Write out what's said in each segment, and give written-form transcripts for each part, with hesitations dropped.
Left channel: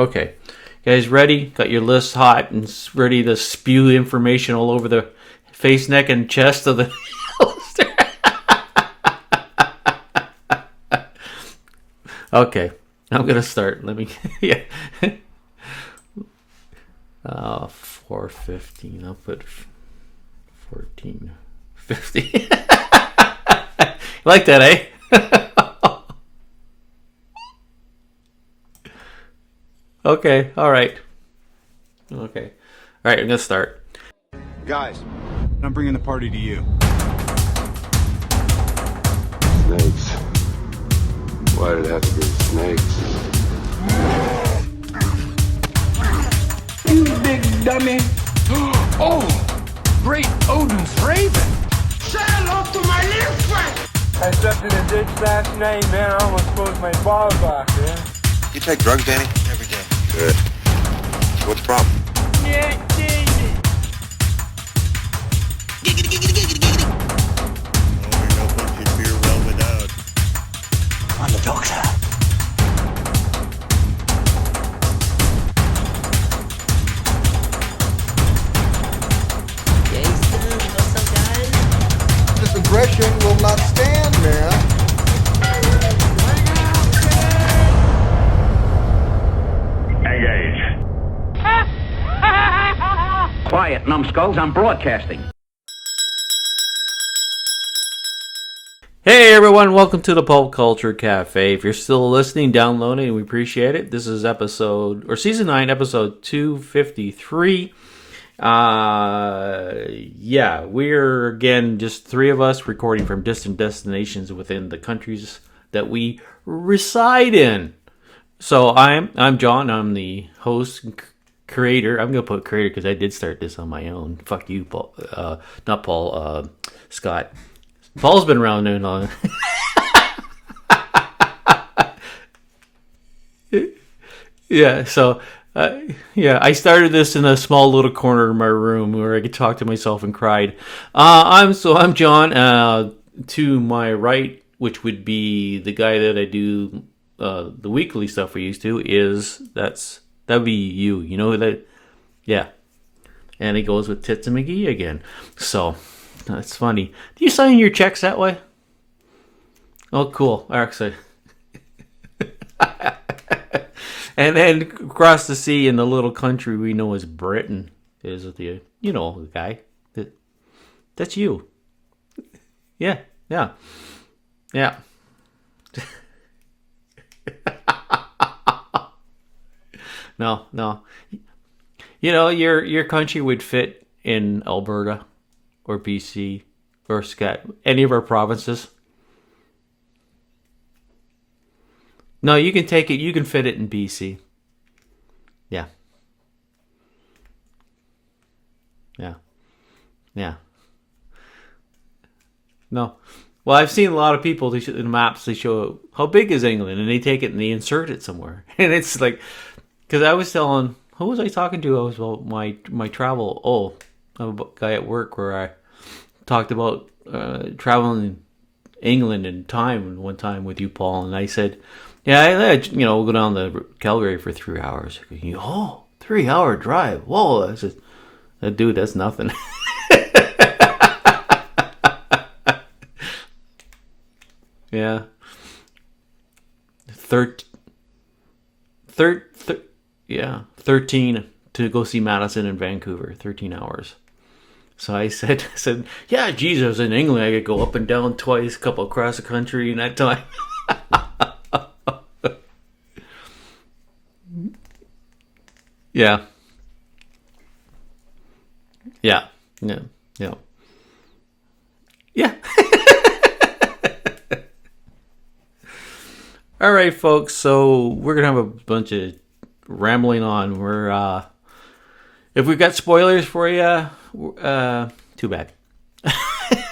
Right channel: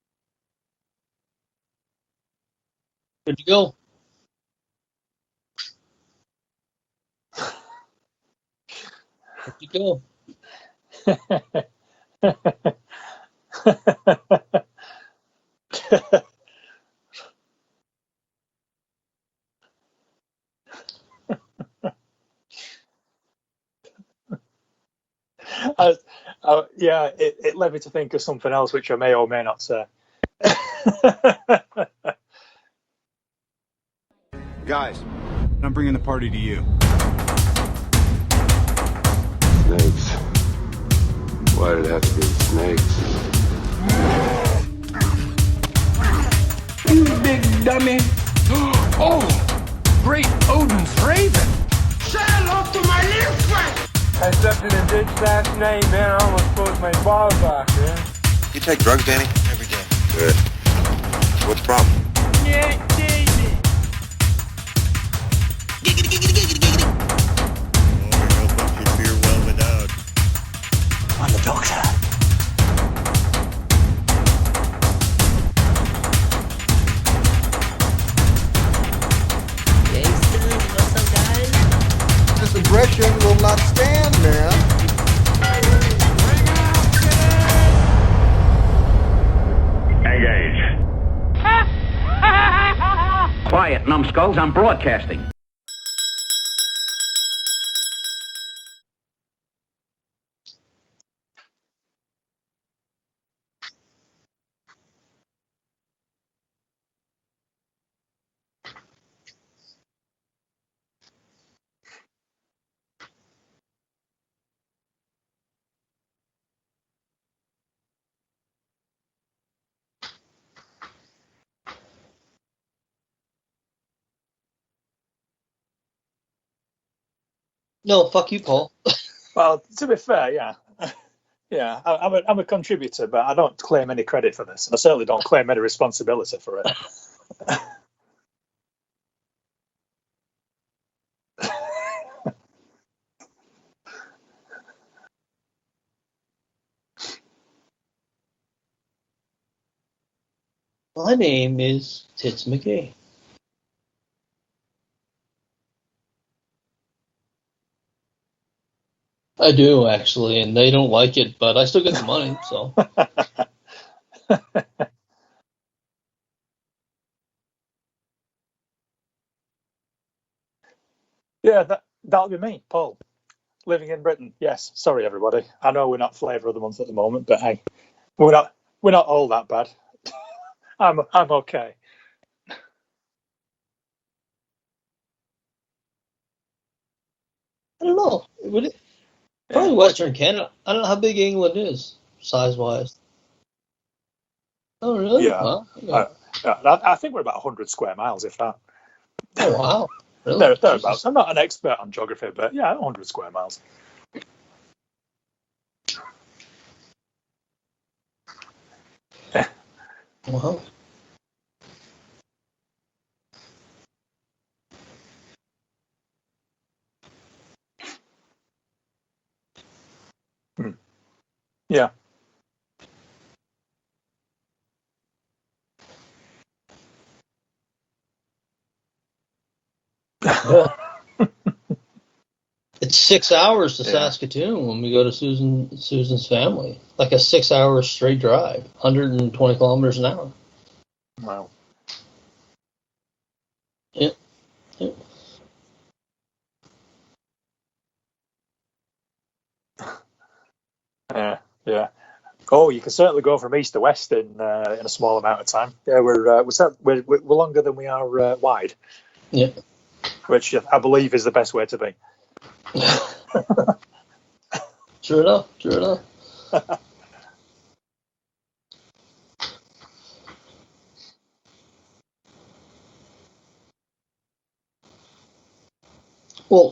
Okay. You guys ready? Got your list hot and ready to spew information all over the face, neck, and chest of the... Okay. I'm going to start. Let me... Yeah. 4:15. I'll put 14:50. Like that, eh? Yeah, it led me to think of something else, which I may or may not say. Okay, all right. Okay. All right, I'm going to start. Guys, I'm bringing the party to you. Snakes. Why did it have to be snakes? You big dummy. Oh, great Odin's raven. Say hello to my little friend. I stepped in a ditch last night, man. I almost closed my balls off, man. You take drugs, Danny? Every day. Good. What's the problem? Yeah, David. Giggity, giggity, giggity, giggity. Oh, we know what you'd fear well without. I'm the doctor. This aggression will not stand, man. Engage. Quiet, numbskulls. I'm broadcasting. Hey everyone, welcome to the Pulp Culture Cafe. If you're still listening, downloading, we appreciate it. This is season 9, episode 253. Yeah, we're again just three of us recording from distant destinations within the countries that we reside in. So I'm John. I'm the host and creator. I'm gonna put creator because I did start this on my own. Fuck you, Paul. Not Paul. Scott. No, Paul's been around too long. Well, to be fair, yeah. Yeah, I'm a contributor, but I don't claim any credit for this. Yeah, I certainly so don't claim any responsibility. Yeah, I started this in a small little corner of my room where I could talk to myself and cried. I'm John. To my right, which would be the guy that I do the weekly stuff we used to, that'd be you. My name is Tits McGee. And he goes with Tits and McGee again. So that's funny. Do you sign your checks that way? I do, actually, cool. and they don't like it, but I still get the money, so. And then across the sea in the little country we know as Britain is the guy. That's you. Yeah, that'll be me, Paul. Yeah. Living in Britain. Yes. Yeah. Sorry, everybody. I know we're not flavour of the month at the moment, but hey, we're not all that bad. No. I'm okay. You know, your country would fit in Alberta or BC or any of our provinces. Probably Western Canada. I don't know how big England is. No, you can take it. You can fit it in BC. Oh, really? Yeah. I think we're about 100 square miles, if that. Yeah. Oh, wow. Yeah. Really? Thereabouts. I'm not an expert on geography, but 100 square miles. Well, I've seen a lot of people. In the maps, they show how big is England, and they take it and they insert it somewhere, and it's like, because I was telling, who was I talking to? I was about my travel. Oh, I'm a guy at work where I talked about traveling England and time one time with you, Paul, and I said, I we'll go down to Calgary for 3 hours. 3-hour drive. Whoa! I said, dude, that's nothing. It's 6 hours to Saskatoon when we go to Susan's family. Like a 6 hour straight drive, 120 kilometers an hour. Yeah, 13 to go see Madison in Vancouver. 13 hours. Yeah. So I said, yeah, geez, I was in England. I could go up and down twice, a couple across the country in that time. Yeah. Oh, you can certainly go from east to west in a small amount of time. Yeah. We're longer than we are wide. Yeah. Which I believe is the best way to be. Yeah. True enough. All right, folks. So we're gonna have a bunch of rambling on. We're if we've got spoilers for you, too bad. Well,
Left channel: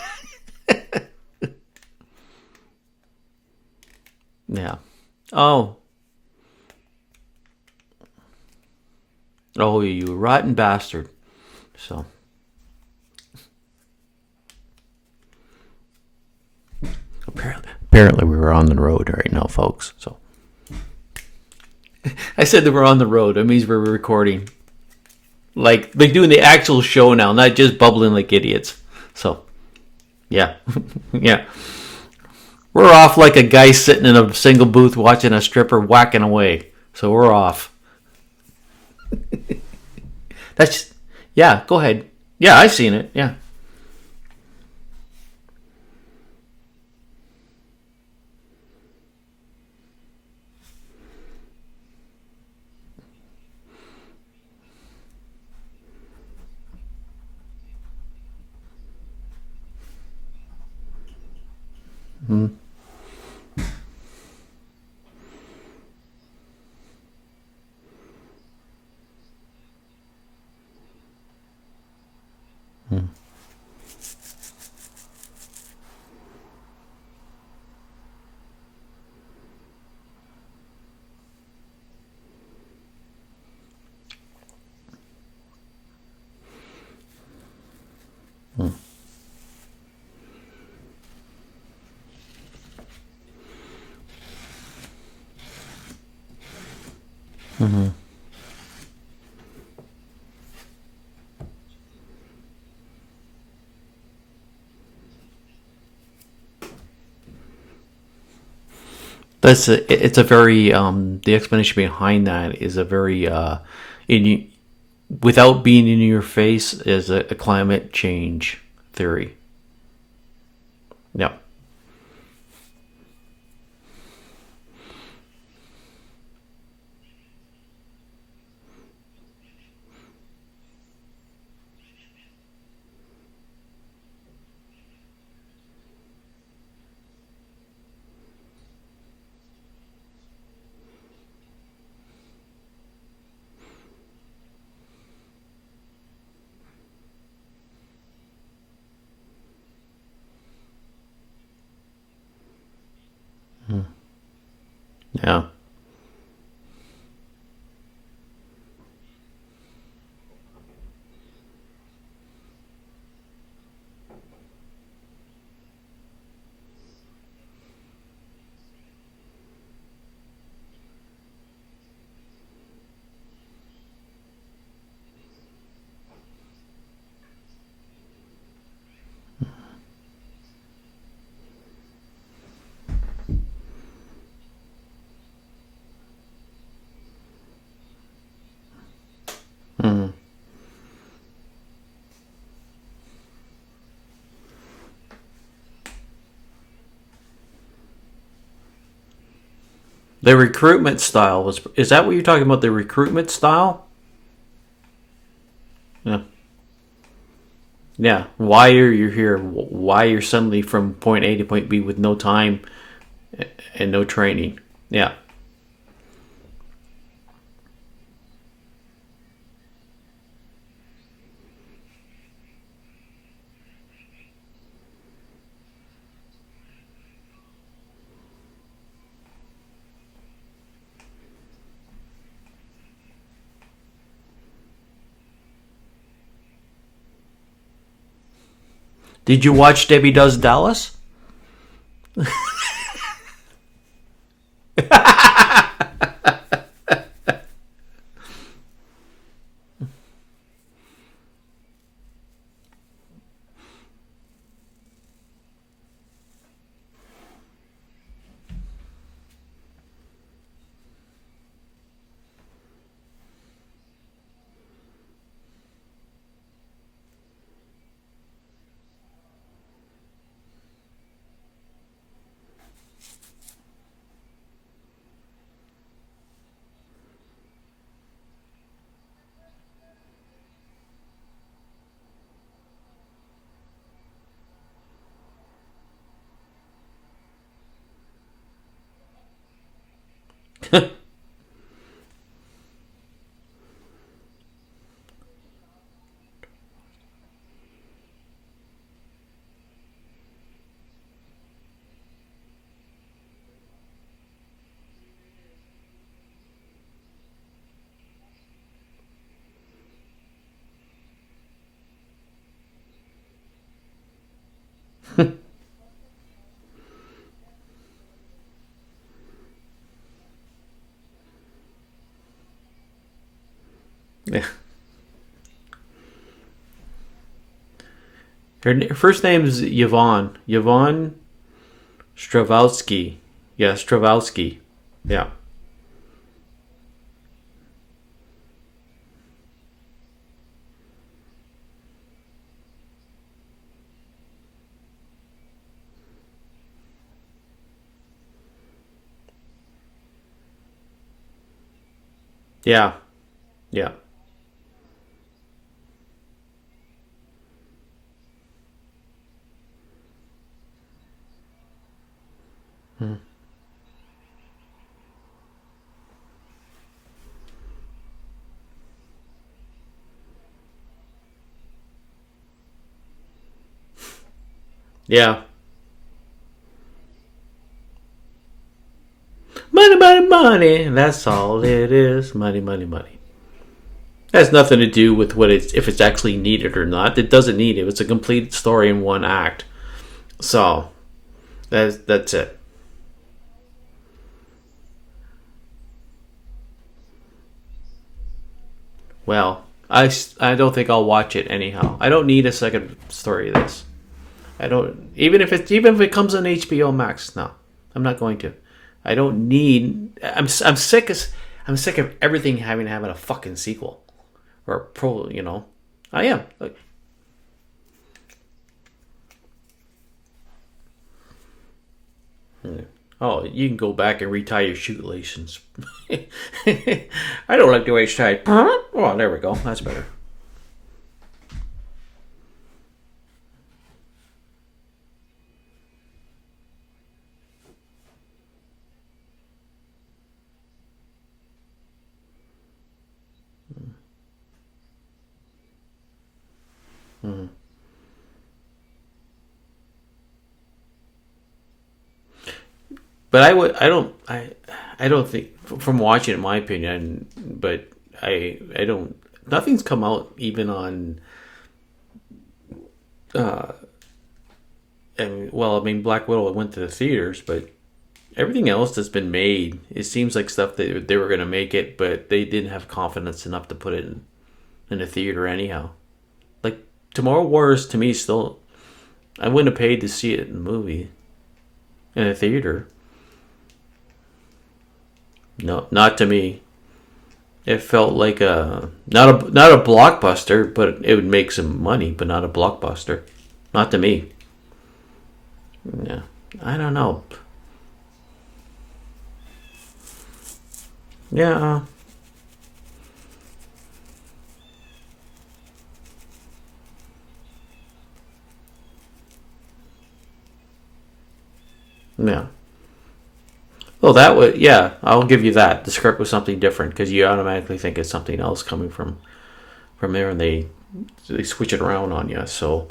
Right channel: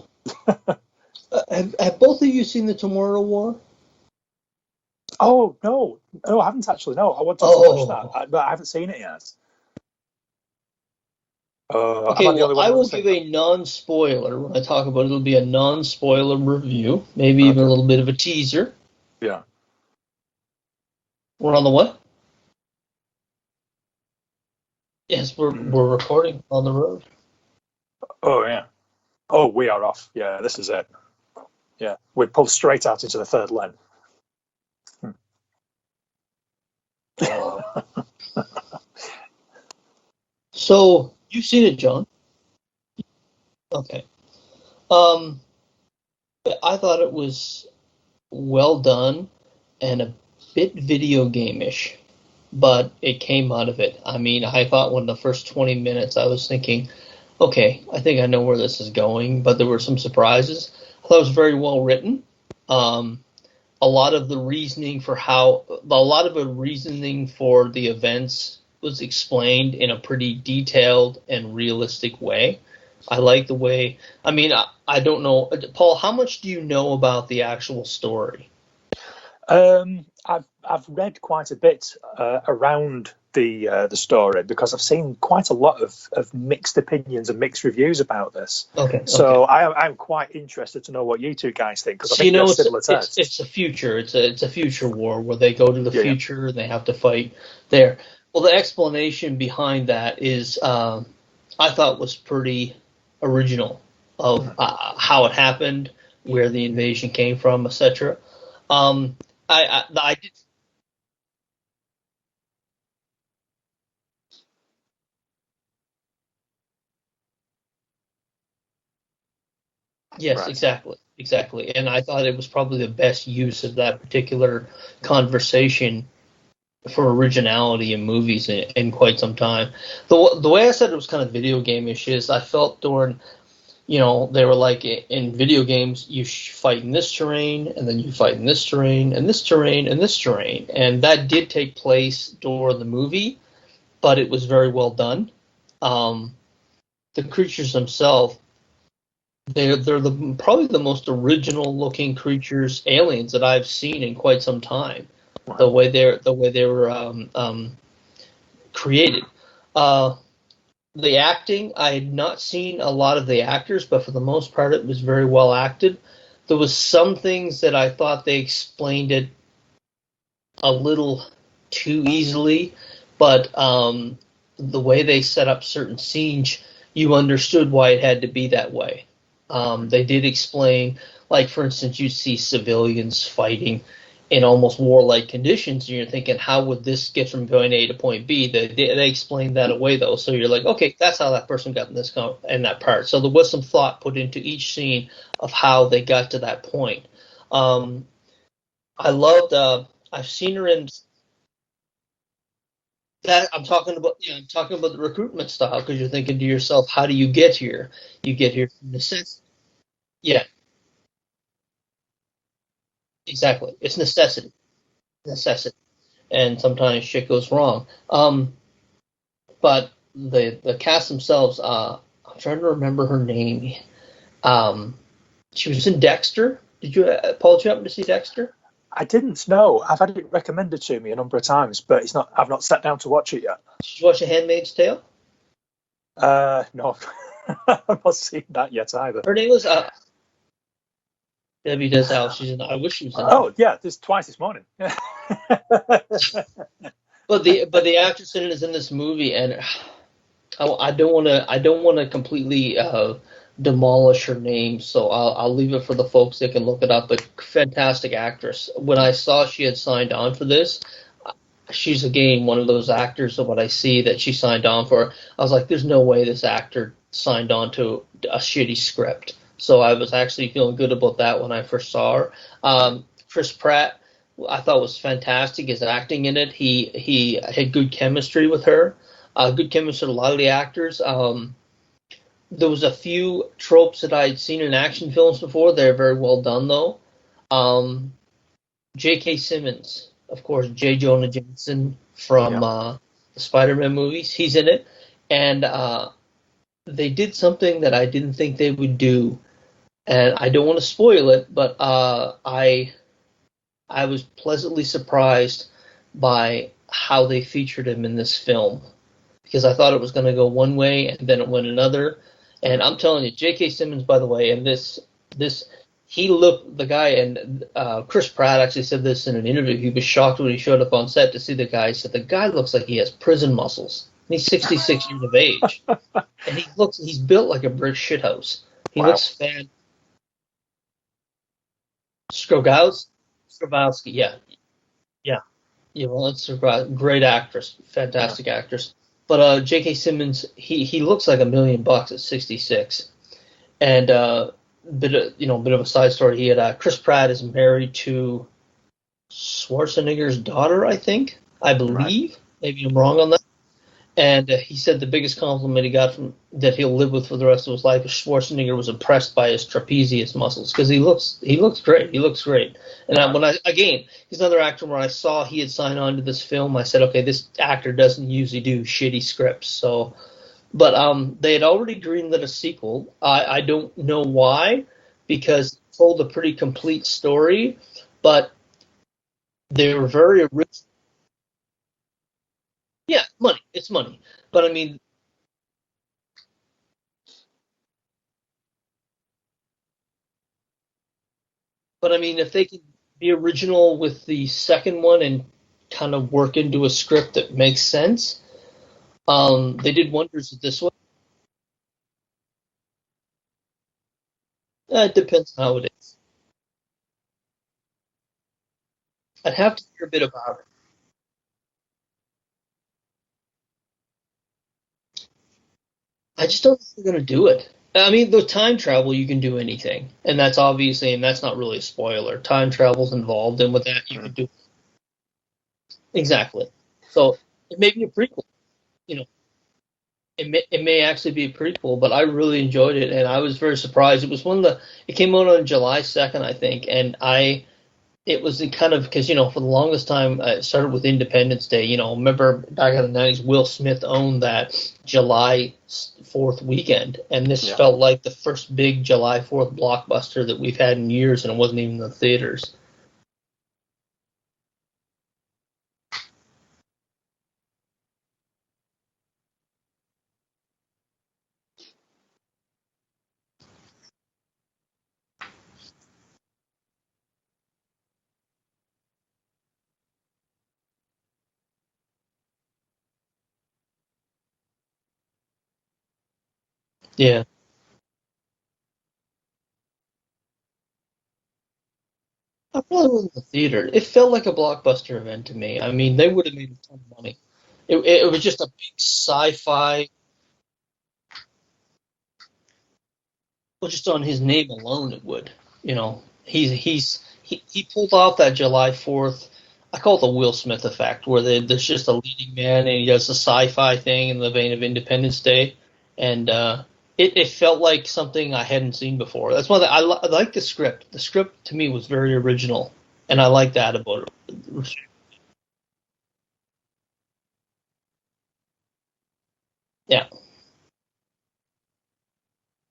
have both of you seen the Tomorrow War? Yeah. Oh, no, I haven't actually. No, I want to watch that, but I haven't seen it yet. Oh, you rotten bastard. Okay, well, I will give a non-spoiler. When I talk about it, it'll be a non-spoiler review. Maybe even a little bit of a teaser. We're on the road right now, folks. So We're on the what? I said that we're on the road. That means we're recording. Yes, we're We're doing the actual show now, not just bubbling like idiots. Yeah. So. Oh, we are off. Yeah, this is it. Yeah. Yeah, we pulled straight. We're off like a guy sitting in a single booth watching a stripper whacking away. So we're off. So yeah, go ahead. John? Yeah, I've seen it. Yeah. Okay. I thought it was well done and a bit video game-ish, but it came out of it. I mean, I thought when the first 20 minutes I was thinking, okay, I think I know where this is going, but there were some surprises. I thought it was very well written. Mm-hmm. A lot of the reasoning for the events was explained in a pretty detailed and realistic way. I like the way. I mean, I don't know, Paul. How much do you know about the actual story? I've read quite a bit around the story because I've seen quite a lot of mixed opinions and mixed reviews about this. Okay. So I'm quite interested to know what you two guys think because I think they're similar tests. It's a future. It's a future war where they go to the future and they have to fight there. Well, the explanation behind that is. I thought was pretty original of how it happened, where the invasion came from, etc. It's a very the explanation behind that is a very without being in your face is a climate change theory. Yes, right. Exactly. And I thought it was probably the best use of that particular conversation for originality in movies in quite some time. The way I said it was kind of video game-ish is I felt during, they were like in video games, you fight in this terrain, and then you fight in this terrain, and this terrain, and this terrain. And that did take place during the movie, but it was very well done. The creatures themselves, they're probably the most original looking creatures, aliens that I've seen in quite some time. Yeah, the way they were created. The acting, I had not seen a lot of the actors, but for the most part, it was very well acted. There was some things that I thought they explained it a little too easily, but the way they set up certain scenes, you understood why it had to be that way. They did explain, like, for instance, you see civilians fighting in almost warlike conditions, and you're thinking, how would this get from point A to point B? They explained that away, though, so you're like, okay, that's how that person got in that part. So there was some thought put into each scene of how they got to that point. I loved... the recruitment style is that what you're talking about? The recruitment style? I'm talking about the recruitment style because you're thinking to yourself, how do you get here? Yeah. Why are you here? Why you're suddenly from point A to point B with no time? Exactly. And no training. Yeah. Necessity. And sometimes shit goes wrong. But the cast themselves, I'm trying to remember her name. She was in Dexter. Paul, did you happen to see Dexter? I didn't know. I've had it recommended to me a number of times, but I've not sat down to watch it yet. Did you watch A Handmaid's Tale? No. I've not seen that yet either. Did you watch Debbie Does Dallas? Debbie Does Dallas. I wish you Oh, yeah, twice this morning. But the actress in it is in this movie, and I don't want to completely demolish her name, so I'll leave it for the folks that can look it up. But fantastic actress. When I saw she had signed on for this, she's again one of those actors of what I see that she signed on for. I was like, there's no way this actor signed on to a shitty script. So I was actually feeling good about that when I first saw her. Chris Pratt, I thought was fantastic. His acting in it, he had good chemistry with her. Good chemistry with a lot of the actors. There was a few tropes that I'd seen in action films before. They're very well done, though. J.K. Simmons, of course, J. Jonah Jameson from the Spider-Man movies. He's in it. And they did something that I didn't think they would do. And I don't want to spoil it, but I was pleasantly surprised by how they featured him in this film. Because I thought it was going to go one way, and then it went another. And I'm telling you, J.K. Simmons, by the way, and this he looked the guy, and Chris Pratt actually said this in an interview. He was shocked when he showed up on set to see the guy. He said the guy looks like he has prison muscles. He's 66 years of age, and he's built like a brick shithouse. Her first name is Yvonne. Yvonne Strahovski. Yeah, Strahovski. Yeah. Yvonne Strahovski, great actress, fantastic actress. But J.K. Simmons, he looks like $1 million at 66, and bit of a side story. He had Chris Pratt is married to Schwarzenegger's daughter, I believe. If I'm wrong on that. Yeah. And he said the biggest compliment he got from that he'll live with for the rest of his life is Schwarzenegger was impressed by his trapezius muscles because he looks great. He looks great. Mm-hmm. And he's another actor where I saw he had signed on to this film. I said, okay, this actor doesn't usually do shitty scripts. So, but they had already greenlit a sequel. I don't know why. Yeah. Because it told a pretty complete story, but. Money. That's all it is. Money. Yeah, money. It's money. It has nothing to do with if it's actually needed or not. It doesn't need it. It's a complete story in one act. So, that's it. If they could be original with the second one and kind of work into a script that makes sense. Well, I don't think I'll watch it anyhow. I don't need a second story of this. I don't. Even if it comes on HBO Max, no, I'm not going to. I don't need. I'm sick of everything having a fucking sequel, or I am. I just don't think they're gonna do it. I mean, the time travel you can do anything, and that's not really a spoiler. Time travel's involved. You can go back and retie your shoelaces. Exactly. So I don't like the way it's tied. Oh, there we go. That's better. It may actually be a prequel, but I really enjoyed it, and I was very surprised. It was it came out on July 2nd, I think, and it was kind of because for the longest time it started with Independence Day. Remember back in the 90s, Will Smith owned that July 4th weekend, and this felt like the first big July 4th blockbuster that we've had in years, and it wasn't even in the theaters. But I don't think, from watching it, in my opinion, but I don't. Nothing's come out even on. Black Widow went to the theaters, but everything else that's been made, it seems like stuff that they were going to make it, but they didn't have confidence enough to put it in a theater anyhow. Like Tomorrow Wars, to me, still, I wouldn't have paid to see it in the movie. In a theater. I probably wasn't in the theater. It felt like a blockbuster event to me. No, not to me. It felt like not a blockbuster, but it would make some money, but not a blockbuster. Not to me. Just on his name alone, it would. He pulled off that July 4th. I call it the Will Smith effect, where there's just a leading man and he does a sci-fi thing in the vein of Independence Day, and it felt like something I hadn't seen before. That's why I like the script. The script to me was very original, and I like that. I'll give you that. The script was something different because you automatically think it's something else coming from there, and they switch it around on you. So.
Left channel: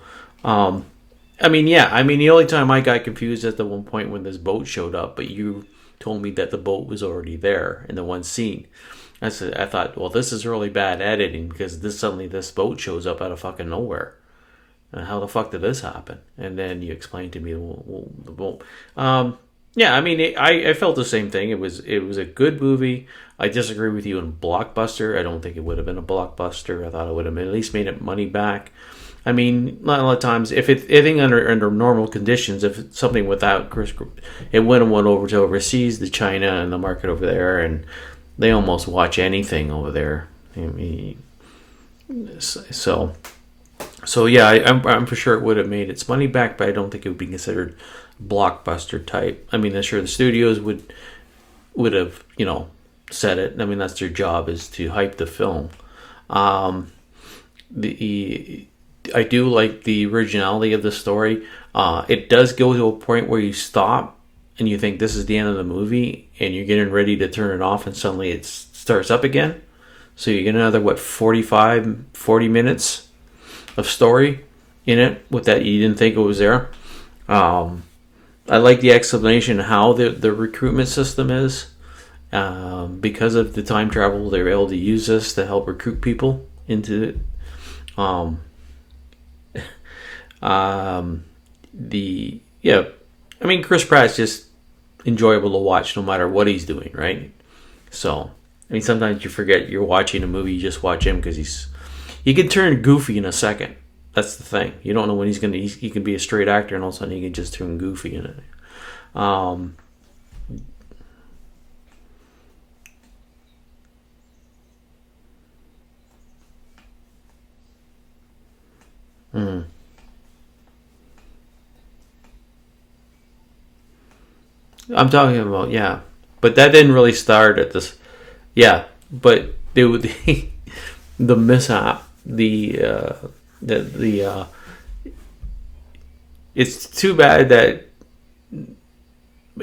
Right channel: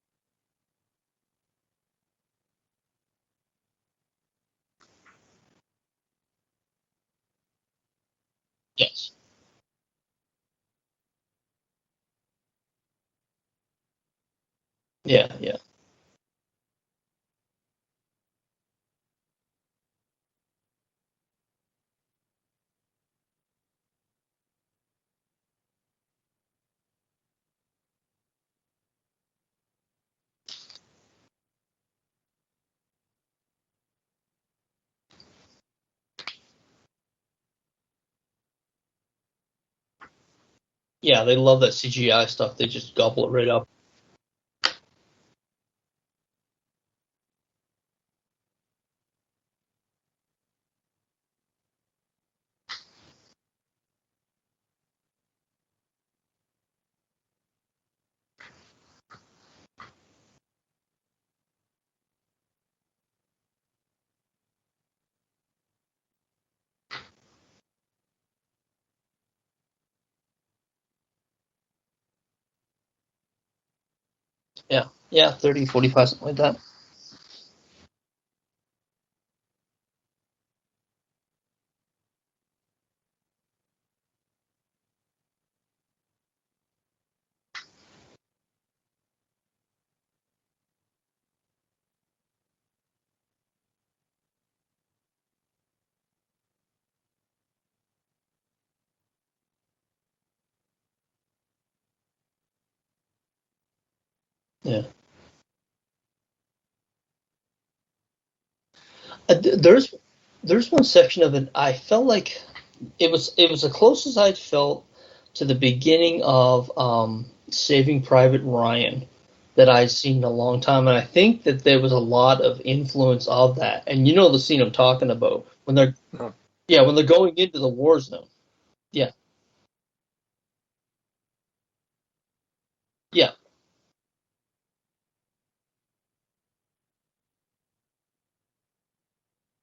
The only time I got confused at the one point when this boat showed up, but you told me that the boat was already there in the one scene. Yes. I thought, well, this is really bad editing because suddenly this boat shows up out of fucking nowhere. How the fuck did this happen? And then you explained to me the boat. I felt the same thing. It was a good movie. I disagree with you on Blockbuster. I don't think it would have been a blockbuster. I thought it would have at least made it money back. I mean, a lot of times, if anything under normal conditions, if it's something without Chris, it went over to overseas, to China and the market over there, and they almost watch anything over there. They love that CGI stuff. They just gobble it right up. So I'm for sure it would have made its money back, but I don't think it would be considered blockbuster type. I mean, I'm sure the studios would have said it. I mean, that's their job, is to hype the film. I do like the originality of the story. It does go to a point where you stop and you think this is the end of the movie, and you're getting ready to turn it off, and suddenly it starts up again. So you get another 40 minutes of story in it with that you didn't think it was there. I like the explanation how the recruitment system is. Because of the time travel, they're able to use this to help recruit people into it. I mean, Chris Pratt's just enjoyable to watch no matter what he's doing, right? So, I mean, sometimes you forget you're watching a movie, you just watch him because he can turn goofy in a second. That's the thing. Yeah. You don't know when he can be a straight actor and all of a sudden he can just turn goofy in it. There's one section of it I felt like it was the closest I'd felt to the beginning of Saving Private Ryan that I'd seen in a long time, and I think that there was a lot of influence of that. And you know the scene I'm talking about. Yeah. But that didn't really when they go start into at the this. war zone. Yeah. Yeah. But they would the mishap, it's too bad that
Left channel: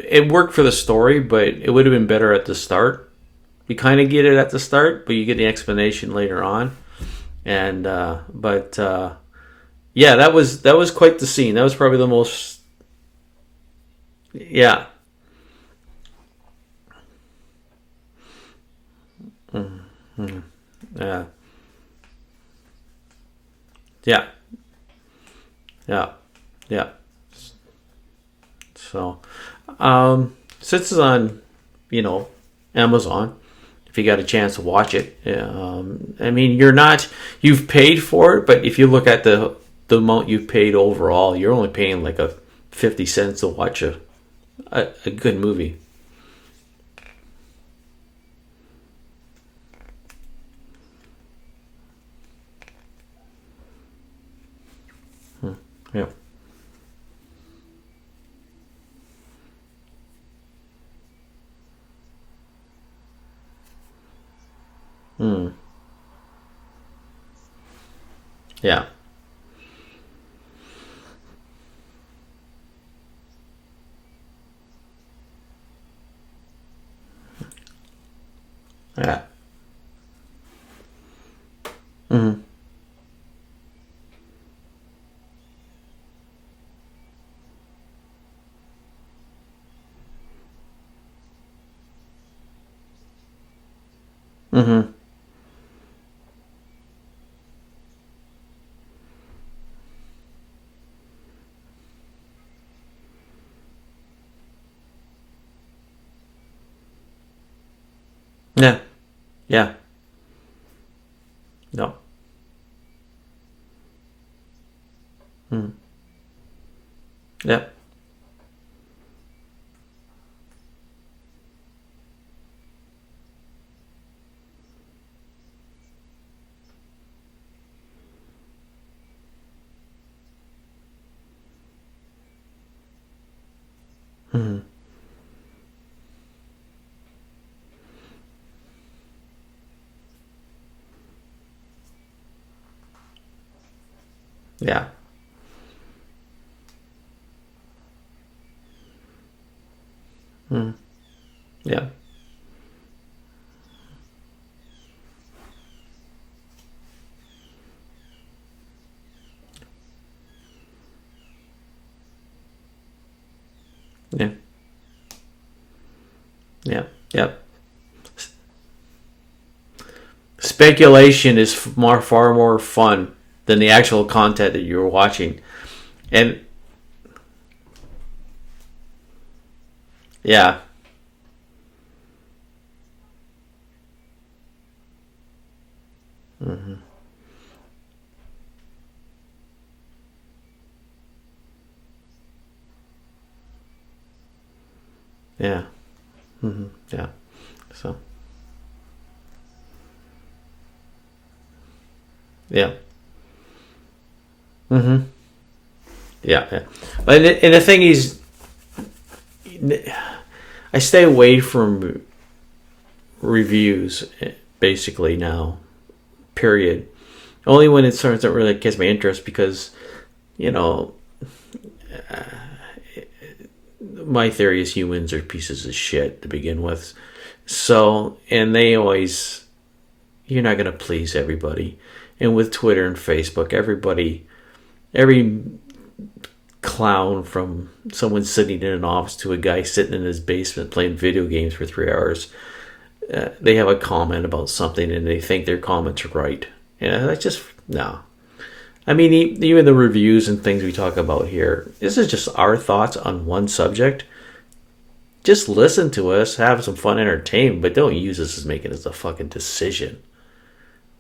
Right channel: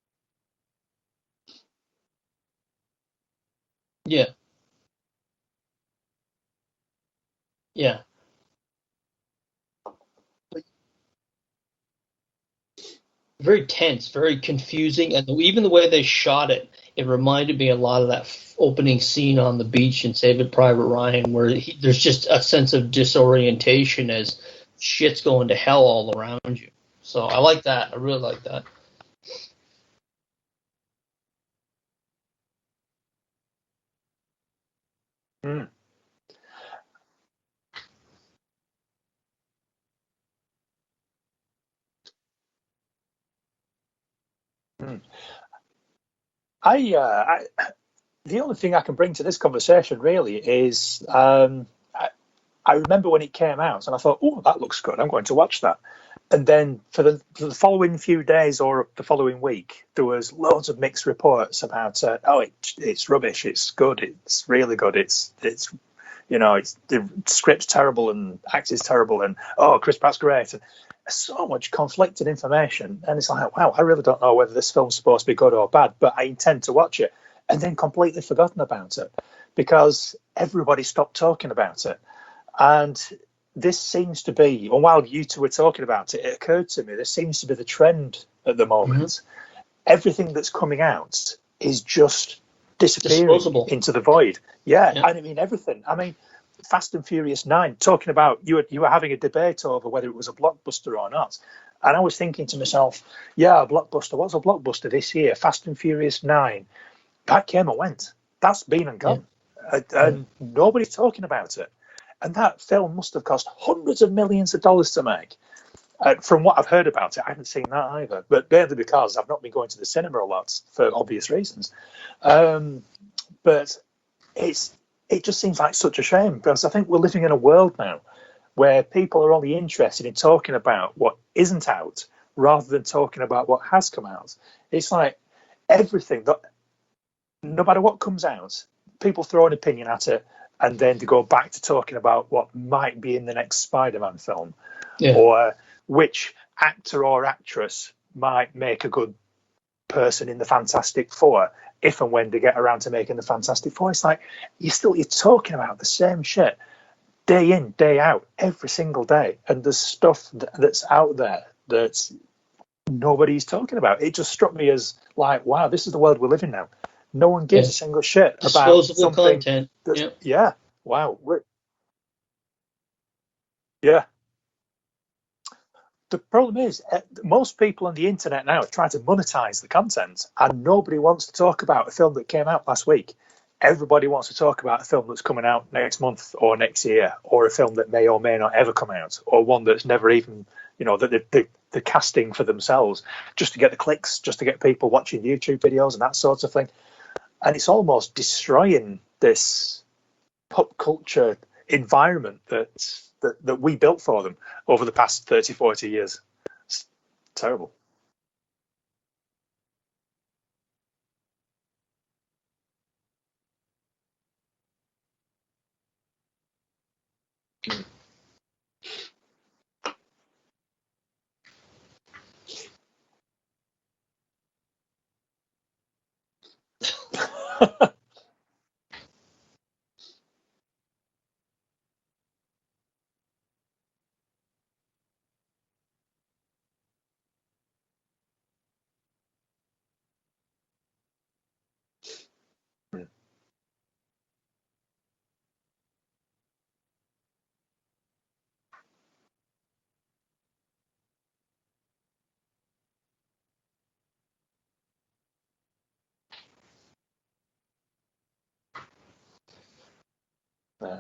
it worked for the story, but it would have been better at the start. You kind of get it at the start, but you get the explanation later on. And that was quite the scene. That was probably the most very tense, very confusing, and even the way they shot it, it reminded me a lot of that opening scene on the beach in Saving Private Ryan, where there's just a sense of disorientation as shit's going to hell all around you. Yeah. So I like that. I really like that. So, since it's on, Amazon, if you got a chance to watch it, I mean, you've paid for it, but if you look at the amount you've paid overall, you're only paying like 50 cents to watch a good movie. The only thing I can bring to this conversation really is I remember when it came out and I thought, oh, that looks good, I'm going to watch that. Yeah. And then for the following few days or the following week, there was loads of mixed reports about, it's rubbish, it's good, it's really good, it's the script's terrible and acting's terrible, and Chris Pratt's great. And there's so much conflicted information, and it's like, wow, I really don't know whether this film's supposed to be good or bad, but I intend to watch it, and then completely forgotten about it because everybody stopped talking about it. And this seems to be, and while you two were talking about it, it occurred to me, this seems to be the trend at the moment. Everything that's coming out is just disappearing into the void. I mean, everything. I mean, Fast and Furious 9, talking about, you were having a debate over whether it was a blockbuster or not. And I was thinking to myself, a blockbuster. What's a blockbuster this year? Fast and Furious 9. That came and went. That's been and gone. And nobody's talking about it. No. And that film must have cost hundreds of millions of dollars to make. From what I've heard about it, I haven't seen that either. But mainly because I've not been going to the cinema a lot for obvious reasons. But it just seems like such a shame, because I think we're living in a world now where people are only interested in talking about what isn't out rather than talking about what has come out. It's like everything, that no matter what comes out, people throw an opinion at it, and then to go back to talking about what might be in the next Spider-Man film, or which actor or actress might make a good person in the Fantastic Four, if and when they get around to making the Fantastic Four. It's like you're talking about the same shit day in, day out, every single day, and there's stuff that's out there that nobody's talking about. It just struck me as like, wow, this is the world we live in now. No one gives a single shit about something. Content. Speculation is far more fun than the actual content that you're watching. And the problem is, most people on the internet now are trying to monetize the content. And nobody wants to talk about a film that came out last week. Everybody wants to talk about a film that's coming out next month or next year, or a film that may or may not ever come out, or one that's never even, that they're casting for themselves just to get the clicks, just to get people watching YouTube videos and that sort of thing. And it's almost destroying this pop culture environment that we built for them over the past 30, 40 years. And the thing is, I stay away from reviews basically now, period. Only when it starts to really gets my interest, because my theory is humans are pieces of shit to begin with. So, and they always, you're not going to please everybody. And with Twitter and Facebook, every clown, from someone sitting in an office to a guy sitting in his basement playing video games for 3 hours, they have a comment about something and they think their comment's right. That's just, no. I mean, even the reviews and things we talk about here, this is just our thoughts on one subject. Just listen to us, have some fun entertainment, but don't use this as making it a fucking decision.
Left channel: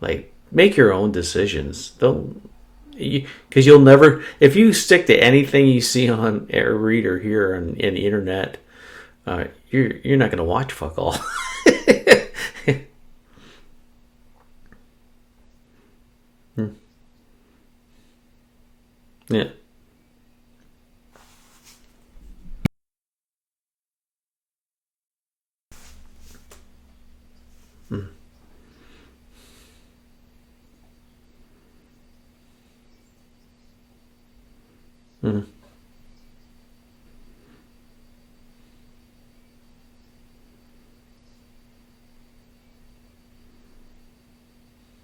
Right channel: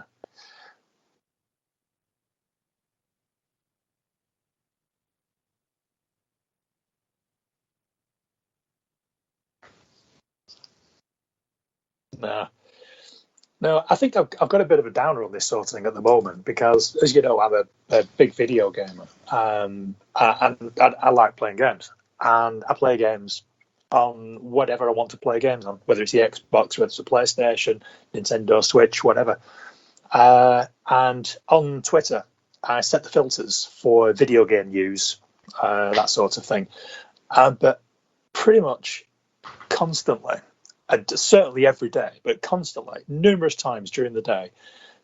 Like, make your own decisions. Don't, because you'll never, if you stick to anything you see on or read or hear on the internet, you're not going to watch fuck all. No, I think I've got a bit of a downer on this sort of thing at the moment because, as you know, I'm a big video gamer. Yeah. I like playing games, and I play games on whatever I want to play games on, whether it's the Xbox, whether it's the PlayStation, Nintendo Switch, whatever. And on Twitter, I set the filters for video game use, that sort of thing. But pretty much constantly, certainly every day, but constantly, numerous times during the day,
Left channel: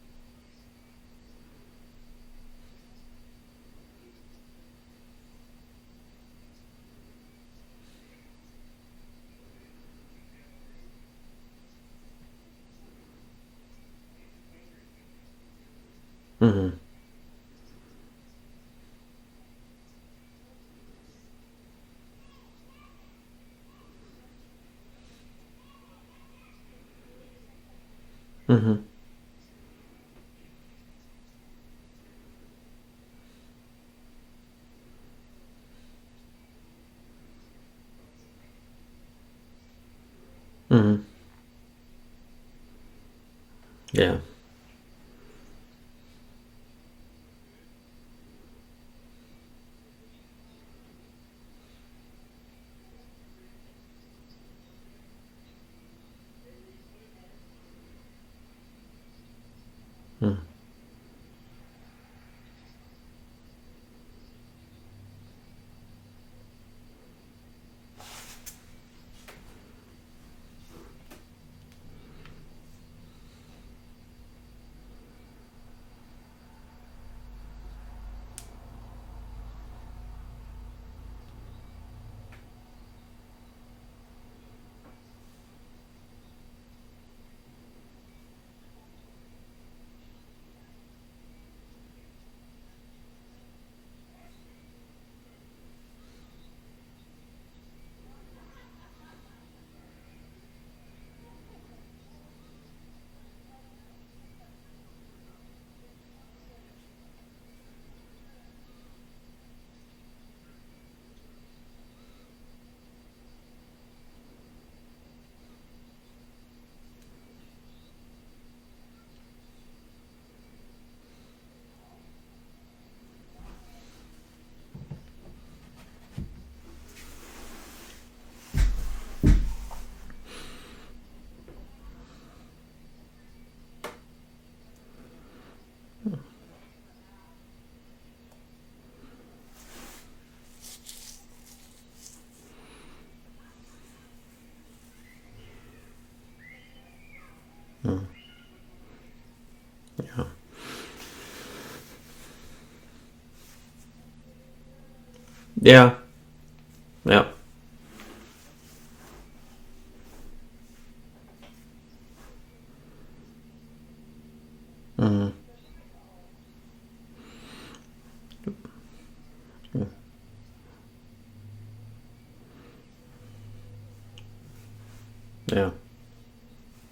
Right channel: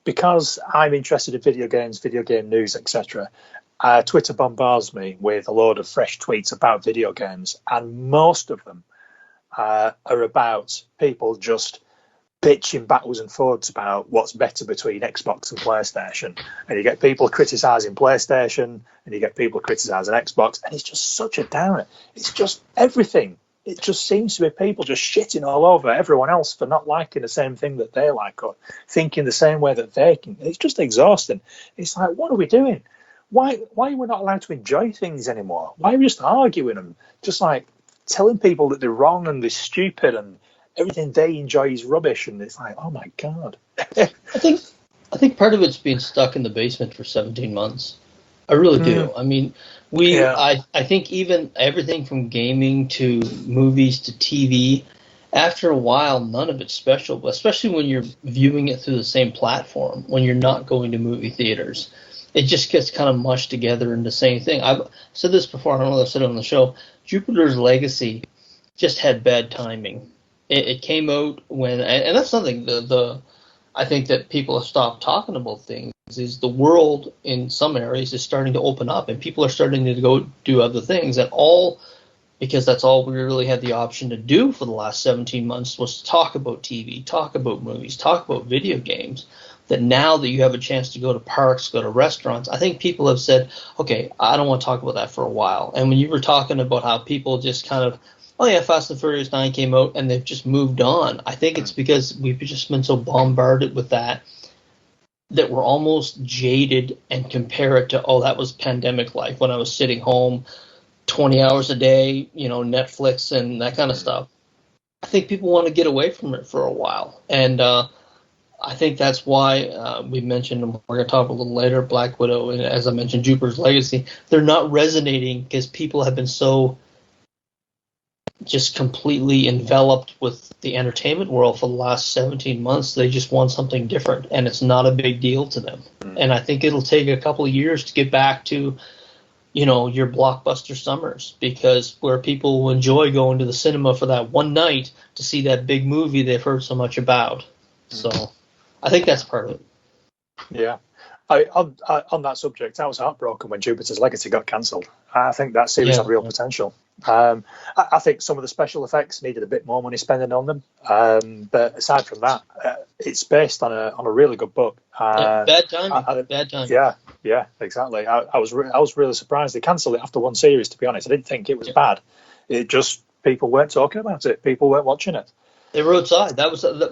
because I'm interested in video games, video game news, etc. Twitter bombards me with a load of fresh tweets about video games, and most of them are about people just bitching backwards and forwards about what's better between Xbox and PlayStation. And you get people criticising PlayStation, and you get people criticising Xbox, and it's just such a downer. It's just everything. It just seems to be people just shitting all over everyone else for not liking the same thing that they like or thinking the same way that they can. It's just exhausting. It's like, what are we doing? Why are we not allowed to enjoy things anymore? Why are we just arguing and just like telling people that they're wrong and they're stupid and everything they enjoy is rubbish? And it's like, oh my God. Yeah. I think part of it's being stuck in the basement for 17 months. I really do. I mean, I think even everything from gaming to movies to TV, after a while, none of it's special, especially when you're viewing it through the same platform, when you're not going to movie theaters. It just gets kind of mushed together into the same thing. I've said this before, I don't know if I've said it on the show. Jupiter's Legacy just had bad timing. It came out when, and that's something, I think that people have stopped talking about things, is the world in some areas is starting to open up and people are starting to go do other things, and all because that's all we really had the option to do for the last 17 months was to talk about TV, talk about movies, talk about video games. That now that you have a chance to go to parks, go to restaurants, I think people have said, okay, I don't want to talk about that for a while. And when you were talking about how people just kind of, oh yeah, Fast and Furious 9 came out and they've just moved on. I think it's because we've just been so bombarded with that we're almost jaded and compare it to, oh, that was pandemic life when I was sitting home 20 hours a day, Netflix and that kind of stuff. I think people want to get away from it for a while. And I think that's why we mentioned, and we're going to talk a little later, Black Widow, and as I mentioned, Jupiter's Legacy. They're not resonating because people have been so just completely enveloped with the entertainment world for the last 17 months. They just want something different, and it's not a big deal to them. And I think it'll take a couple of years to get back to, your blockbuster summers, because where people will enjoy going to the cinema for that one night to see that big movie they've heard so much about. So I think that's part of it. Yeah. On that subject, I was heartbroken when Jupiter's Legacy got cancelled. I think that series had real potential. Yeah. I think some of the special effects needed a bit more money spending on them. But aside from that, it's based on a really good book. Bad timing. Bad timing. Yeah, exactly. I was really surprised they cancelled it after one series. To be honest, I didn't think it was bad. It just people weren't talking about it. People weren't watching it. Yeah. They were outside.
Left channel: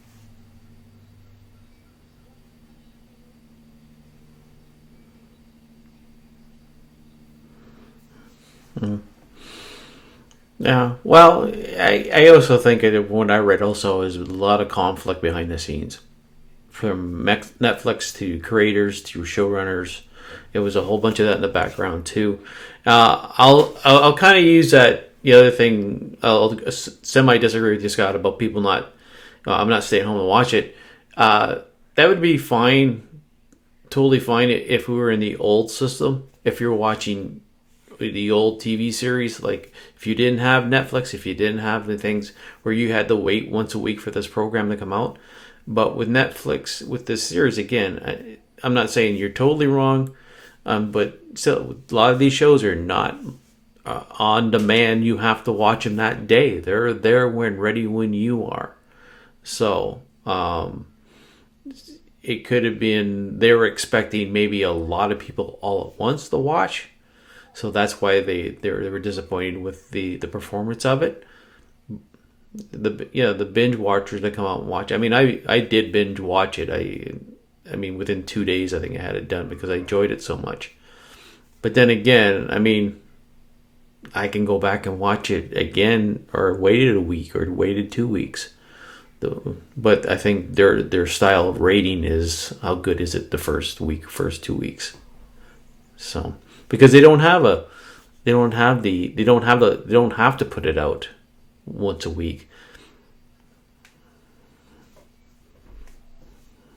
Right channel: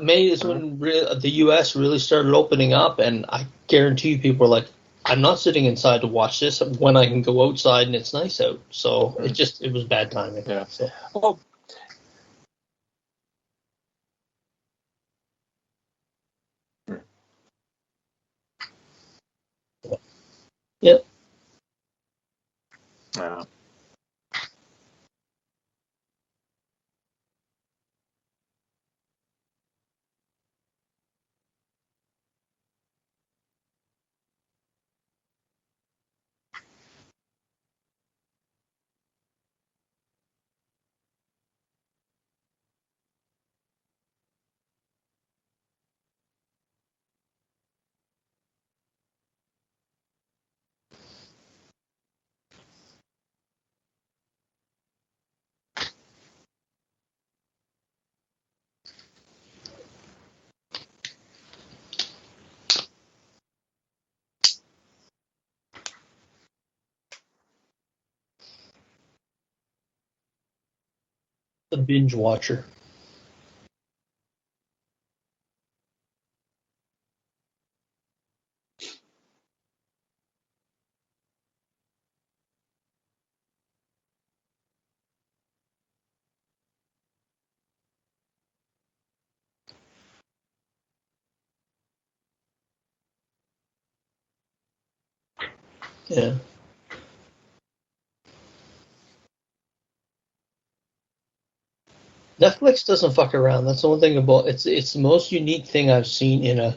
May is when the U.S. really started opening up, and I guarantee you people were like, I'm not sitting inside to watch this when I can go outside and it's nice out. So it was bad timing. Yeah. Well, I also think what I read also is a lot of conflict behind the scenes, from Netflix to creators to showrunners. It was a whole bunch of that in the background too. I'll kind of use that. The other thing, I'll semi disagree with you, Scott, about people not. I'm not staying home to watch it. That would be fine. Totally fine if we were in the old system. If you're watching the old TV series, like if you didn't have Netflix, if you didn't have the things where you had to wait once a week for this program to come out. But with Netflix, with this series, again, I'm not saying you're totally wrong, but still, a lot of these shows are not on demand. You have to watch them that day. They're there when you are. So, it could have been they were expecting maybe a lot of people all at once to watch, so that's why they were disappointed with the performance of it. The binge watcher. The binge watchers that come out and watch. I mean, I did binge watch it. I mean, within 2 days, I think I had it done because I enjoyed it so much. But then again, I mean, I can go back and watch it again, or waited a week, or waited 2 weeks. But I think their style of rating is how good is it the first week, first 2 weeks. So Yeah. because they don't have to put it out once a week. Netflix doesn't fuck around. That's the one thing about it's the most unique thing I've seen in a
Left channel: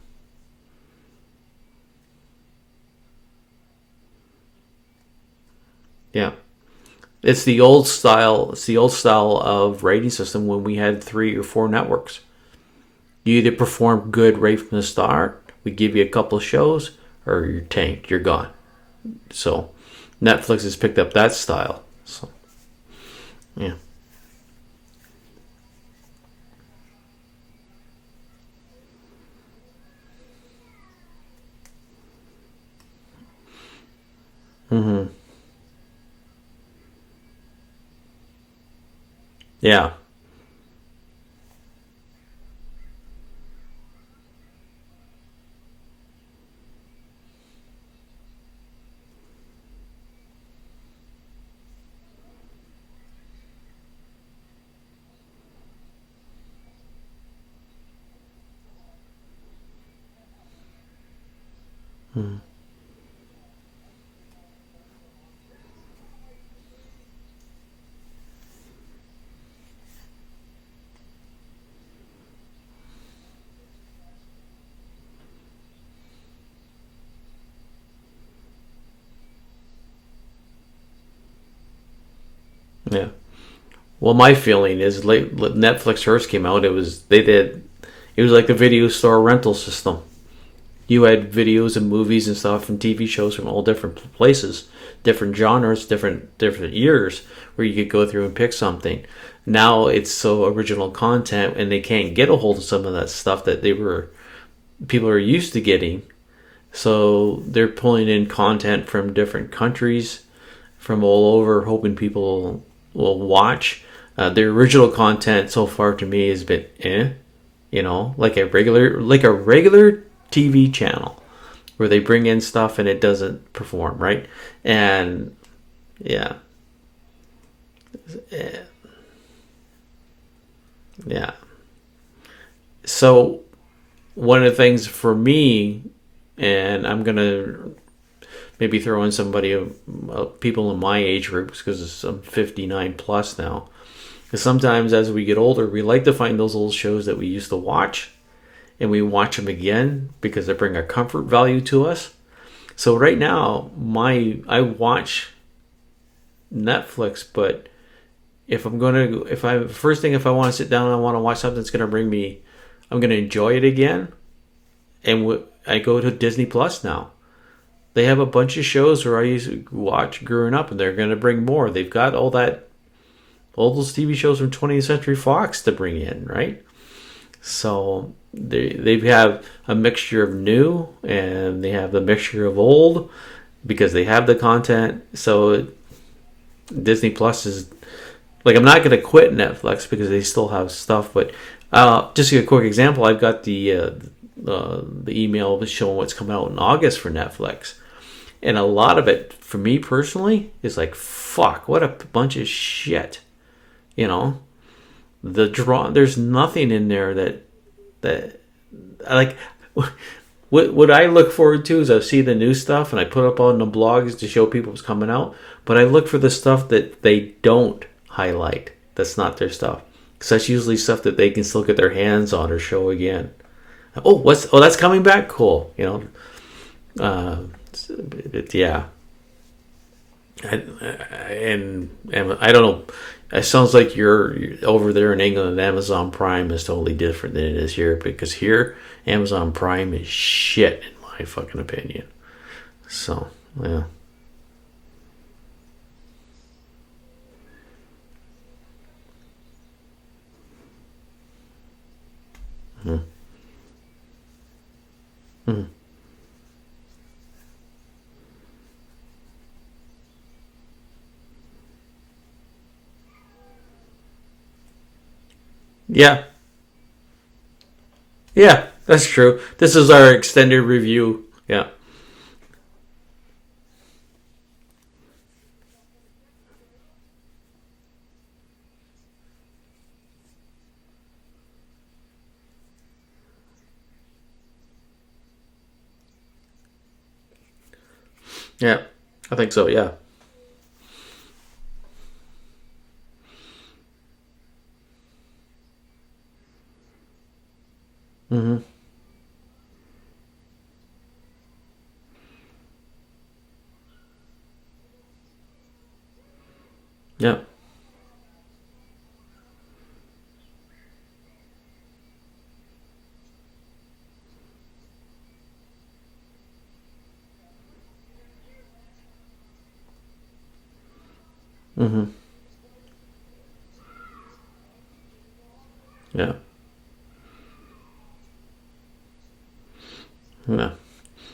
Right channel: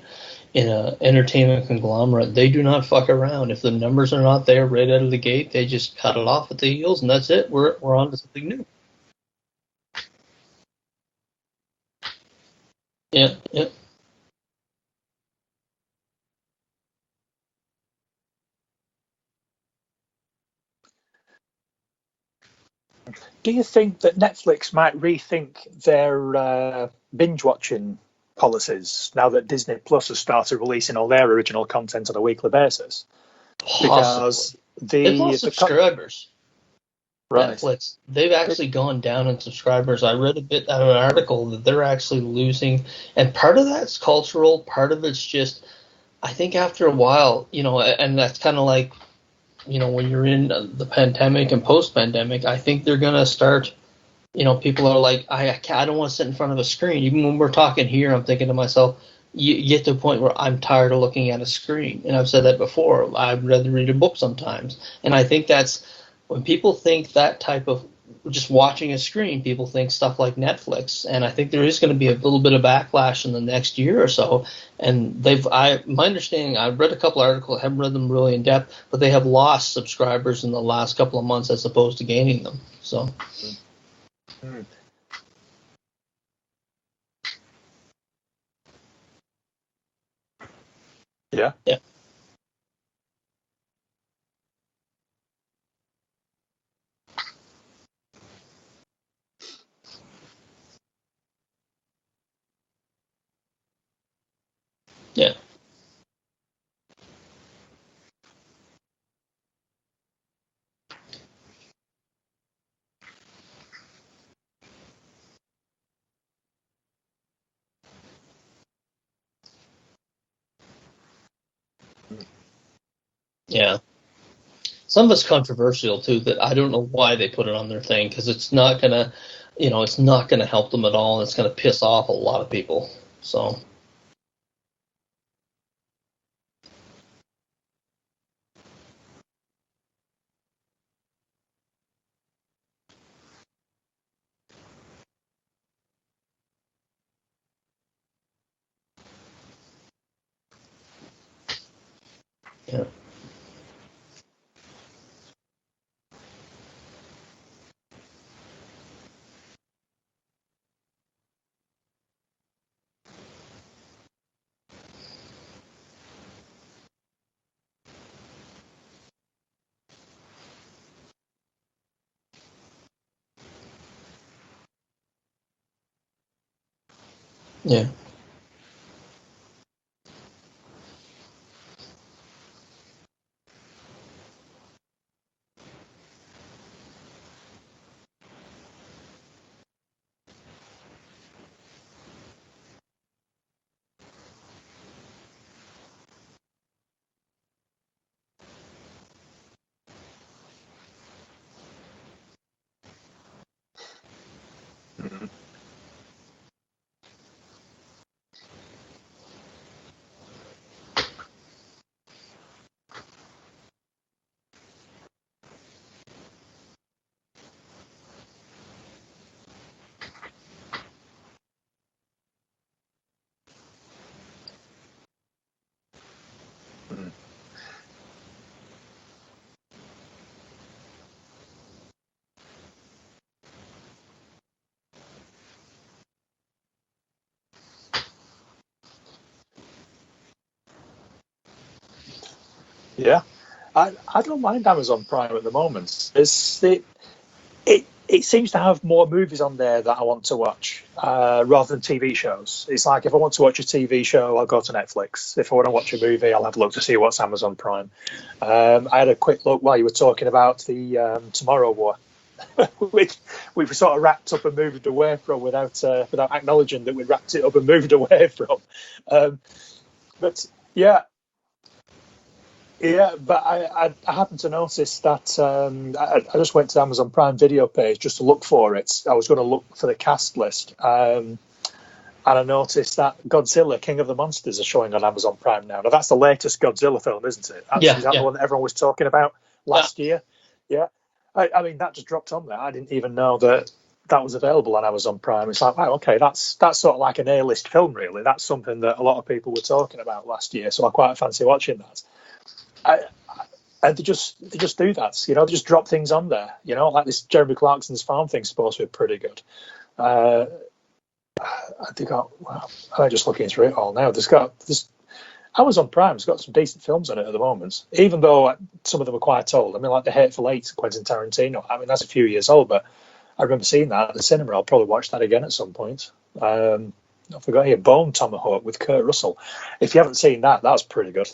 entertainment conglomerate. They do not fuck around. If the numbers are not there right out of the gate, they just cut it off at the heels, and that's it. It's the old style. It's the old style of rating system when we had 3 or 4 networks. Yeah, You either perform good right from the start, we give you a couple of shows, or you're tanked, you're gone. So Netflix has picked up that style. So Do you think that Netflix might rethink their binge watching policies now that Disney Plus has started releasing all their original content on a weekly basis? Because they've lost subscribers. Right. Netflix, they've actually gone down in subscribers. I read a bit out of an article that they're actually losing, and part of that's cultural, part of it's just, I think after a while, and that's kind of like, when you're in the pandemic and post-pandemic, I think they're going to start, people are like, I don't want to sit in front of a screen. Even when we're talking here, I'm thinking to myself, you get to a point where I'm tired of looking at a screen. And I've said that before. I'd rather read a book sometimes. And I think that's, when people think that type of just watching a screen, people think stuff like Netflix. And I think there is going to be a little bit of backlash in the next year or so. And my understanding, I've read a couple articles, I haven't read them really in depth, but they have lost subscribers in the last couple of months as opposed to gaining them. So. Yeah. Well, my feeling is Netflix first came out, it was like the video store rental system. You had videos and movies and stuff and TV shows from all different places, different genres, different years, where you could go through and pick something. Now it's so original content, and they can't get a hold of some of that stuff that people are used to getting. So they're pulling in content from different countries, from all over, hoping people will watch. The original content so far to me has been like a regular TV channel where they bring in stuff and it doesn't perform, right? And some of it's controversial too, but I don't know why they put it on their thing, because it's not gonna, it's not gonna help them at all. And it's gonna piss off a lot of people. So one of the things for me, and I'm gonna maybe throw in people in my age group, because I'm 59 plus now. Because sometimes as we get older, we like to find those old shows that we used to watch, and we watch them again because they bring a comfort value to us. Yeah. So right now, I watch Netflix, but if I want to sit down and I want to watch something that's going to bring me, I'm going to enjoy it again, and I go to Disney Plus now. They have a bunch of shows where I used to watch growing up, and they're going to bring more. They've got all those TV shows from 20th Century Fox to bring in, right? So they have a mixture of new, and they have the mixture of old, because they have the content. So Disney Plus is like, I'm not going to quit Netflix because they still have stuff. But just a quick example, I've got the email showing what's coming out in August for Netflix. And a lot of it, for me personally, is like, fuck, what a bunch of shit. There's nothing in there that like. What I look forward to is I see the new stuff and I put up on the blogs to show people what's coming out. But I look for the stuff that they don't highlight. That's not their stuff, because that's usually stuff that they can still get their hands on or show again. That's coming back, cool. Yeah. And I don't know. It sounds like you're over there in England, and Amazon Prime is totally different than it is here, because here Amazon Prime is shit, in my fucking opinion. So, I don't mind Amazon Prime at the moment. It it seems to have more movies on there that I want to watch rather than TV shows. It's like if I want to watch a TV show, I'll go to Netflix. If I want to watch a movie, I'll have a look to see what's Amazon Prime. I had a quick look while you were talking about the Tomorrow War, which we've sort of wrapped up and moved away from without acknowledging that we wrapped it up and moved away from. Yeah, that's true. This is our extended review. Yeah. Yeah, but I happened to notice that I just went to the Amazon Prime Video page just to look for it. I was going to look for the cast list, and I noticed that Godzilla, King of the Monsters, are showing on Amazon Prime now. Now, that's the latest Godzilla film, isn't it? Is that the one that everyone was talking about? I think so, last year? Yeah. I mean, that just dropped on there. I didn't even know that was available on Amazon Prime. It's like, wow, okay, that's sort of like an A-list film, really. That's something that a lot of people were talking about last year, so I quite fancy watching that. And they just do that, they just drop things on there, like this Jeremy Clarkson's farm thing's supposed to be pretty good. I'm just looking through it all now. There's Amazon Prime's got some decent films on it at the moment, even though some of them are quite old. I mean, like The Hateful Eight, Quentin Tarantino. I mean, that's a few years old, but I remember seeing that at the cinema. I'll probably watch that again at some point. Yeah. I forgot here, Bone Tomahawk with Kurt Russell. If you haven't seen that, that's pretty good.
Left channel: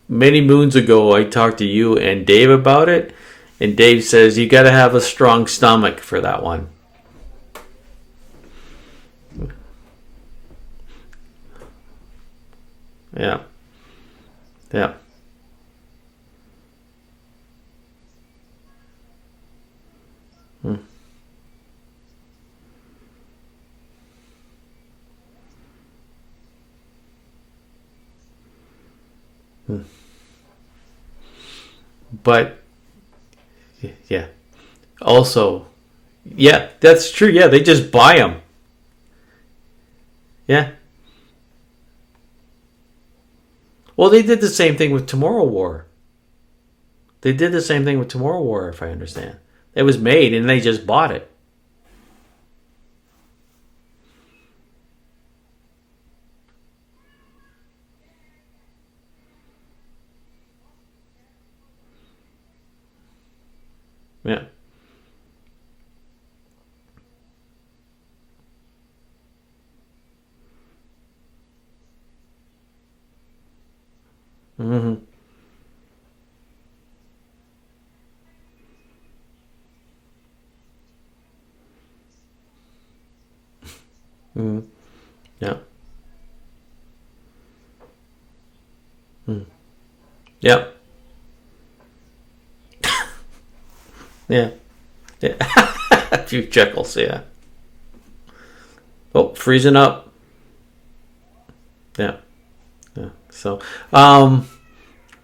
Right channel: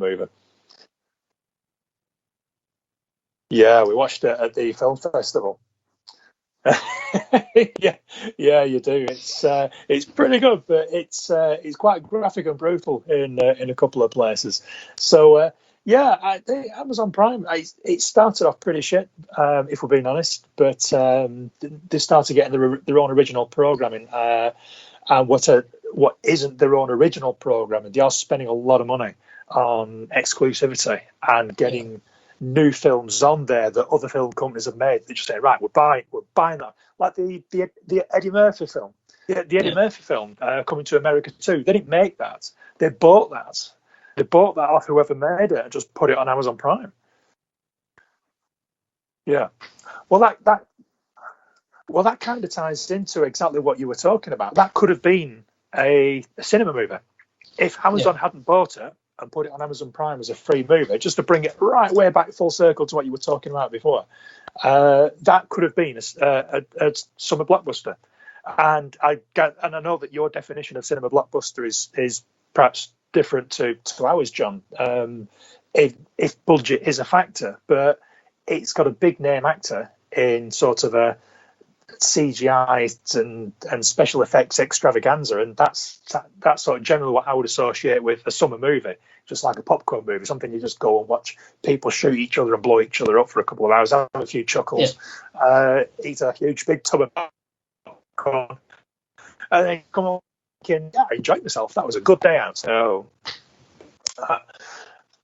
Many moons ago, I talked to you and Dave about it. Yeah, and Dave says you got to have a strong stomach for that one. yeah, you do. It's pretty good, but it's quite graphic and brutal in a couple of places. Yeah. So Amazon Prime, it started off pretty shit, if we're being honest, but they started getting their own original programming, and what isn't their own original programming. They are spending a lot of money on exclusivity and getting new films on there that other film companies have made. Also, we're buying that's true. Yeah, they just buy them. Murphy film. The Eddie Murphy film, Coming to America 2. They didn't make that. They bought that. Well, they did the same thing with Tomorrow War. Just put it on Amazon Prime. They did the same thing with Tomorrow War, if I understand. Yeah. It was made and they just bought it. Well, that kind of ties into exactly what you were talking about. That could have been a cinema movie. If Amazon hadn't bought it and put it on Amazon Prime as a free movie, just to bring it right way back full circle to what you were talking about before, that could have been a summer blockbuster. And I know that your definition of cinema blockbuster is perhaps different to ours, John. If budget is a factor, but it's got a big name actor in sort of a CGI and special effects extravaganza, and that's sort of generally what I would associate with a summer movie, just like a popcorn movie. Something you just go and watch people shoot each other and blow each other up for a couple of hours, have a few chuckles. A few chuckles, Oh, freezing up. I enjoyed myself. That was a good day out.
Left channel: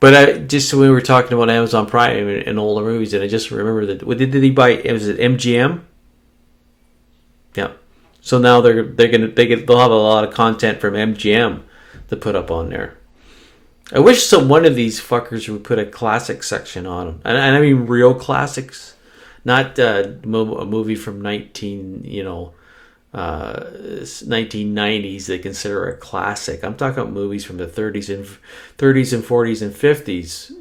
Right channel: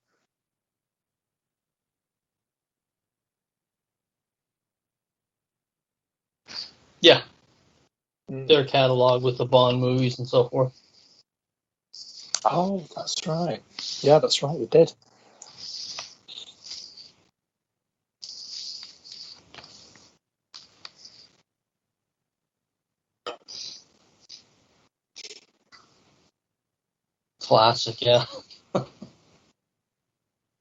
But just when we were talking about Amazon Prime and all the movies, and I just remember that. What did he buy? Was it MGM? Yeah. Yeah. So now they'll have a lot of content from MGM to put up on there. That's right. I wish one of these fuckers would put a classic section on them, and I mean real classics, not a movie from 1990s they consider a classic. I'm talking about movies from the 30s and 40s and 50s,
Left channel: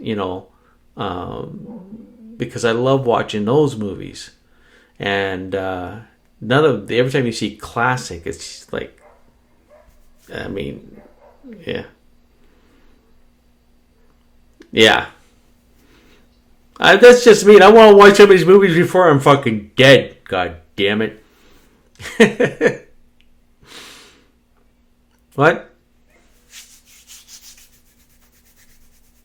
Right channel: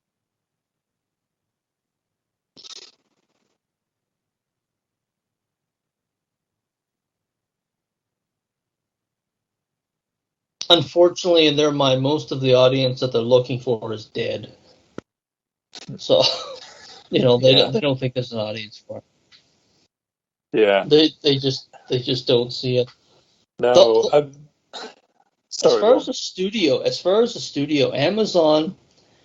because I love watching those movies. And every time you see classic, it's like, I mean, unfortunately, in their mind, most of the audience that they're looking for is dead. Yeah. So that's just me. I want to watch some of these movies before I'm fucking dead. God damn it. They just don't see it. No. What? As far as the studio, Amazon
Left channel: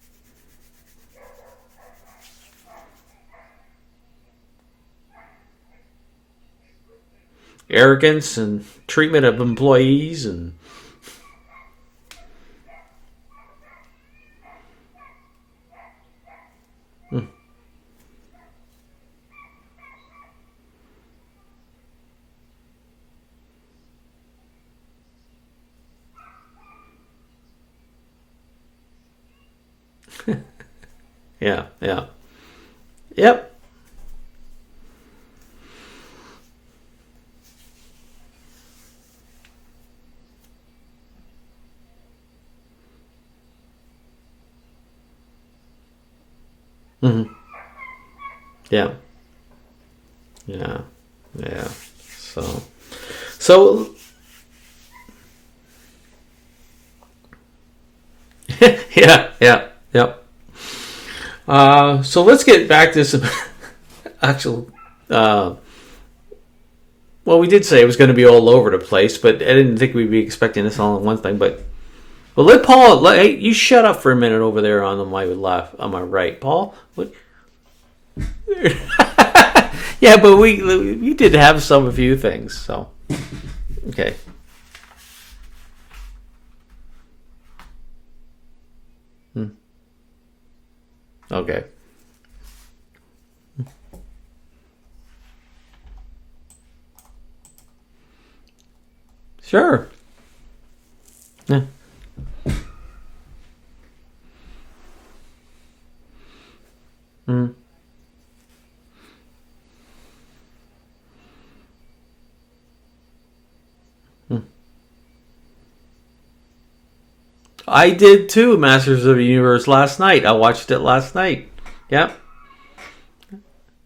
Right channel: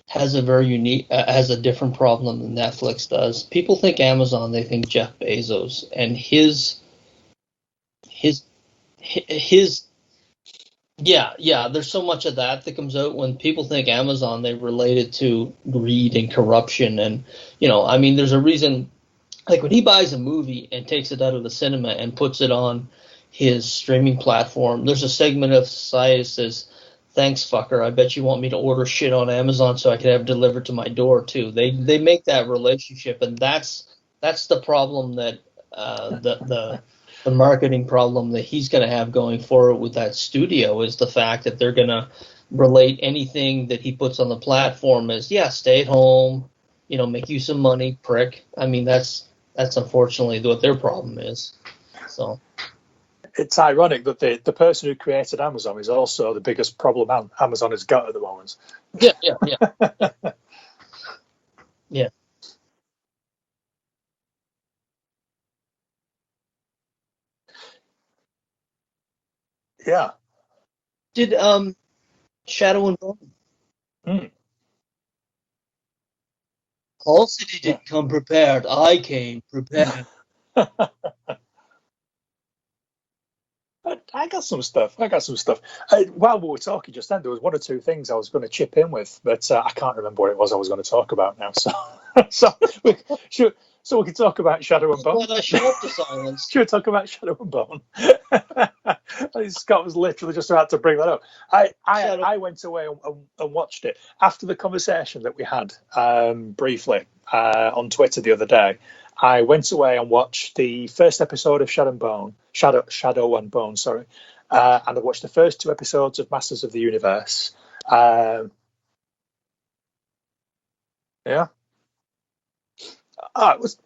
has a very unique, has a different problem than Netflix does. People think Amazon, they think Jeff Bezos and his arrogance and treatment of employees and. Yeah. There's so much of that comes out when people think Amazon. They relate it to greed and corruption, and I mean, there's a reason. Like when he buys a movie and takes it out of the cinema and puts it on his streaming platform, there's a segment of society that says, "Thanks, fucker. I bet you want me to order shit on Amazon so I can have it delivered to my door too." They make that relationship. Yep. And that's the problem that the marketing problem that he's going to have going forward with that studio is the fact that they're going to relate anything that he puts on the platform as, stay at home, make you some money, prick. I mean, That's unfortunately what their problem is. Yeah. So. It's So- ironic that the person who created Amazon is also the biggest problem Amazon has got at the moment. yeah. So let's get back to some actual. Well, we did say it was going to be all over the place, but I didn't think we'd be expecting this all in one thing. But, well, let Paul. Hey, you shut up for a minute over there on my left, on my right, Paul. Paul said he didn't come prepared. I came prepared. Yeah, but we did have a few things. So okay, I got some stuff. While we were talking just then, there was one or two things I was going to chip in with, but I can't remember what it was I was going to talk about now. So we can talk about Shadow and Bone. Well, I shut up to silence. Should we talk about Shadow and Bone? Sure. Scott was literally just about to bring that up. I went away and watched it after the conversation that we had briefly on Twitter the other day. I went away and watched the first episode of Shadow and Bone, and I watched the first 2 episodes of Masters of the Universe. I did too. Masters of the Universe last night. I watched it last night. Yeah. Yep.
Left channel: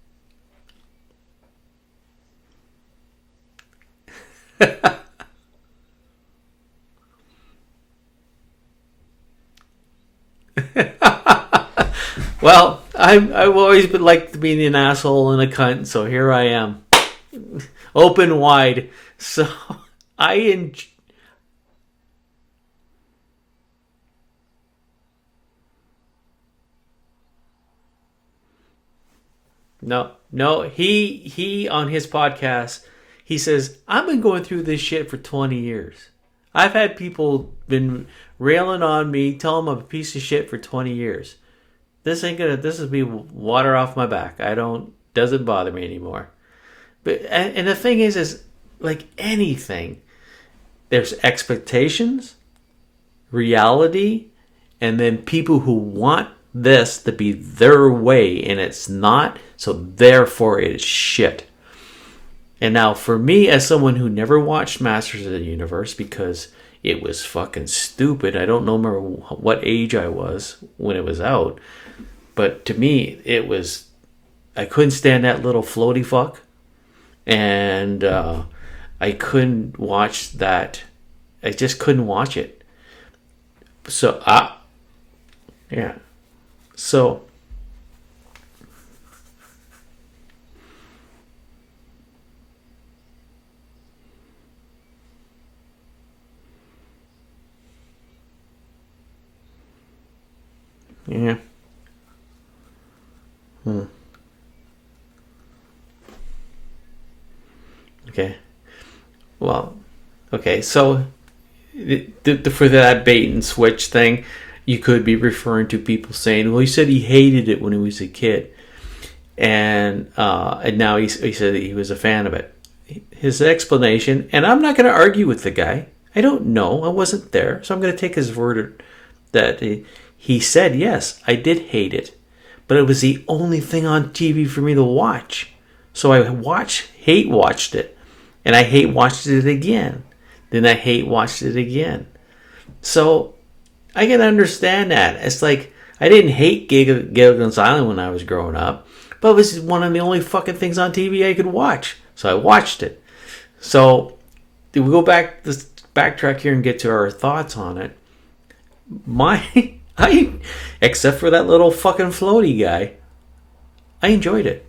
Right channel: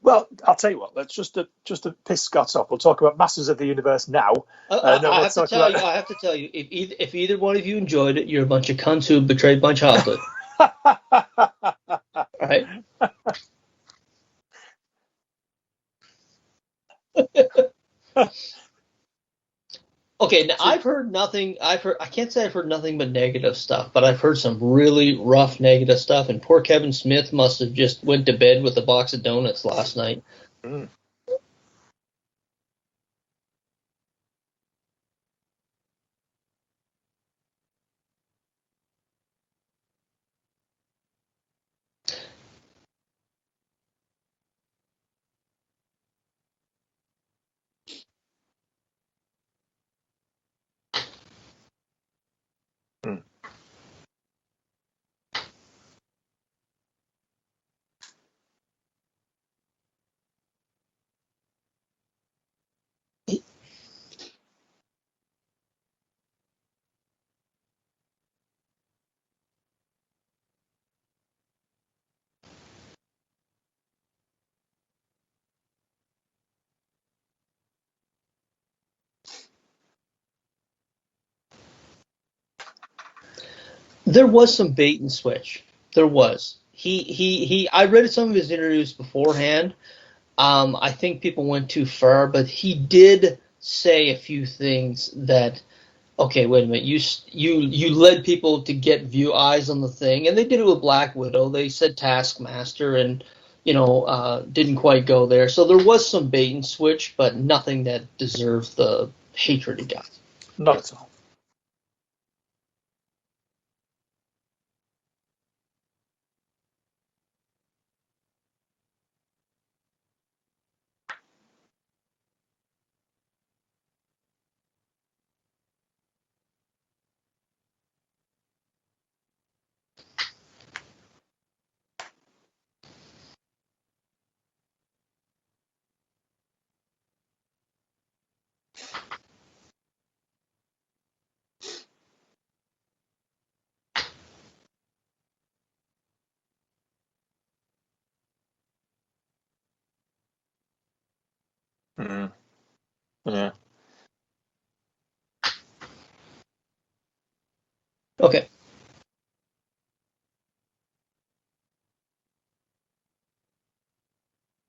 Well, I'll tell you what. Let's just to piss Scott off. We'll talk about Masters of the Universe now. I have to tell you, if either one of you enjoyed it, you're a bunch of cunts who betrayed my childhood. Well, I've always been like being an asshole and a cunt, so here I am, open wide. So Okay, I've heard nothing. I can't say I've heard nothing but negative stuff, but I've heard some really rough negative stuff. And poor Kevin Smith must have just went to bed with a box of donuts last night. No, he on his podcast, he says, I've been going through this shit for 20 years. I've had people been railing on me, telling them I'm a piece of shit for 20 years. This will be water off my back. Doesn't bother me anymore. But and the thing is like anything, there's expectations, reality, and then people who want this to be their way, and it's not, so therefore it's shit. And now for me, as someone who never watched Masters of the Universe because it was fucking stupid, I don't remember what age I was when it was out, but to me, I couldn't stand that little floaty fuck, and I couldn't watch that. I just couldn't watch it. So there was some bait and switch. Yeah, there was. So I read some of his interviews beforehand. I think people went too far, but he did say a few things that, okay, wait a minute, you led people to get view eyes on the thing, and they did it with Black Widow. They said Taskmaster, and didn't quite go there. So there was some bait and switch, but nothing that deserves the hatred he got. Okay, so for that bait and switch thing, you could be referring to people saying, well, he said he hated it when he was a kid. And now he said he was a fan of it. His explanation, and I'm not going to argue with the guy. I don't know. I wasn't there. So I'm going to take his word that he said, yes, I did hate it. But it was the only thing on TV for me to watch. So I hate watched it. And I hate watched it again. Then I hate watched it again. So I can understand that. It's like, I didn't hate Gilligan's Island when I was growing up. But it was one of the only fucking things on TV I could watch. So I watched it. Yeah. So we go back, just backtrack here and get to our thoughts on it. Okay. Except for that little fucking floaty guy, I enjoyed it.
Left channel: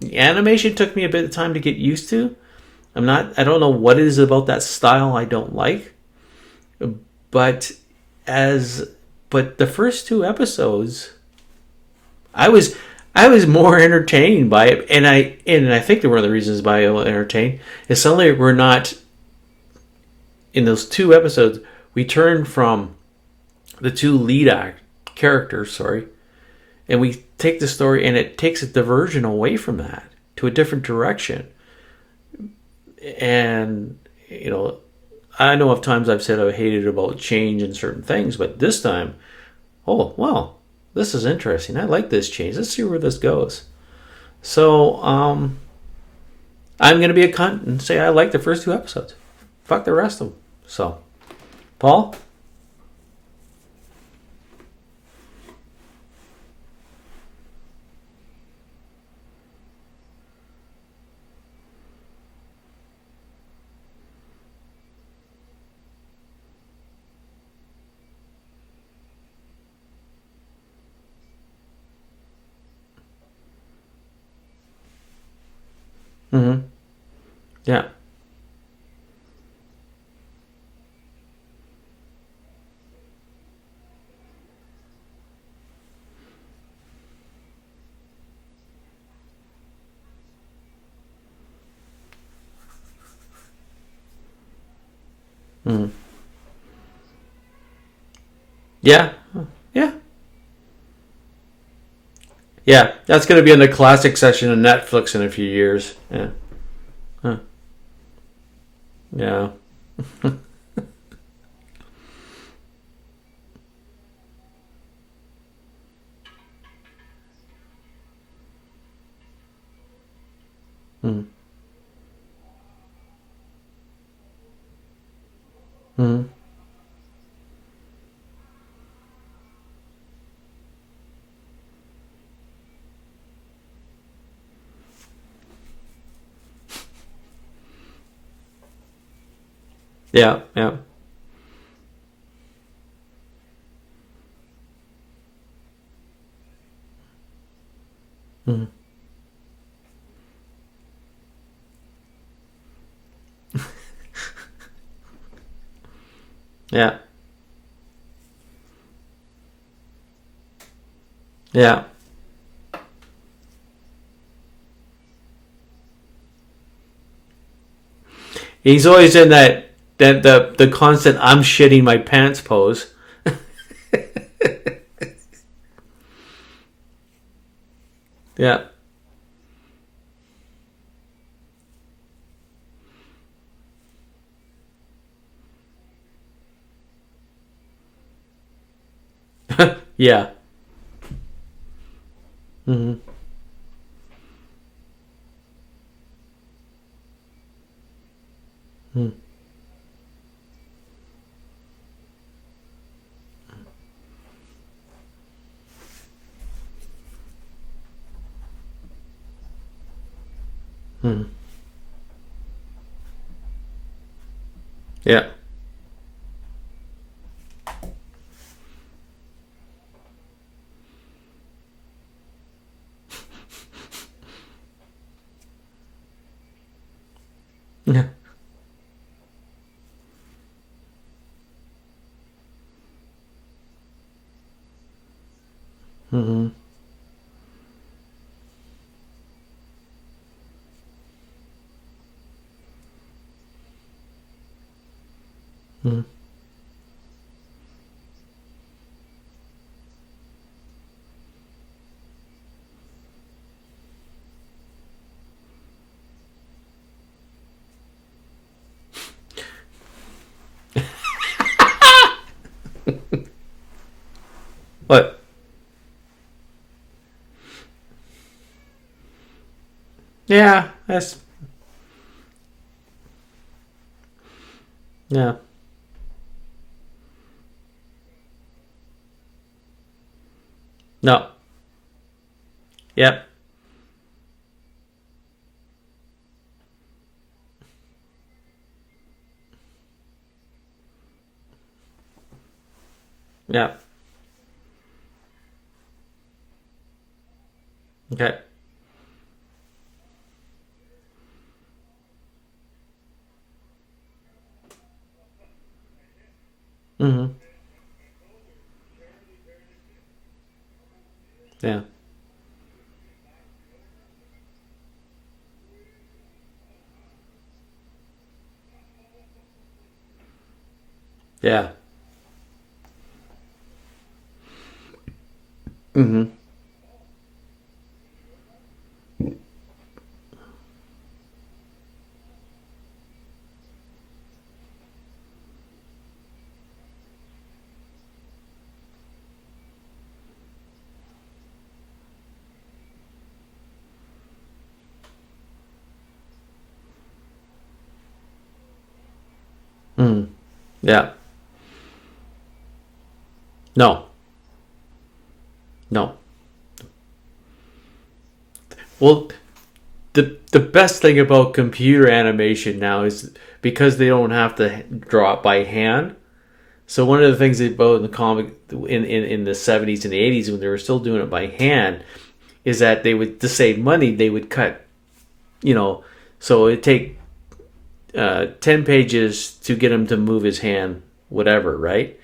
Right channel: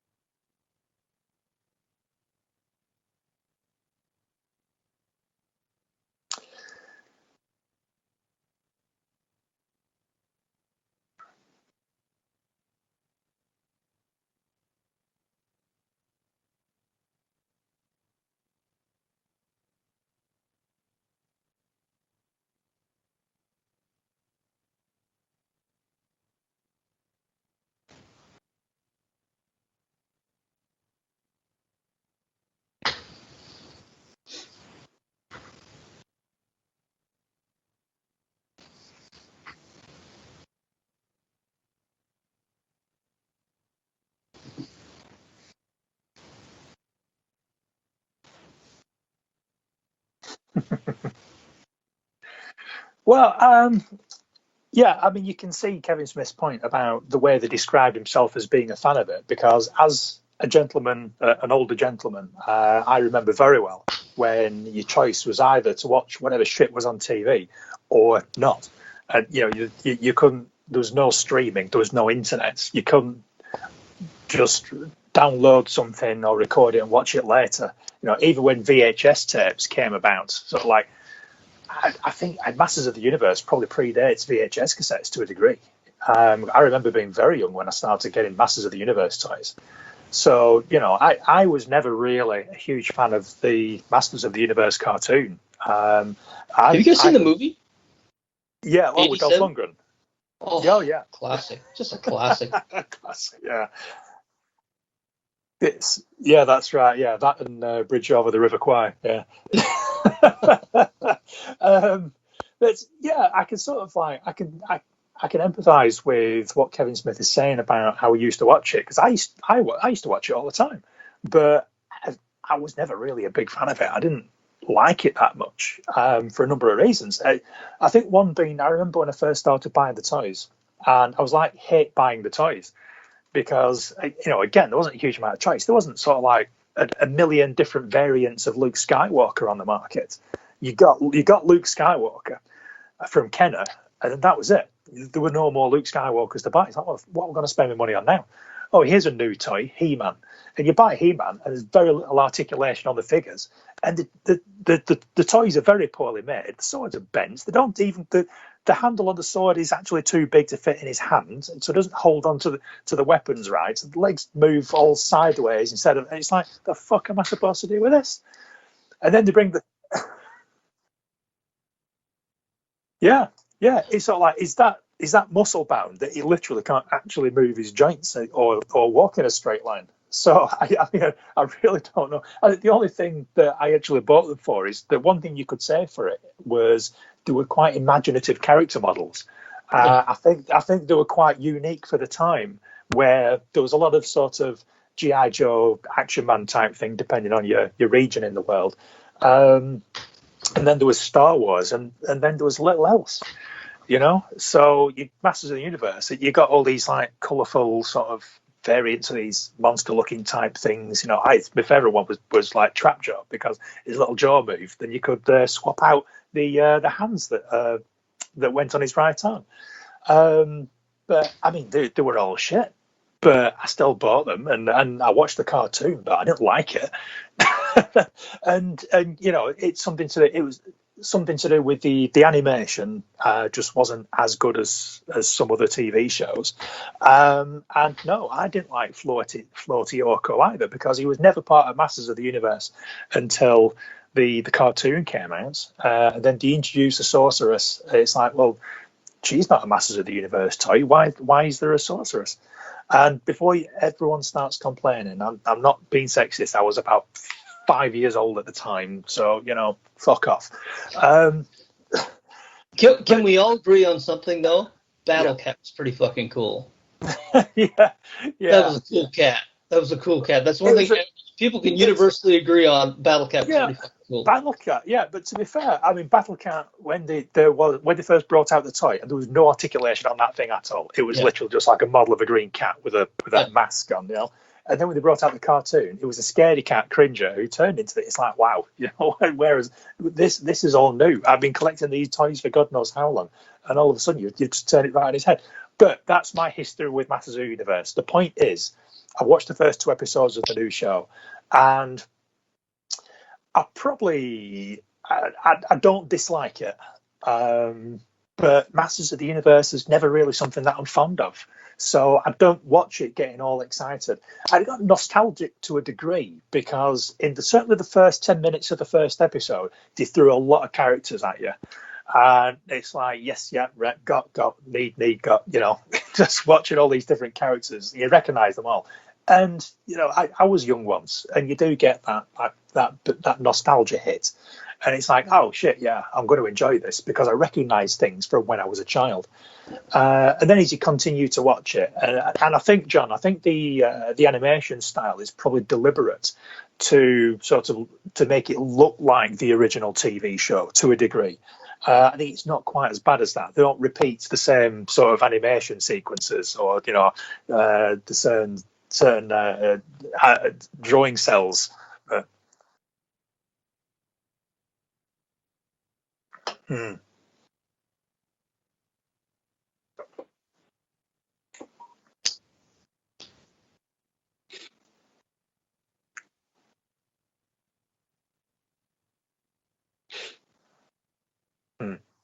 The animation took me a bit of time to get used to. I don't know what it is about that style I don't like. But the first 2 episodes, I was more entertained by it, and I think that one of the reasons why I was entertained is suddenly we're not in those 2 episodes. We turn from the 2 lead characters, and we take the story and it takes a diversion away from that to a different direction. And I know of times I've said I hated about change in certain things, but this time, oh well. This is interesting. I like this change. Let's see where this goes. So, I'm going to be a cunt and say I like the first 2 episodes. Fuck the rest of them. So, Paul? Well, Yeah, I mean, you can see Kevin Smith's point about the way they described himself as being a fan of it, because as a gentleman, an older gentleman, I remember very well when your choice was either to watch whatever shit was on TV or not. And, you couldn't, there was no streaming, there was no internet. You couldn't just download something or record it and watch it later. Yeah. Even when VHS tapes came about, sort of like, I think Masters of the Universe probably predates VHS cassettes to a degree. I remember being very young when I started getting Masters of the Universe toys. So, I was never really a huge fan of the Masters of the Universe cartoon. Have you guys seen the movie? Yeah. With Dolph Lundgren. Yeah. Oh, yeah. Classic. Just a classic. Yeah, that's going to be in the classic section of Netflix in a few years. Yeah, that's right. Yeah, that and Bridge Over the River Kwai. Yeah. But yeah, I can sort of like I can empathise with what Kevin Smith is saying about how he used to watch it, because I used to watch it all the time, but I was never really a big fan of it. I didn't like it that much for a number of reasons. I think one being, I remember when I first started buying the toys, and I was like, hate buying the toys, because again, there wasn't a huge amount of choice. There wasn't sort of like a million different variants of Luke Skywalker on the market. Yeah. You got Luke Skywalker from Kenner, and that was it. There were no more Luke Skywalkers to buy. It's like, well, what am I going to spend my money on now? Oh, here's a new toy, He-Man. And you buy He-Man, and there's very little articulation on the figures, and the toys are very poorly made. The swords are bent. They don't even the handle on the sword is actually too big to fit in his hand, so it doesn't hold on to the weapons right. The legs move all sideways instead of. And it's like, the fuck am I supposed to do with this? He's always in the constant "I'm shitting my pants" pose. Yeah. It's sort of like, is that muscle bound that he literally can't actually move his joints or walk in a straight line? So I really don't know. The only thing that I actually bought them for is the one thing you could say for it was they were quite imaginative character models. I think they were quite unique for the time, where there was a lot of sort of G.I. Joe, Action Man type thing, depending on your region in the world. And then there was Star Wars, and then there was little else. So Masters of the Universe, you got all these like colourful sort of variants of these monster-looking type things. My favourite one was like Trapjaw, because his little jaw moved, then you could swap out the hands that went on his right arm. But I mean, they were all shit. But I still bought them, and I watched the cartoon, but I didn't like it. and it's something to. It was something to do with the animation just wasn't as good as some other TV shows. And no, I didn't like Floaty Orko either, because he was never part of Masters of the Universe until the cartoon came out. And then they introduced the sorceress. It's like, well, she's not a Masters of the Universe toy. Why is there a sorceress? And before everyone starts complaining, I'm not being sexist. I was about 5 years old at the time, so fuck off. Can we all agree on something though? What? Battle Cat was pretty fucking cool. Yeah. That was a cool cat. Yeah. That's one thing people can universally agree on. Battle Cat was pretty fucking cool. Battle Cat, but to be fair, I mean, Battle Cat, when they first brought out the toy, and there was no articulation on that thing at all. It was literally just like a model of a green cat with a mask on, And then when they brought out the cartoon, it was a scaredy cat cringer who turned into it. It's like, wow, whereas this is all new. I've been collecting these toys for God knows how long, and all of a sudden you just turn it right on his head. But that's my history with Masters of the Universe. The point is, I watched the first 2 episodes of the new show, and I don't dislike it. But Masters of the Universe is never really something that I'm fond of. So I don't watch it getting all excited. I got nostalgic to a degree, because certainly the first 10 minutes of the first episode, they threw a lot of characters at you. And it's like, yes, got, need, got, just watching all these different characters. You recognise them all. And, I was young once, and you do get that nostalgia hit. And it's like, oh, shit, yeah, I'm going to enjoy this, because I recognise things from when I was a child. And then as you continue to watch it, and I think, John, the animation style is probably deliberate to make it look like the original TV show to a degree. I think it's not quite as bad as that. They don't repeat the same sort of animation sequences, or the certain the best thing cells. about computer animation now is because they don't have to draw it by hand. So one of the things about in the comic in the 70s and the 80s when they were still doing it by hand is that they would, to save money, they would cut, so it'd take 10 pages to get him to move his hand, whatever, right?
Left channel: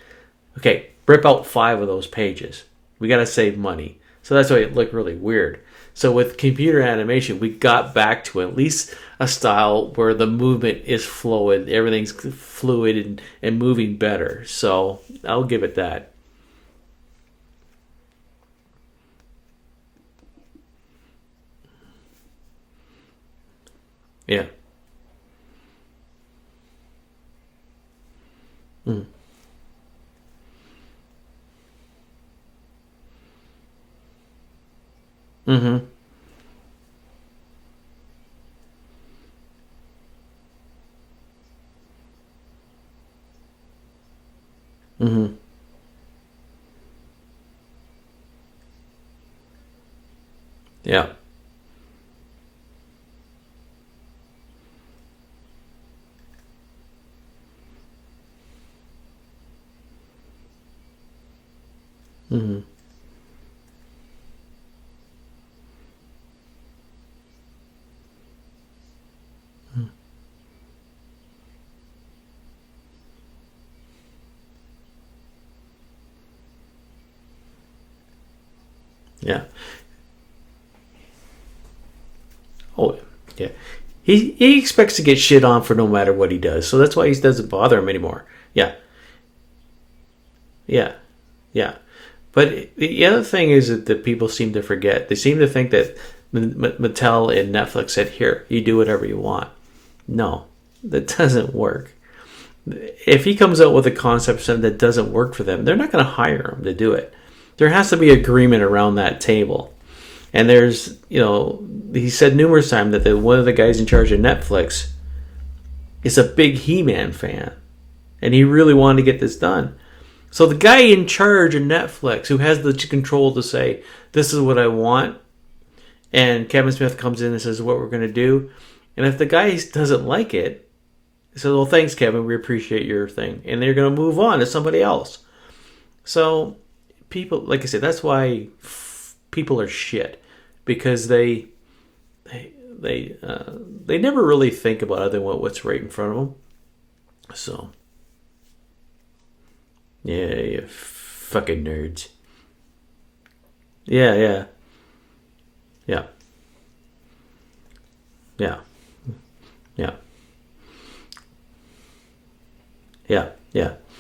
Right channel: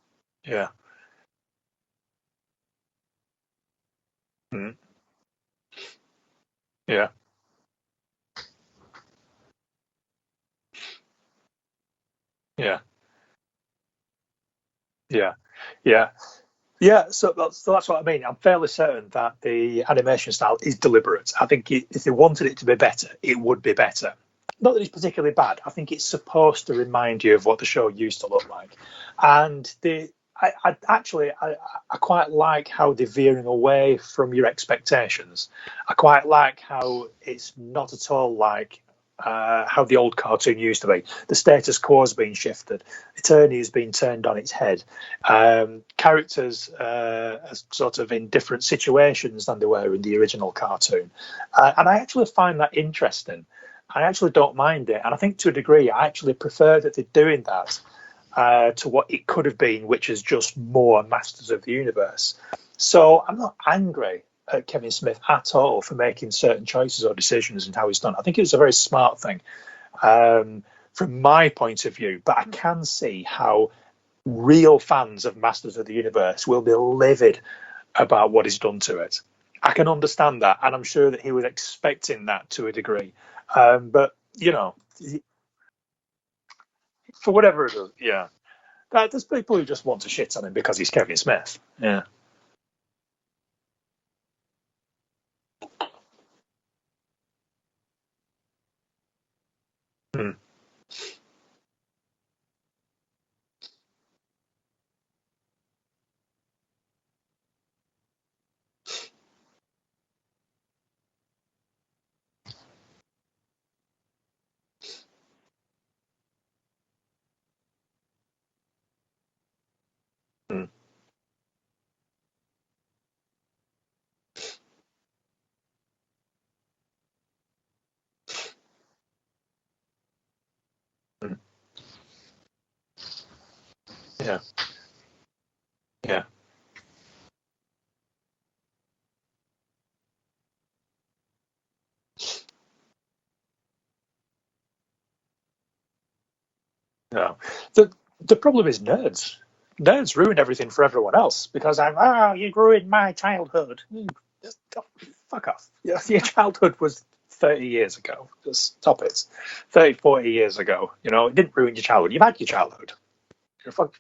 Yeah. Okay, rip out 5 of those pages. We got to save money. So that's why it looked really weird. So with computer animation, we got back to at least a style where the movement is fluid, everything's fluid and moving better. So I'll give it that. Yeah. So that's what I mean. I'm fairly certain that the animation style is deliberate. I think if they wanted it to be better, it would be better. Yeah. Not that it's particularly bad. I think it's supposed to remind you of what the show used to look like. And I quite like how they're veering away from your expectations. I quite like how it's not at all like how the old cartoon used to be. The status quo has been shifted. Eternity has been turned on its head. Characters are sort of in different situations than they were in the original cartoon. And I actually find that interesting. I actually don't mind it. And I think to a degree, I actually prefer that they're doing that to what it could have been, which is just more Masters of the Universe. So I'm not angry at Kevin Smith at all for making certain choices or decisions and how he's done. I think it was a very smart thing from my point of view, but I can see how real fans of Masters of the Universe will be livid about what he's done to it. I can understand that, and I'm sure that he was expecting that to a degree. But he expects to get shit on for no matter what he does, so that's why he doesn't bother him anymore. There's people who just want to shit on him because he's Kevin Smith. But the other thing is that people seem to forget. They seem to think that Mattel and Netflix said, "Here, you do whatever you want." No, that doesn't work. If he comes out with a concept that doesn't work for them, they're not going to hire him to do it. There has to be agreement around that table. And there's, he said numerous times that one of the guys in charge of Netflix is a big He-Man fan. And he really wanted to get this done. So the guy in charge of Netflix, who has the control to say, this is what I want, and Kevin Smith comes in and says what we're going to do, and if the guy doesn't like it, he says, well, thanks, Kevin, we appreciate your thing. And they're going to move on to somebody else. So people, like I said, that's why people are shit, because they never really think about other than what's right in front of them. So the problem is nerds. Nerds ruin everything for everyone else because you ruined my childhood. Fuck off. If your childhood was 30 years ago, stop it. 40 years ago, it didn't ruin your childhood. You've had your childhood.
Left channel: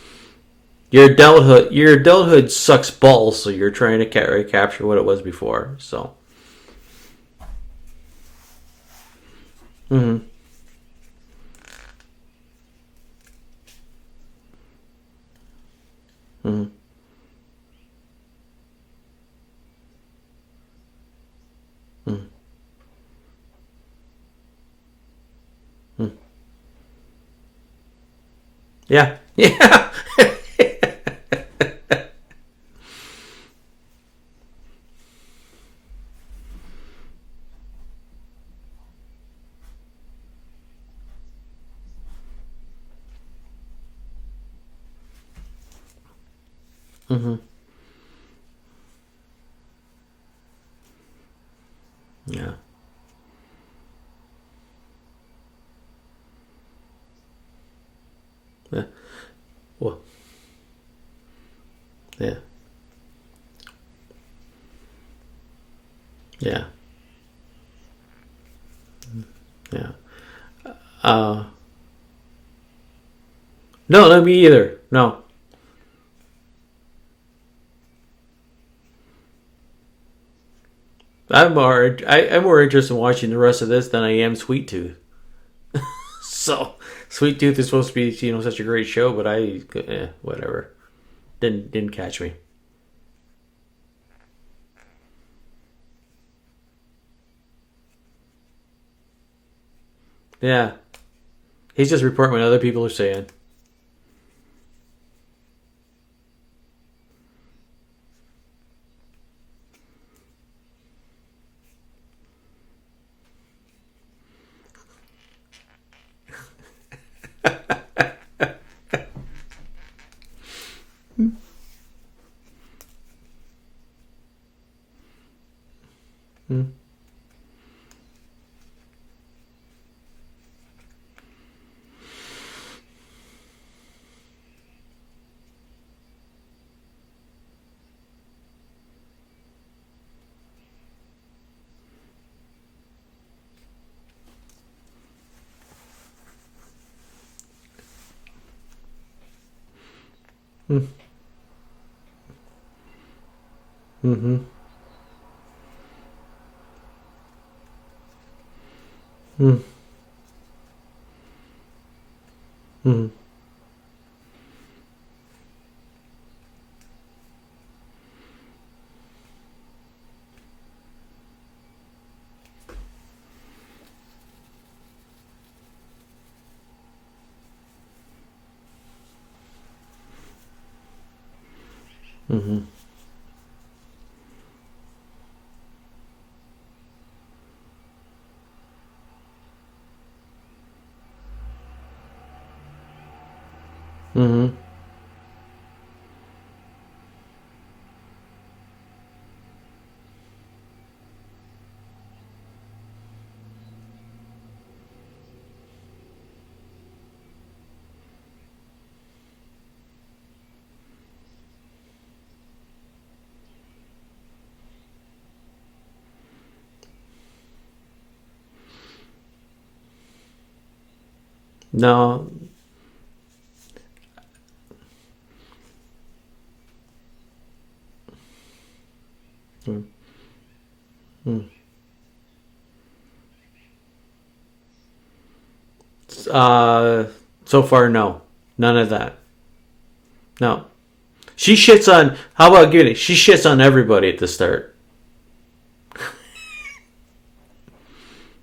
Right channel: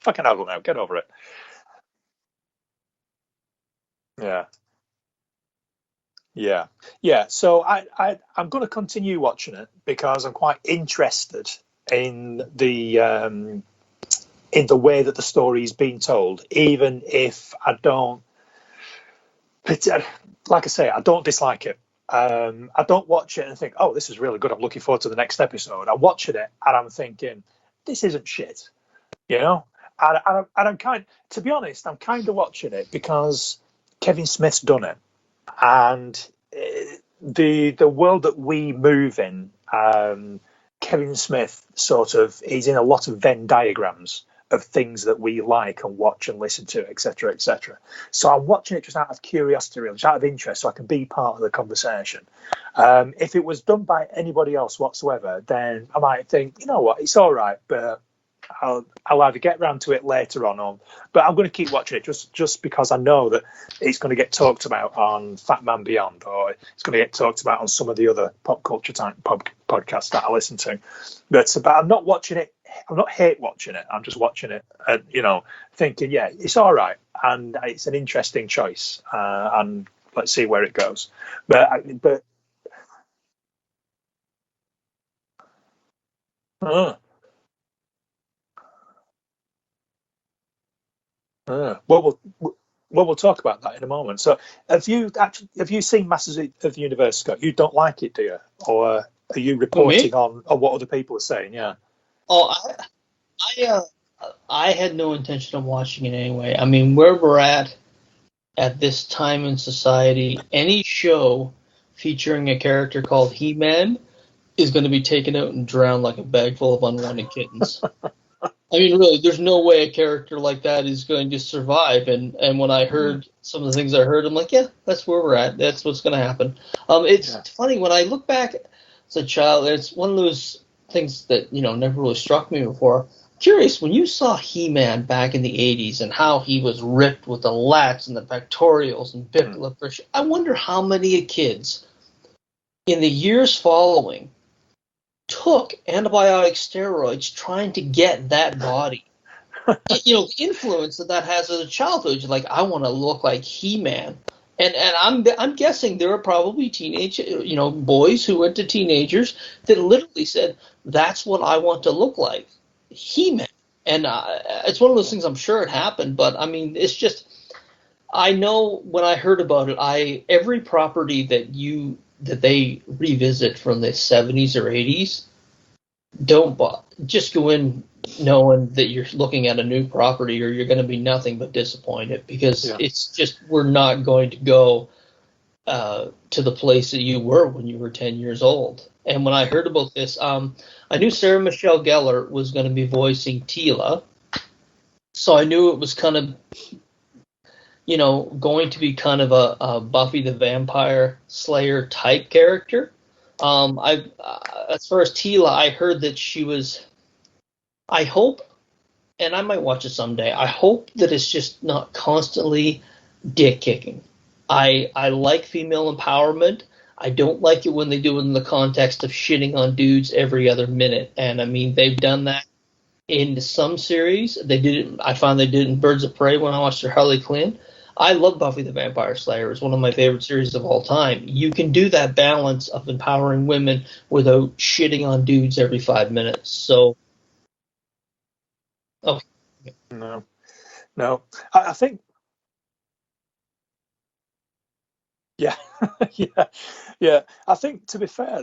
Fucking adult now. Get over it. Your adulthood sucks balls, so you're trying to capture what it was before. So So I'm going to continue watching it because I'm quite interested in the way that the story is being told, even if I don't. Like I say, I don't dislike it. I don't watch it and think, "Oh, this is really good. I'm looking forward to the next episode." I watch it and I'm thinking, "This isn't shit." And I'm to be honest, I'm kind of watching it because Kevin Smith's done it, and the world that we move in, Kevin Smith he's in a lot of Venn diagrams of things that we like and watch and listen to, etc., etc. So I'm watching it just out of curiosity, really, just out of interest, so I can be part of the conversation. If it was done by anybody else whatsoever, then I might think, you know what, it's all right, but I'll either get round to it later on, but I'm going to keep watching it just because I know that it's going to get talked about on Fat Man Beyond, or it's going to get talked about on some of the other pop culture type podcasts that I listen to. But I'm not watching it. I'm not hate watching it. No, me either. And, thinking, it's all right, and it's an interesting choice, and let's see where it goes. I'm more interested in watching the rest of this than I am Sweet Tooth. Sweet Tooth is supposed to be, such a great show, but whatever. Didn't catch me. Well, we'll talk about that in a moment. So, have you seen Masters of the Universe, Scott? You don't like it, do you? Or are you reporting on what other people are saying? Yeah, he's just reporting what other people are saying. I had no intention of watching it anyway. I mean, where we're at this time in society, any show featuring a character called He-Man is going to be taken out and drowned like a bag full of unwanted kittens. I mean, really, there's no way a character like that is going to survive. And when I heard some of the things I heard, I'm like, yeah, that's where we're at. That's what's going to happen. It's funny when I look back as a child. It's one of those things that never really struck me before. Curious, when you saw He-Man back in the 80s and how he was ripped with the lats and the pectorials and big lips, I wonder how many kids in the years following took antibiotic steroids trying to get that body. The influence that has as a childhood. You're like, I want to look like He-Man. And I'm guessing there are probably teenage, boys who went to teenagers that literally said, that's what I want to look like. He-Man. And it's one of those things, I'm sure it happened, but I mean, it's just, I know when I heard about it, every property that they revisit from the 70s or 80s, don't just go in knowing that you're looking at a new property or you're going to be nothing but disappointed, because it's just, we're not going to go to the place that you were when you were 10 years old. And when I heard about this, I knew Sarah Michelle Gellar was going to be voicing Tila, so I knew it was kind of going to be kind of a Buffy the Vampire Slayer type character. As far as Tila, I heard that she was, I hope, and I might watch it someday, I hope that it's just not constantly dick kicking. I like female empowerment. I don't like it when they do it in the context of shitting on dudes every other minute. And I mean, they've done that in some series. They did it. I found they did it in Birds of Prey when I watched their Harley Quinn. I love Buffy the Vampire Slayer. It's one of my favorite series of all time. You can do that balance of empowering women without shitting on dudes every 5 minutes. So far, no. None of that. Oh. No. She shits on, how about Goody? She shits on everybody at the start. Yeah. Yeah. I think, to be fair,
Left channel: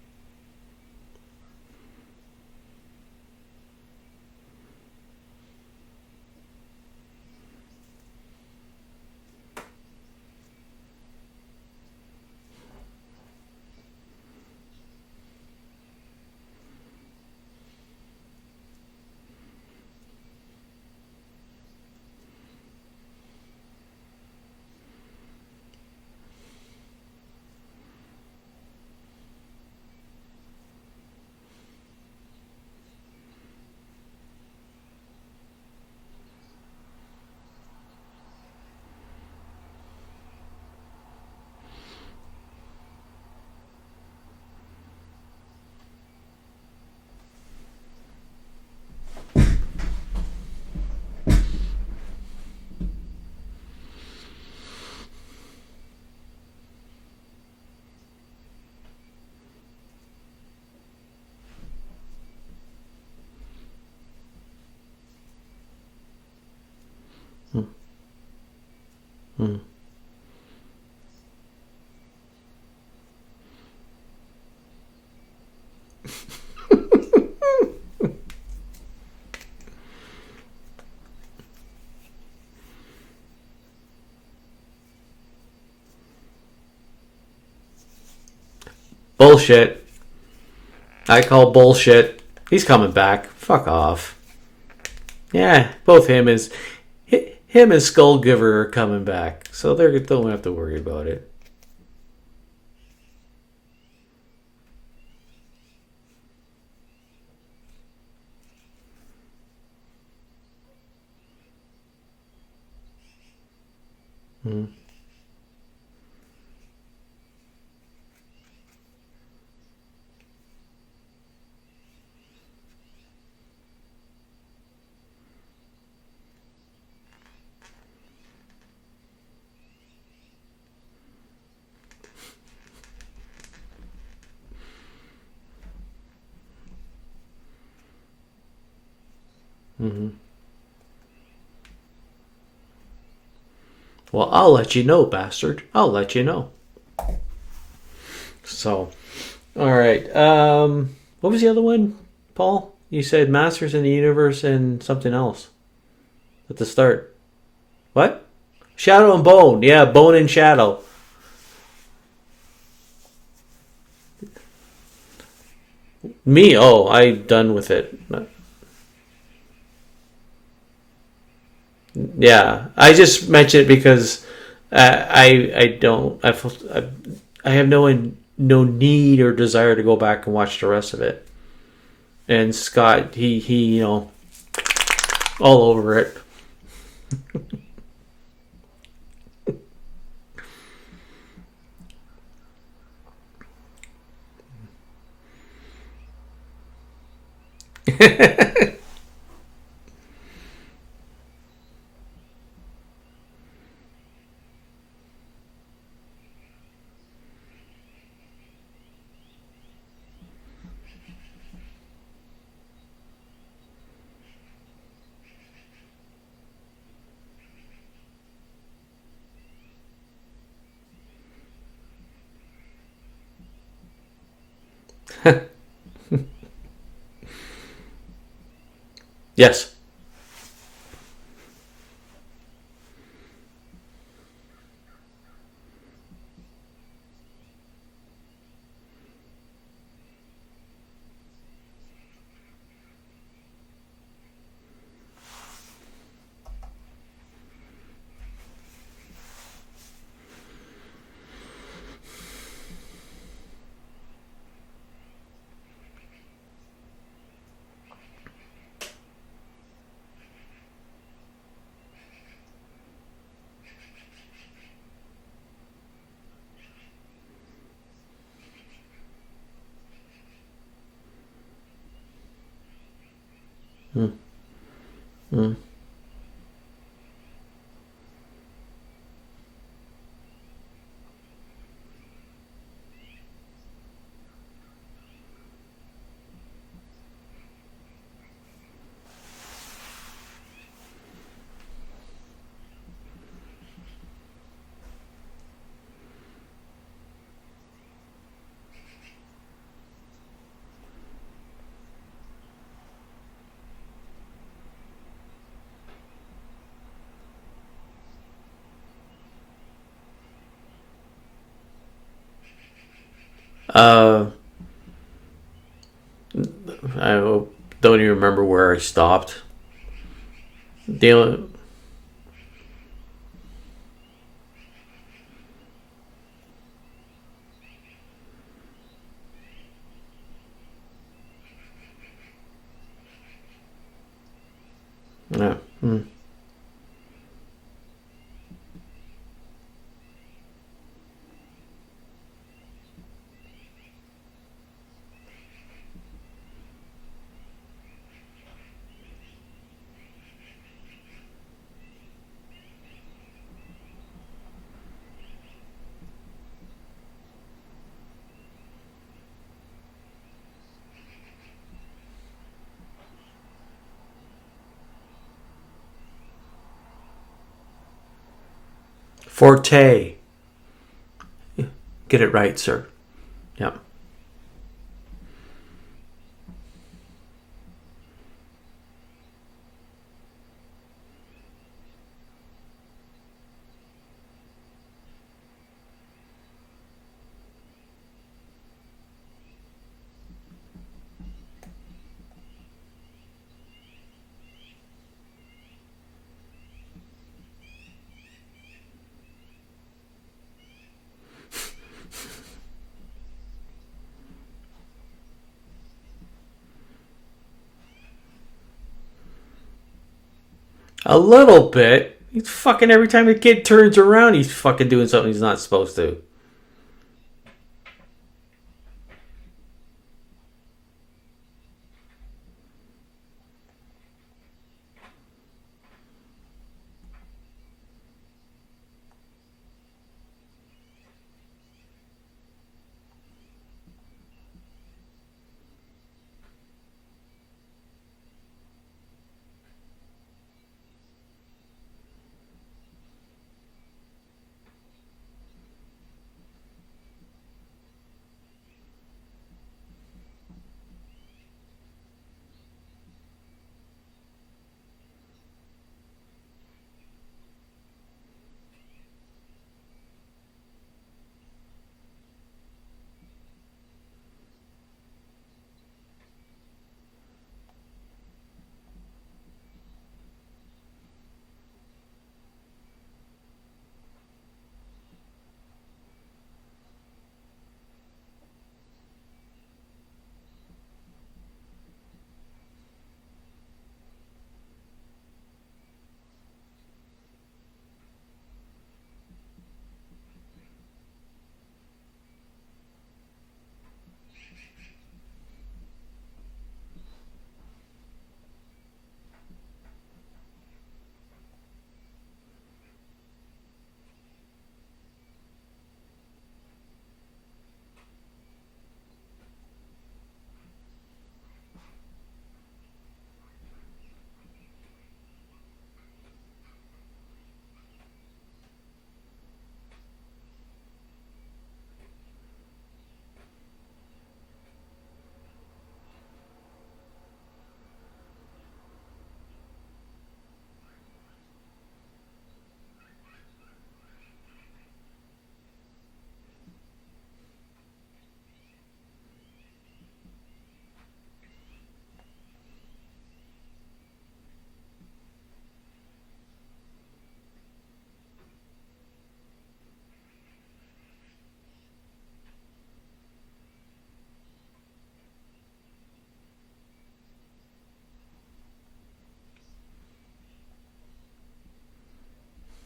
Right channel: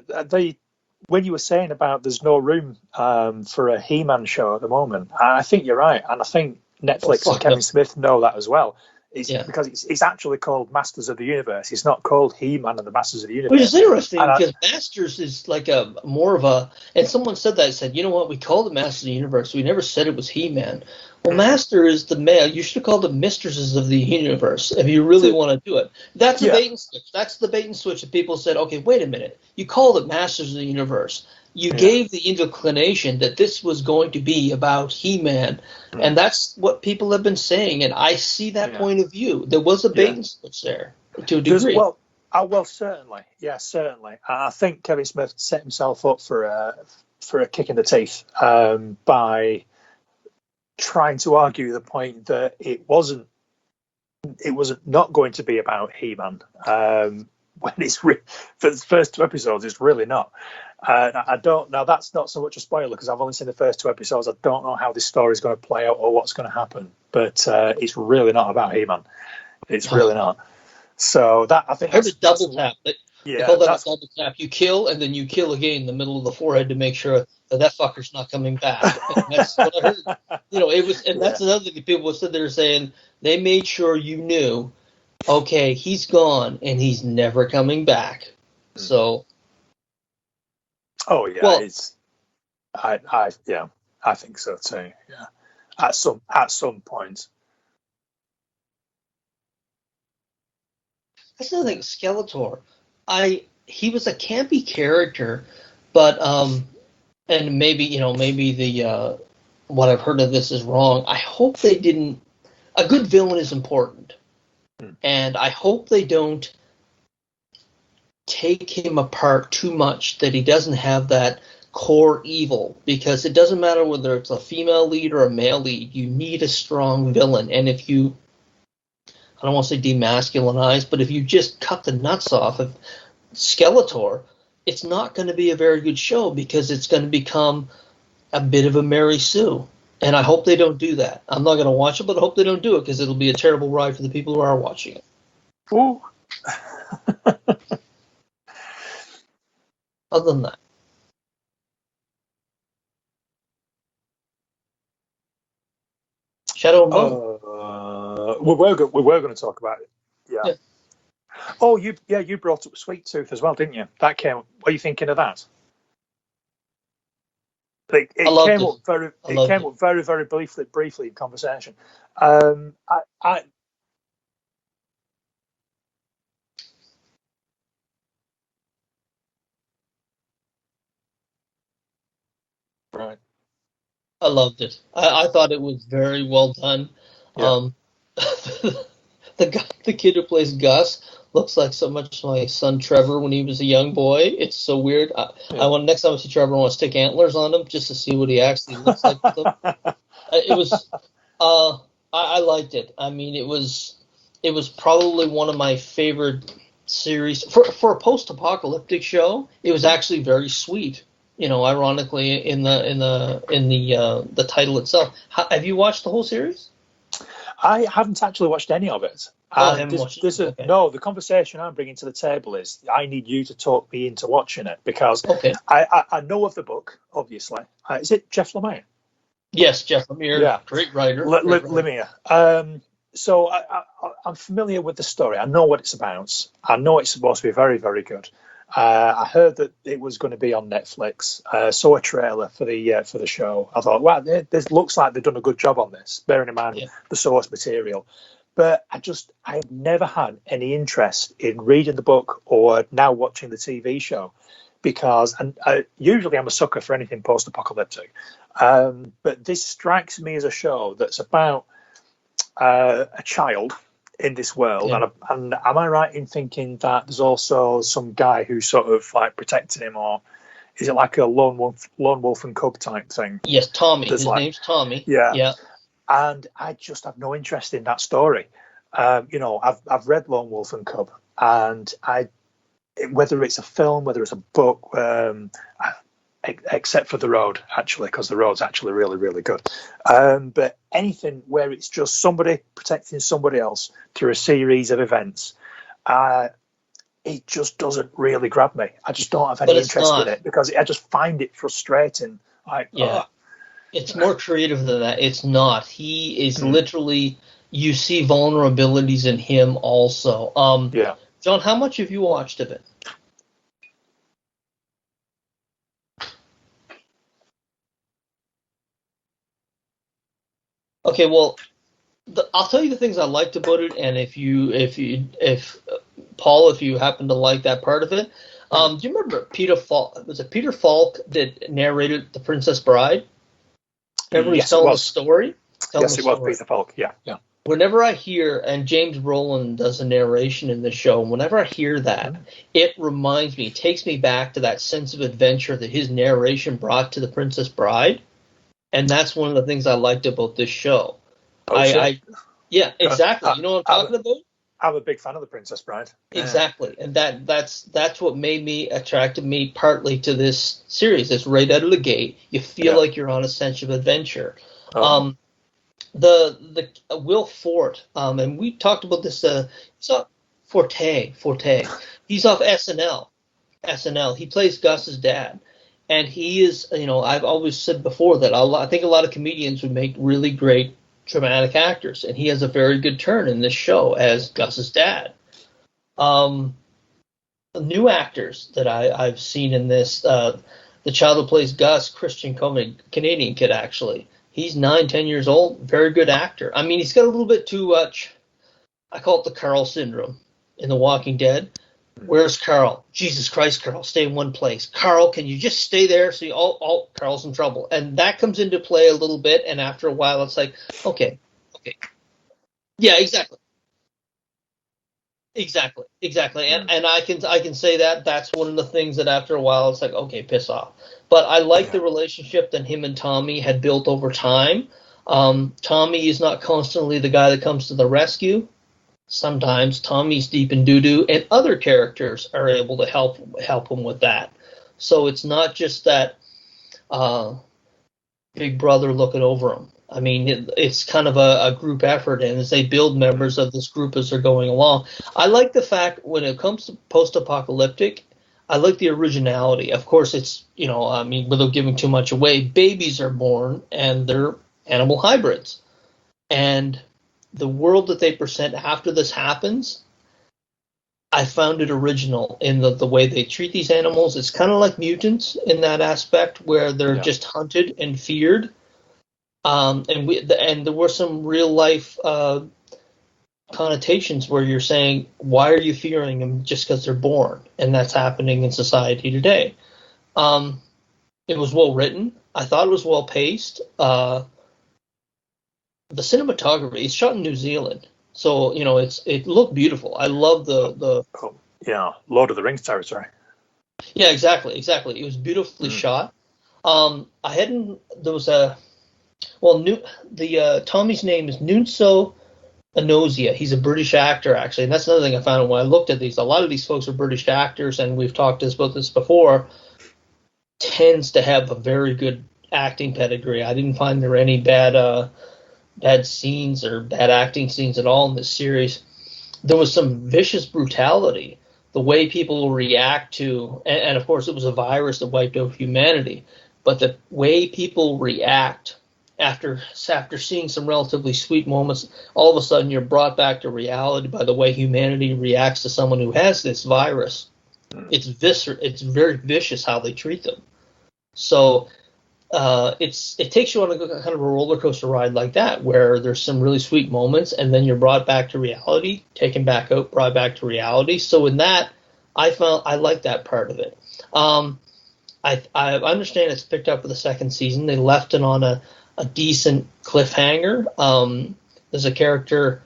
when you were saying about there's no room for a He-Man show at the moment, I think you're right. And I think Netflix and Kevin Smith know that as well. Because it's actually called Masters of the Universe. It's not called He-Man and the Masters of the Universe. Which is interesting, because Masters is like a more of a... And someone said that, said, you know what, we called it Masters of the Universe. We never said it was He-Man. Well, Master is the male. You should have called it Mistresses of the Universe if you really want to do it. That's a bait and switch. That's the bait and switch that people said, okay, wait a minute. You called it Masters of the Universe. You gave the inclination that this was going to be about He-Man, and that's what people have been saying, and I see that point of view. There was a bait and switch there, to a degree. Well, certainly. Yeah, certainly. I think Kevin Smith set himself up for a kick in the teeth by trying to argue the point that it was not going to be about He-Man. When it's for the first 2 episodes, it's really not. I don't know. That's not so much a spoiler because I've only seen the first 2 episodes. I don't know how this story is going to play out or what's going to happen. But it's really not about He-Man. It's really not. So that, I think, I heard a double tap. They call that a double tap. You kill and then you kill again in the middle of the forehead to make sure that fucker's not coming back. And that's what I heard. It was, and that's another thing that people said. They're saying they made sure you knew. Okay, he's gone and he's never coming back. So bullshit. I call bullshit. He's coming back. Fuck off. I think so too. Yeah, at some point. Him and Skullgiver are coming back, so they don't have to worry about it. That's another thing. Skeletor, he was a campy character, but and maybe the what I've heard of this is wrong. I hope they didn't. A good villain is important, and I hope they don't take him apart too much, that he doesn't have that core evil, because it doesn't matter whether it's a female lead or a male lead, you need a strong villain. And if you, I don't want to say demasculinize, but if you just cut the nuts off of Skeletor, it's not going to be a very good show, because it's going to become a bit of a Mary Sue. And I hope they don't do that. I'm not going to watch it, but I hope they don't do it, because it'll be a terrible ride for the people. Well, I'll let you know, bastard. I'll let you know. So, all right. What was the other one, Paul? You said Masters in the Universe and something else. At the Shadow start. and Bone. What? Shadow and Bone. Yeah, Bone and Shadow. Oh, you brought up Sweet Tooth as well, didn't you? That came. What are you thinking of that? Me? Oh, I'm done with it. It loved came it. up very. It came up very, very briefly in conversation. Yeah, I just mentioned it because I don't I have no need or desire to go back and watch the rest of it. And Scott, he you know, I loved it. I thought all it was over it. very well done. The kid who plays Gus looks like so much my son Trevor when he was a young boy. It's so weird. I want next time I see Trevor, I want to stick antlers on him just to see what he actually looks like with them. It was. I liked it. I mean, it was probably one of my favorite series for a post-apocalyptic show. It was actually very sweet. You know, ironically, in the title itself. Have you watched the whole series? I haven't actually watched any of it. I haven't watched it. Okay. No, the conversation I'm bringing to the table is I need you to talk me into watching it because I know of the book, obviously. Is it Jeff Lemire? Yes. Yes, Jeff Lemire. Yeah. Great writer. Lemire. So I'm familiar with the story. I know what it's about. I know it's supposed to be very, very good. I heard that it was going to be on Netflix. Saw a trailer for the show. I thought, wow, this looks like they've done a good job on this, bearing in mind the source material. But I have never had any interest in reading the book or now watching the TV show because usually I'm a sucker for anything post-apocalyptic. But this strikes me as a show that's about a child in this world, and am I right in thinking that there's also some guy who's sort of like protecting him, or is it like a lone wolf and cub type thing? Yes, Tommy. His name's Tommy. Yeah. And I just have no interest in that story. You know, I've read Lone Wolf and Cub, and whether it's a film, whether it's a book, except for The Road, actually, because The Road's actually really, really good. But anything where it's just somebody protecting somebody else through a series of events, it just doesn't really grab me. I just don't have any interest in it because I just find it frustrating. It's more creative than that. It's not. He is literally. You see vulnerabilities in him also. John, how much have you watched of it? I don't even remember where I stopped. I'll tell you the things I liked about it, and if Paul, if you happen to like that part of it, do you remember Peter Falk? Was it Peter Falk that narrated The Princess Bride? Remember he's telling the story? Yeah. Yes, it was Peter Falk. Yeah. Whenever I hear, and James Brolin does a narration in the show, and whenever I hear that, it reminds me, it takes me back to that sense of adventure that his narration brought to The Princess Bride, and that's one of the things I liked about this show. Yeah, exactly. You know what I'm talking about? I'm a big fan of The Princess Bride. Exactly, and that's what attracted me partly to this series. It's right out of the gate. You feel like you're on a sense of adventure. The Will Forte, and we talked about this. Forte. Forte. Get it right. He's off sir. SNL. Yeah. SNL. He plays Gus's dad, and he is. You know, I've always said before that I think a lot of comedians would make really great dramatic actors, and he has a very good turn in this show as Gus's dad. New actors that I've seen in this, the child who plays Gus, Christian Coleman, Canadian kid actually. He's 9-10 years old, very good actor. I mean, he's got a little bit too much, I call it the Carl syndrome in The Walking Dead. Where's Carl? Jesus Christ, Carl, stay in one place. Carl, can you just stay there? See, Carl's in trouble. And that comes into play a little bit, and after a while it's like... Okay. A little bit. He's fucking every time the kid turns around, he's fucking doing something he's not supposed to. Exactly, and I can say that's one of the things that after a while it's like, okay, piss off. But I like the relationship that him and Tommy had built over time. Tommy is not constantly the guy that comes to the rescue. Sometimes Tommy's deep in doo-doo, and other characters are able to help him with that. So it's not just that big brother looking over him. I mean, it's kind of a group effort, and as they build members of this group as they're going along. I like the fact when it comes to post-apocalyptic, I like the originality. Of course, it's, I mean, without giving too much away, babies are born, and they're animal hybrids. And the world that they present after this happens, I found it original in the way they treat these animals. It's kind of like mutants in that aspect, where they're just hunted and feared. And there were some real life connotations where you're saying, why are you fearing them just because they're born? And that's happening in society today. It was well written. I thought it was well paced. The cinematography, it's shot in New Zealand, so it looked beautiful. I love the Lord of the Rings territory. Yeah, exactly. It was beautifully shot. Tommy's name is Nunso Anosia. He's a British actor, actually, and that's another thing I found when I looked at these. A lot of these folks are British actors, and we've talked about this before. Tends to have a very good acting pedigree. I didn't find there were any bad scenes or bad acting scenes at all in this series. There was some vicious brutality. The way people react to, and of course it was a virus that wiped out humanity, but the way people react after seeing some relatively sweet moments, all of a sudden you're brought back to reality by the way humanity reacts to someone who has this virus. It's very vicious how they treat them. So it takes you on a kind of a roller coaster ride like that, where there's some really sweet moments, and then you're brought back to reality, taken back out, brought back to reality. So in that, I like that part of it. I understand it's picked up for the second season. They left it on a decent cliffhanger. There's a character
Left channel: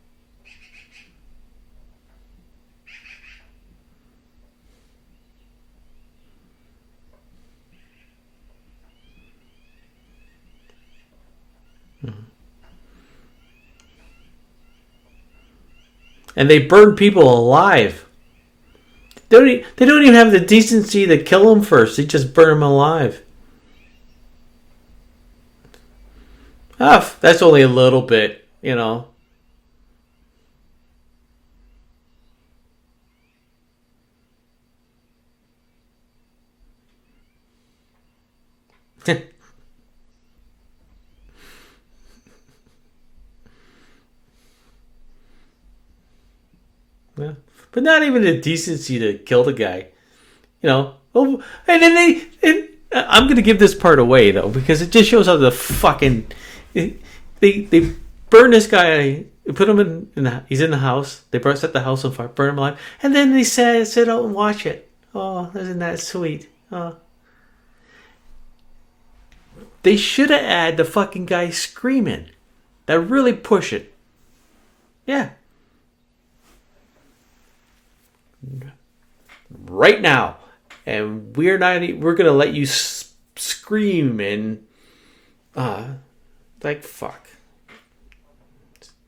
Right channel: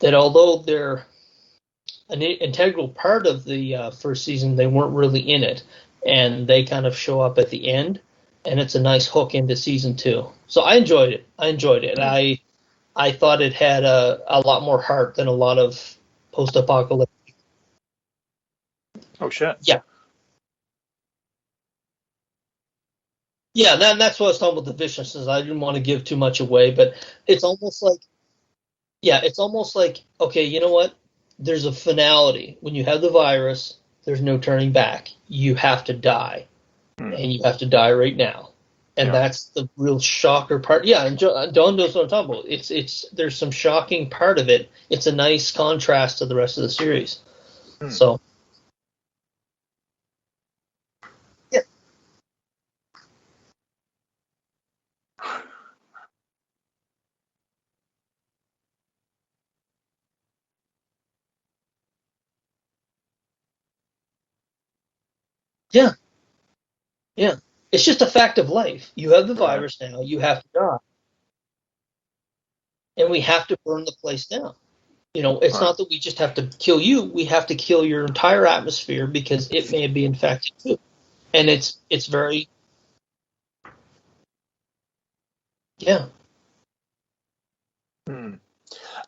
that, although they're an integral part of the first season, they weren't really in it, and they kind of show up at the end, and it's a nice hook into season 2. So I enjoyed it. I thought it had a lot more heart than a lot of. And they burn people alive. Okay. They don't even have the decency to kill them first. They just burn them alive. Yeah, that's what I was talking about, the viciousness. I didn't want to give too much away, but that's only a little bit, Yeah, it's almost like, okay, you know what? There's a finality. When you have the virus, there's no turning back. You have to die, and you have to die right now. And that's the real shocker part. Yeah, and Don knows what I'm talking about. There's some shocking part of it. It's a nice contrast to the rest of the series. Yeah. But not even the decency to kill the guy. Oh, and then I'm going to give this part away, though, because it just shows how the fucking... They burn this guy, put him he's in the house, they set the house on fire, burn him alive, and then they sit out and watch it. Oh, isn't that sweet? Oh. Yeah. It's just a fact of life. You have the virus. They should have added the fucking guy screaming. That really we have push to burn it. the place down. Yeah. It's not that we just have to kill you. We have to kill your entire atmosphere because it may right be now. infected too. And we're going to let you scream and like fuck.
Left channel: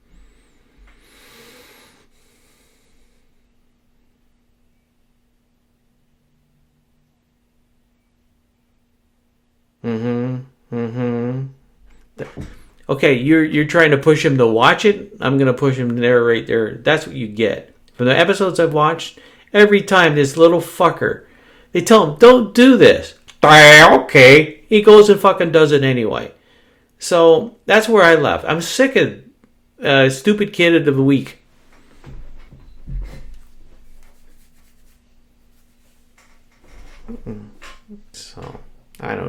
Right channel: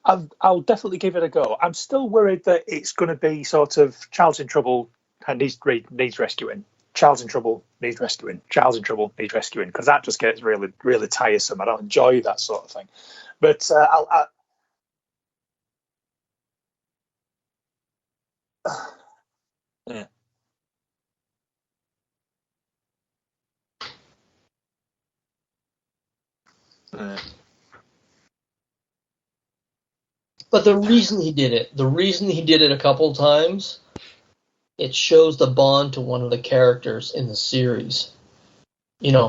I'll definitely give it a go. I'm still worried that it's going to be sort of child's in trouble and needs rescuing. Child's in trouble needs rescuing. Child's in trouble needs rescuing, because that just gets really tiresome. I don't enjoy that sort of thing. Okay, you're trying to push him to watch it. I'm going to push him there, right there. That's what you get from the episodes I've watched. Every time this little fucker, they tell him, "Don't do this." Okay, he goes and fucking does it anyway. So that's where I left. I'm sick of stupid kid of the week. The reason he did it a couple times, it shows the bond to one of the characters in the series. So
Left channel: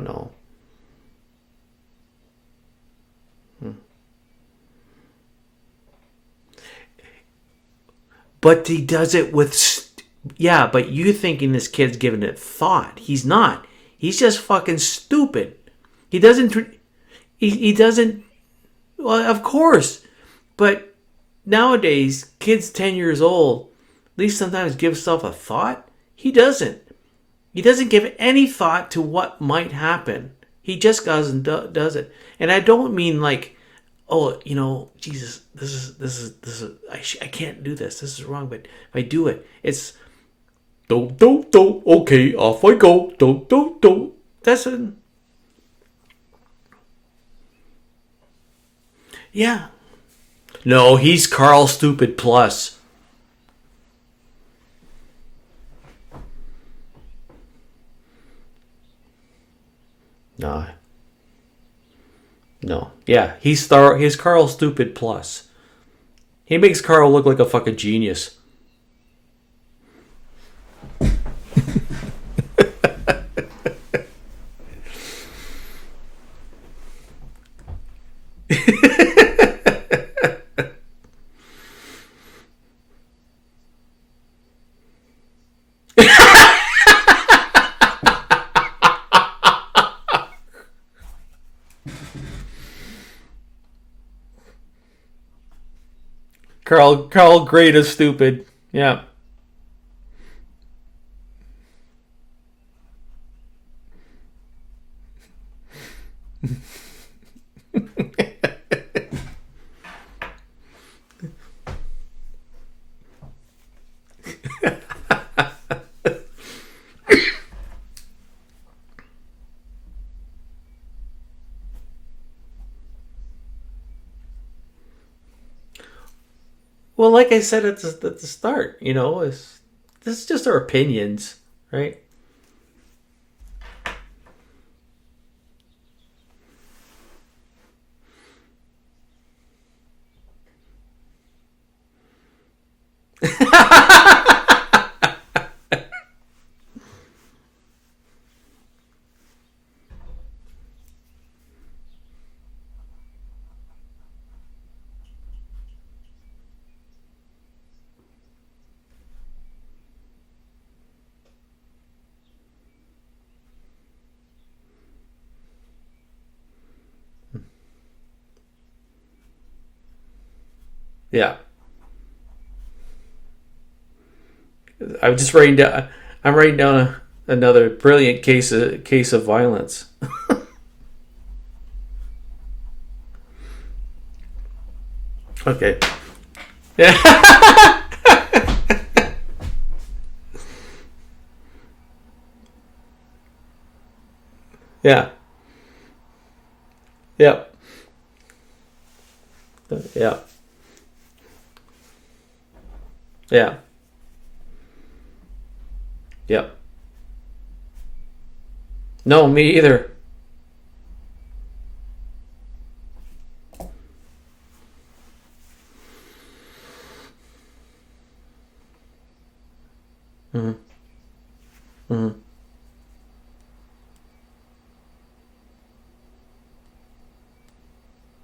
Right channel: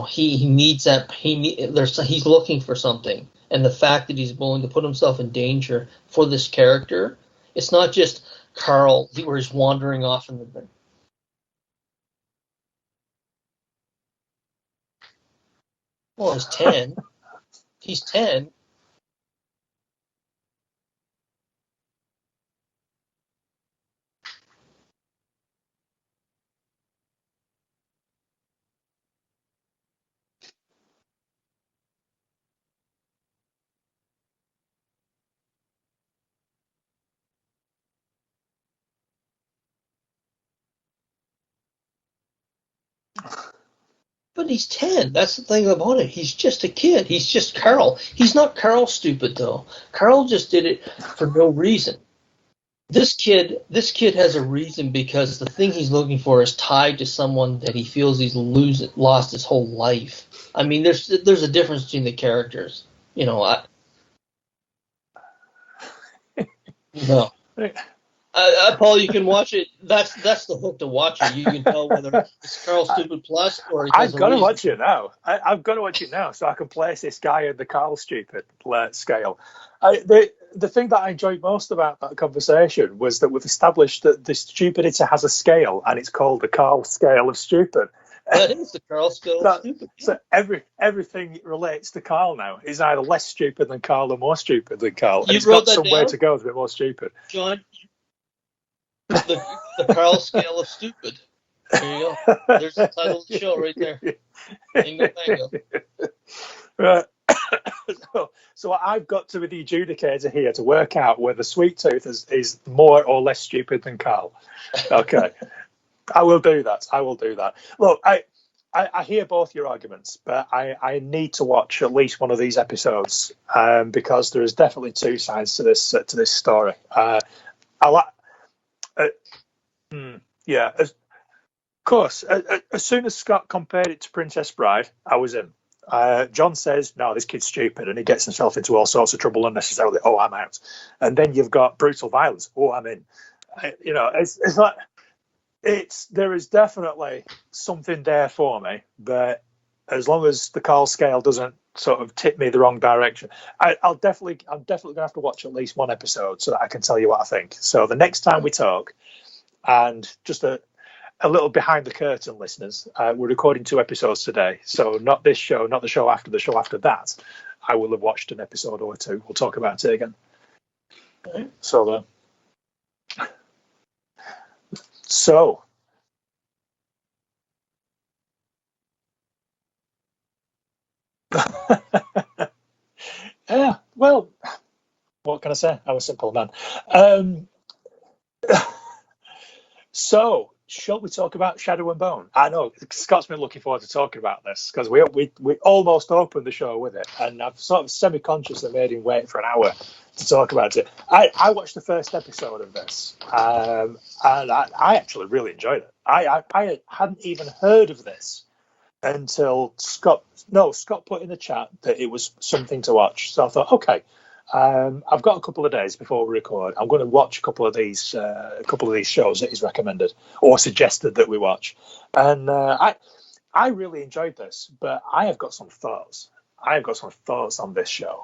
he needs that. He's looking for something, and the fact that he's willing to put himself in danger for this character, it's not just. But Carl, he does it with wandering off. Yeah, but you thinking this kid's giving it thought? He's not. He's just fucking stupid. He doesn't. He's 10. He doesn't. He's 10. Well, of course, but nowadays, kids 10 years old, at least sometimes give stuff a thought. He doesn't. He doesn't give any thought to what might happen. He just goes and does it. And I don't mean like, oh, Jesus, this is I can't do this. This is wrong. But if I do it, it's do. Okay, off I go. Do. But he's 10. That's the thing about it. He's just a kid. He's just Carl. He's not Carl Stupid, though. Yeah. Carl just did it. No, he's for no Carl reason. Stupid Plus. This kid has a reason because the thing he's looking for is tied to someone that he feels he's lost his whole life. No. I mean, there's a difference between the characters. No, yeah, You know, he's Carl Stupid Plus. He makes Carl look like a fucking genius. Paul, you can watch it. That's the hook to watch it. You can know whether it's Carl Stupid Plus or I've got to watch it now. I've got to watch it now so I can place this guy in the Carl Stupid scale. The thing that I enjoyed most about that conversation was that we've established that the stupidity has a scale, and it's the Carl scale of stupid. It's the Carl scale of stupid. So everything relates to Carl now. He's either less stupid than Carl or more stupid than Carl. And he's got somewhere to go. More Carl great as stupid. Yeah. The Carl scale of stupid. There you go. There's the title of the show right there. Bingo, bango. So I've got to be the adjudicator here to work out whether Sweet Tooth is more or less stupid than Carl. Okay. I will do that. Look, I hear both your arguments, but I need to watch at least one of these episodes because there is definitely two sides to this story. Well, like I said at the start, this is just our opinions, right? Of course. As soon as Scott compared it to Princess Bride, I was in. John says, no, this kid's stupid, and he gets himself into all sorts of trouble unnecessarily. Oh, I'm out. And then you've got brutal violence. Oh, I'm in. It's like, there is definitely something there for me, but as long as the Carl scale doesn't sort of tip me the wrong direction, I'm definitely gonna have to watch at least one episode so that I can tell you what I think. So the next time we talk, and just a little behind the curtain, listeners, we're recording 2 episodes today, so not this show, not the show after that. I will have watched an episode or 2. We'll talk about it again. Yeah. So I'm writing down another brilliant case of violence. Yeah, well, what can I say? I'm a simple man. Yeah. So, shall we talk about Shadow and Bone? I know Scott's been looking forward to talking about this because we almost opened the show with it. Yeah. And I've sort of semi-consciously made him wait for an hour to talk about it. I watched the first episode of this, and I actually really enjoyed it. I hadn't even heard of this. No, me either. Scott put in the chat that it was something to watch, so I thought, okay. I've got a couple of days before we record. I'm going to watch a couple of these shows that he's recommended or suggested that we watch, and I really enjoyed this. But I have got some thoughts. On this show.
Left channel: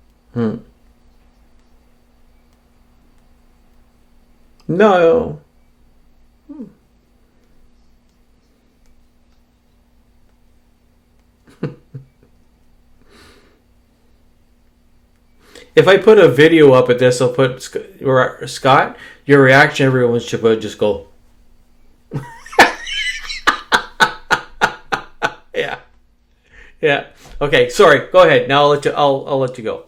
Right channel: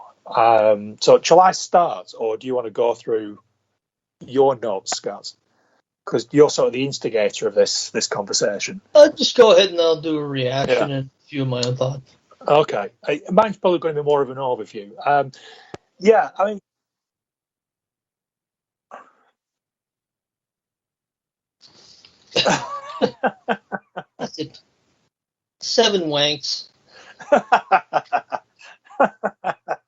So shall I start, or do you want to go through your notes? No, because you're sort of the instigator of this conversation. Just go ahead and I'll do a reaction and a few of my own thoughts. Okay. Mine's probably going to be more of an overview. If I put a video up at this, I'll put Scott, your reaction, everyone should just go. 7 wanks. Yeah. Okay. Sorry. Go ahead. Now I'll let you go.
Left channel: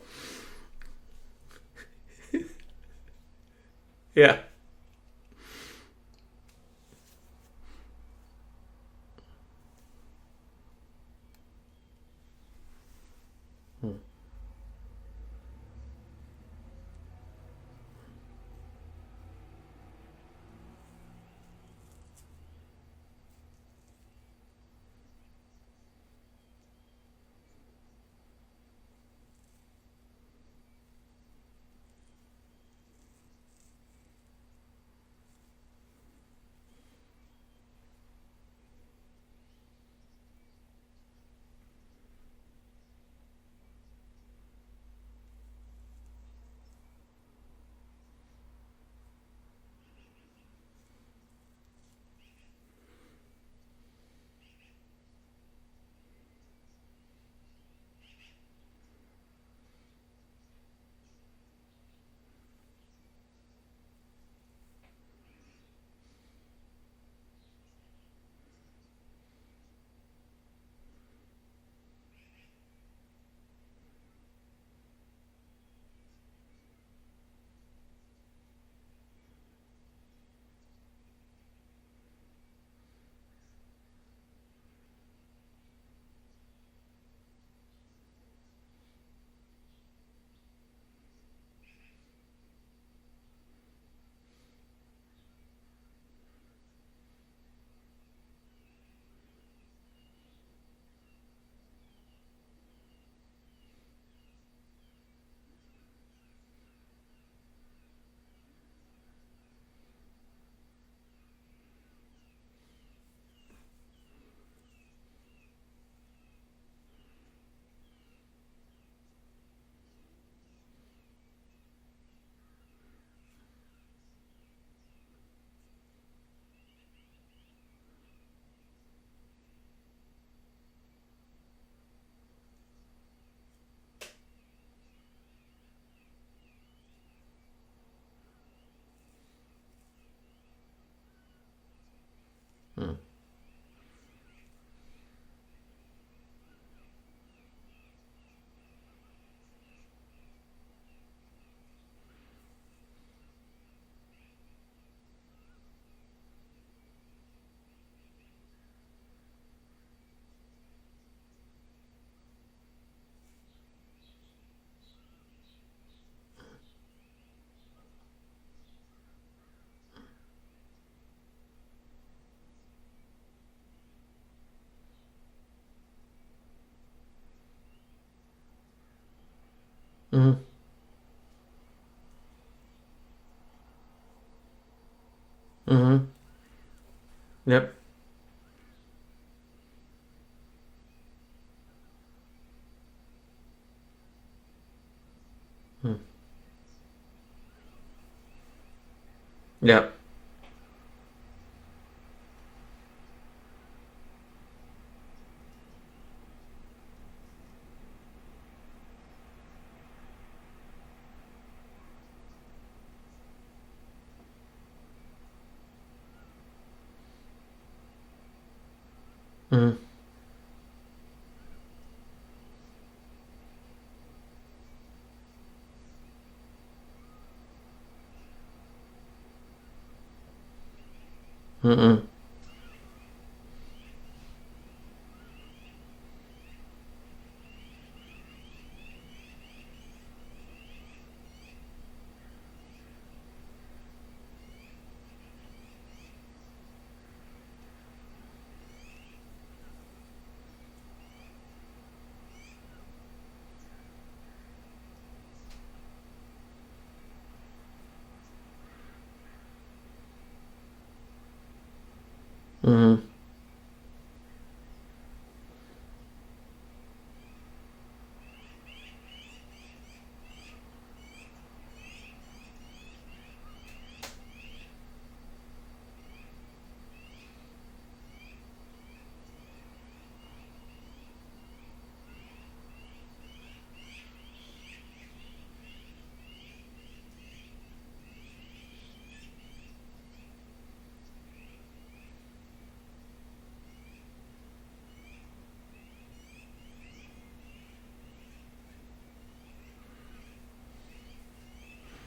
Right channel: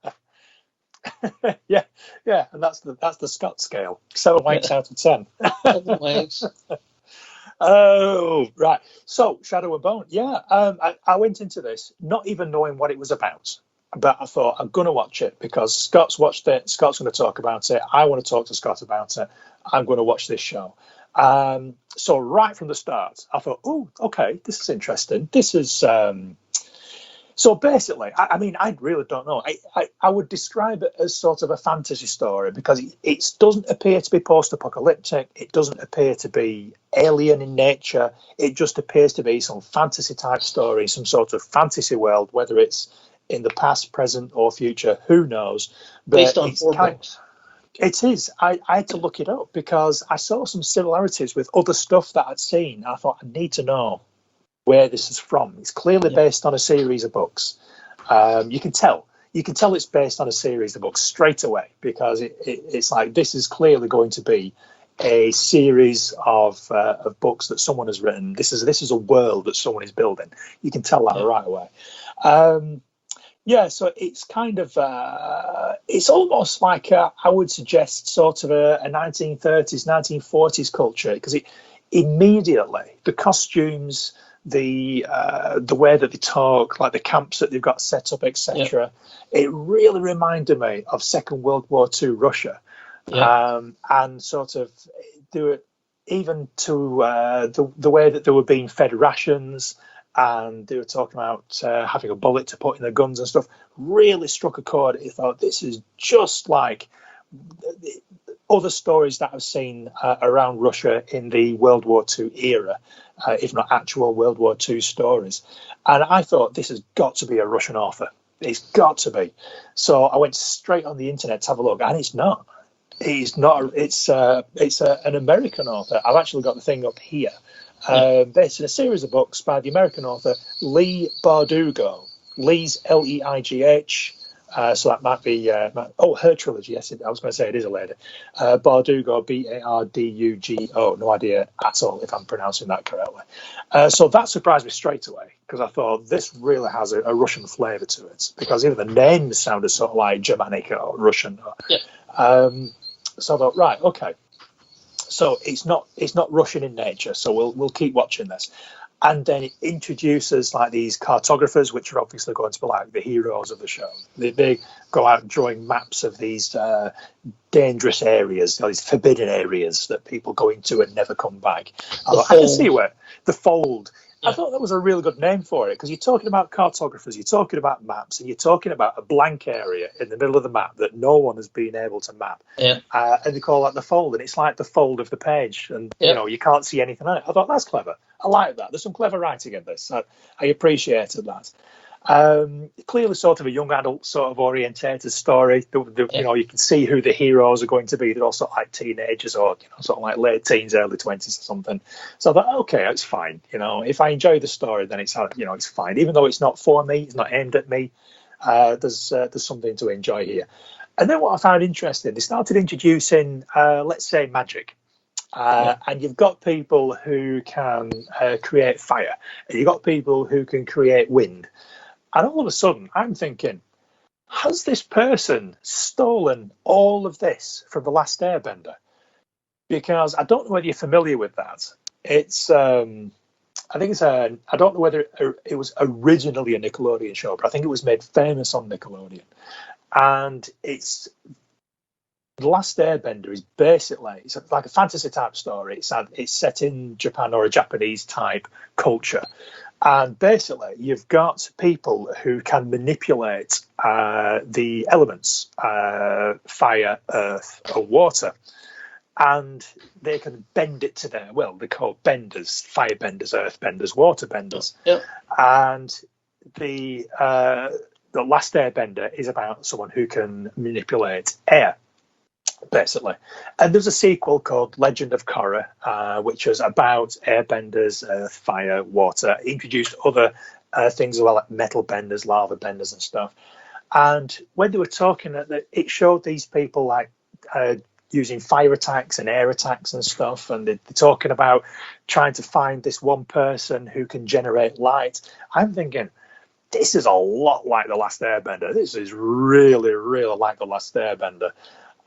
Yeah. And that's the Scott scale. Yeah. 7 wanks out of 10. 7 wanks. Oh, right. So, Shadow and Bone. Yeah, I went into this not even knowing what it was about. But I thought, I'm going to watch it because Scott's watched it. Scott's going to talk about it. I want to talk to Scott about it. I'm going to watch this show. So right from the start, I thought, oh, okay, this is interesting. This is... So basically, I mean, I really don't know. I would describe it as sort of a fantasy story because it doesn't appear to be post-apocalyptic. It doesn't appear to be alien in nature. It just appears to be some fantasy-type story, some sort of fantasy world, whether it's in the past, present, or future, who knows. But based on 4 books. It is. I had to look it up because I saw some similarities with other stuff that I'd seen. I thought, I need to know where this is from. It's clearly based on a series of books. You can tell it's based on a series of books straight away because it's like this is clearly going to be a series of books that someone has written. This is a world that someone is building. You can tell that right away. So it's kind of it's almost like I would suggest sort of a 1930s, 1940s culture because it immediately the costumes, the way that they talk, like the camps that they've got set up, etc. It really reminded me of Second World War II Russia, and sort of do it even to the way that they were being fed rations, and they were talking about having a bullet to put in their guns and stuff. Really struck a chord. I thought, this is just like other stories that I've seen around Russia in the World War II era, if not actual World War II stories. And I thought, this has got to be a Russian author. It's got to be. So I went straight on the internet to have a look, and it's not. It's not. It's an American author. I've actually got the thing up here. Based in a series of books by the American author Leigh Bardugo. Lee's Leigh. So that might be her trilogy. Yes, I was going to say it is a lady. Bardugo, Bardugo. No idea at all if I'm pronouncing that correctly. So that surprised me straight away, because I thought this really has a Russian flavour to it, because even the names sounded sort of like Germanic or Russian. So I thought, right, okay. So it's not Russian in nature. So we'll keep watching this. And then it introduces like these cartographers, which are obviously going to be like the heroes of the show. They go out drawing maps of these dangerous areas, these forbidden areas that people go into and never come back. I can see where the Fold. I thought that was a really good name for it, because you're talking about cartographers, you're talking about maps, and you're talking about a blank area in the middle of the map that no one has been able to map. And they call that the Fold, and it's like the fold of the page. You know, you can't see anything on it. I thought, that's clever. I like that. There's some clever writing in this. I appreciated that. Clearly sort of a young adult sort of orientated story. You know, you can see who the heroes are going to be. They're all sort of like teenagers or sort of like late teens, early 20s or something. So I thought, okay, it's fine. You know, if I enjoy the story, then it's fine. Even though it's not for me, it's not aimed at me, there's something to enjoy here. And then what I found interesting, they started introducing, let's say, magic. And you've got people who can create fire, and you've got people who can create wind. And all of a sudden, I'm thinking, has this person stolen all of this from The Last Airbender? Because I don't know whether you're familiar with that. It's, I don't know whether it was originally a Nickelodeon show, but I think it was made famous on Nickelodeon. And it's The Last Airbender is basically, it's like a fantasy type story. It's set in Japan or a Japanese type culture. And basically, you've got people who can manipulate the elements, fire, earth, or water. And they can bend it to their will. They're called benders, fire benders, earth benders, water benders. And the Last Airbender is about someone who can manipulate air, basically. And there's a sequel called Legend of Korra, which was about airbenders, earth, fire, water. It introduced other things as well, like metal benders, lava benders and stuff. And when they were talking, it showed these people like using fire attacks and air attacks and stuff, and they're talking about trying to find this one person who can generate light. I'm thinking, this is a lot like The Last Airbender. This is really, really like The Last Airbender.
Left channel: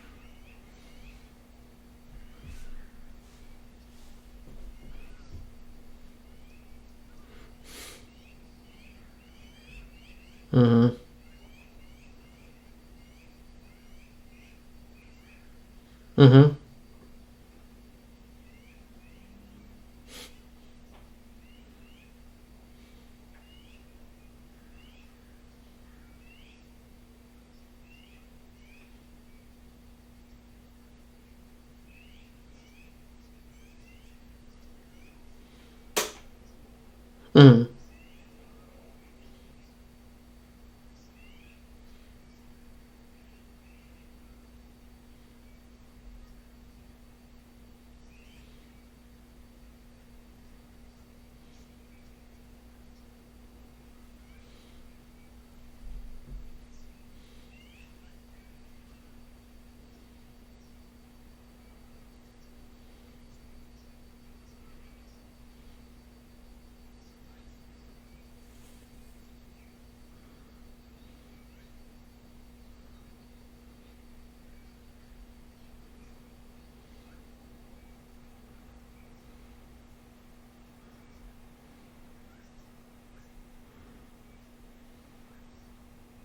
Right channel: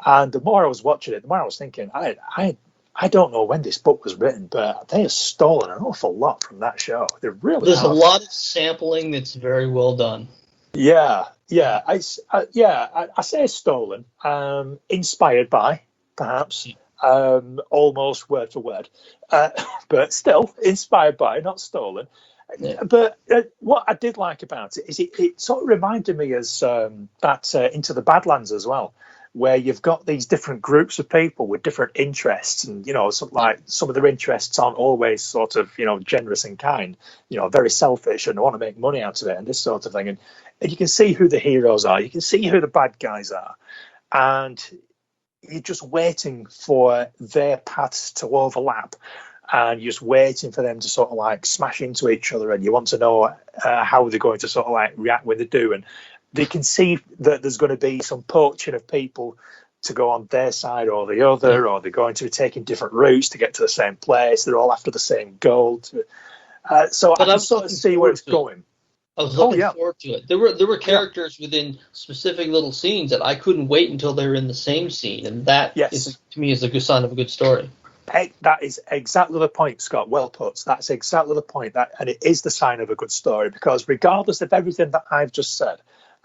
And the more I was watching it, the more I was thinking, I don't know when this book was written, but they have stolen an awful lot from that show. They really There's a lot of sampling that's very well done. Yeah. I say stolen, inspired by, perhaps, almost word for word, but still inspired by, not stolen. But what I did like about it is it sort of reminded me as that Into the Badlands as well, where you've got these different groups of people with different interests, and some of their interests aren't always sort of generous and kind, very selfish and want to make money out of it and this sort of thing, and you can see who the heroes are, you can see who the bad guys are, and you're just waiting for their paths to overlap, and you're just waiting for them to sort of like smash into each other, and you want to know how they're going to sort of like react when they do. And they can see that there's going to be some poaching of people to go on their side or the other, or they're going to be taking different routes to get to the same place. They're all after the same goal. So I can sort of see where it's going. I was looking forward to it. There were characters within specific little scenes that I couldn't wait until they were in the same scene, and that is, to me, is a good sign of a good story. That is exactly the point, Scott. Well put. That's exactly the point. And it is the sign of a good story, because regardless of everything that I've just said,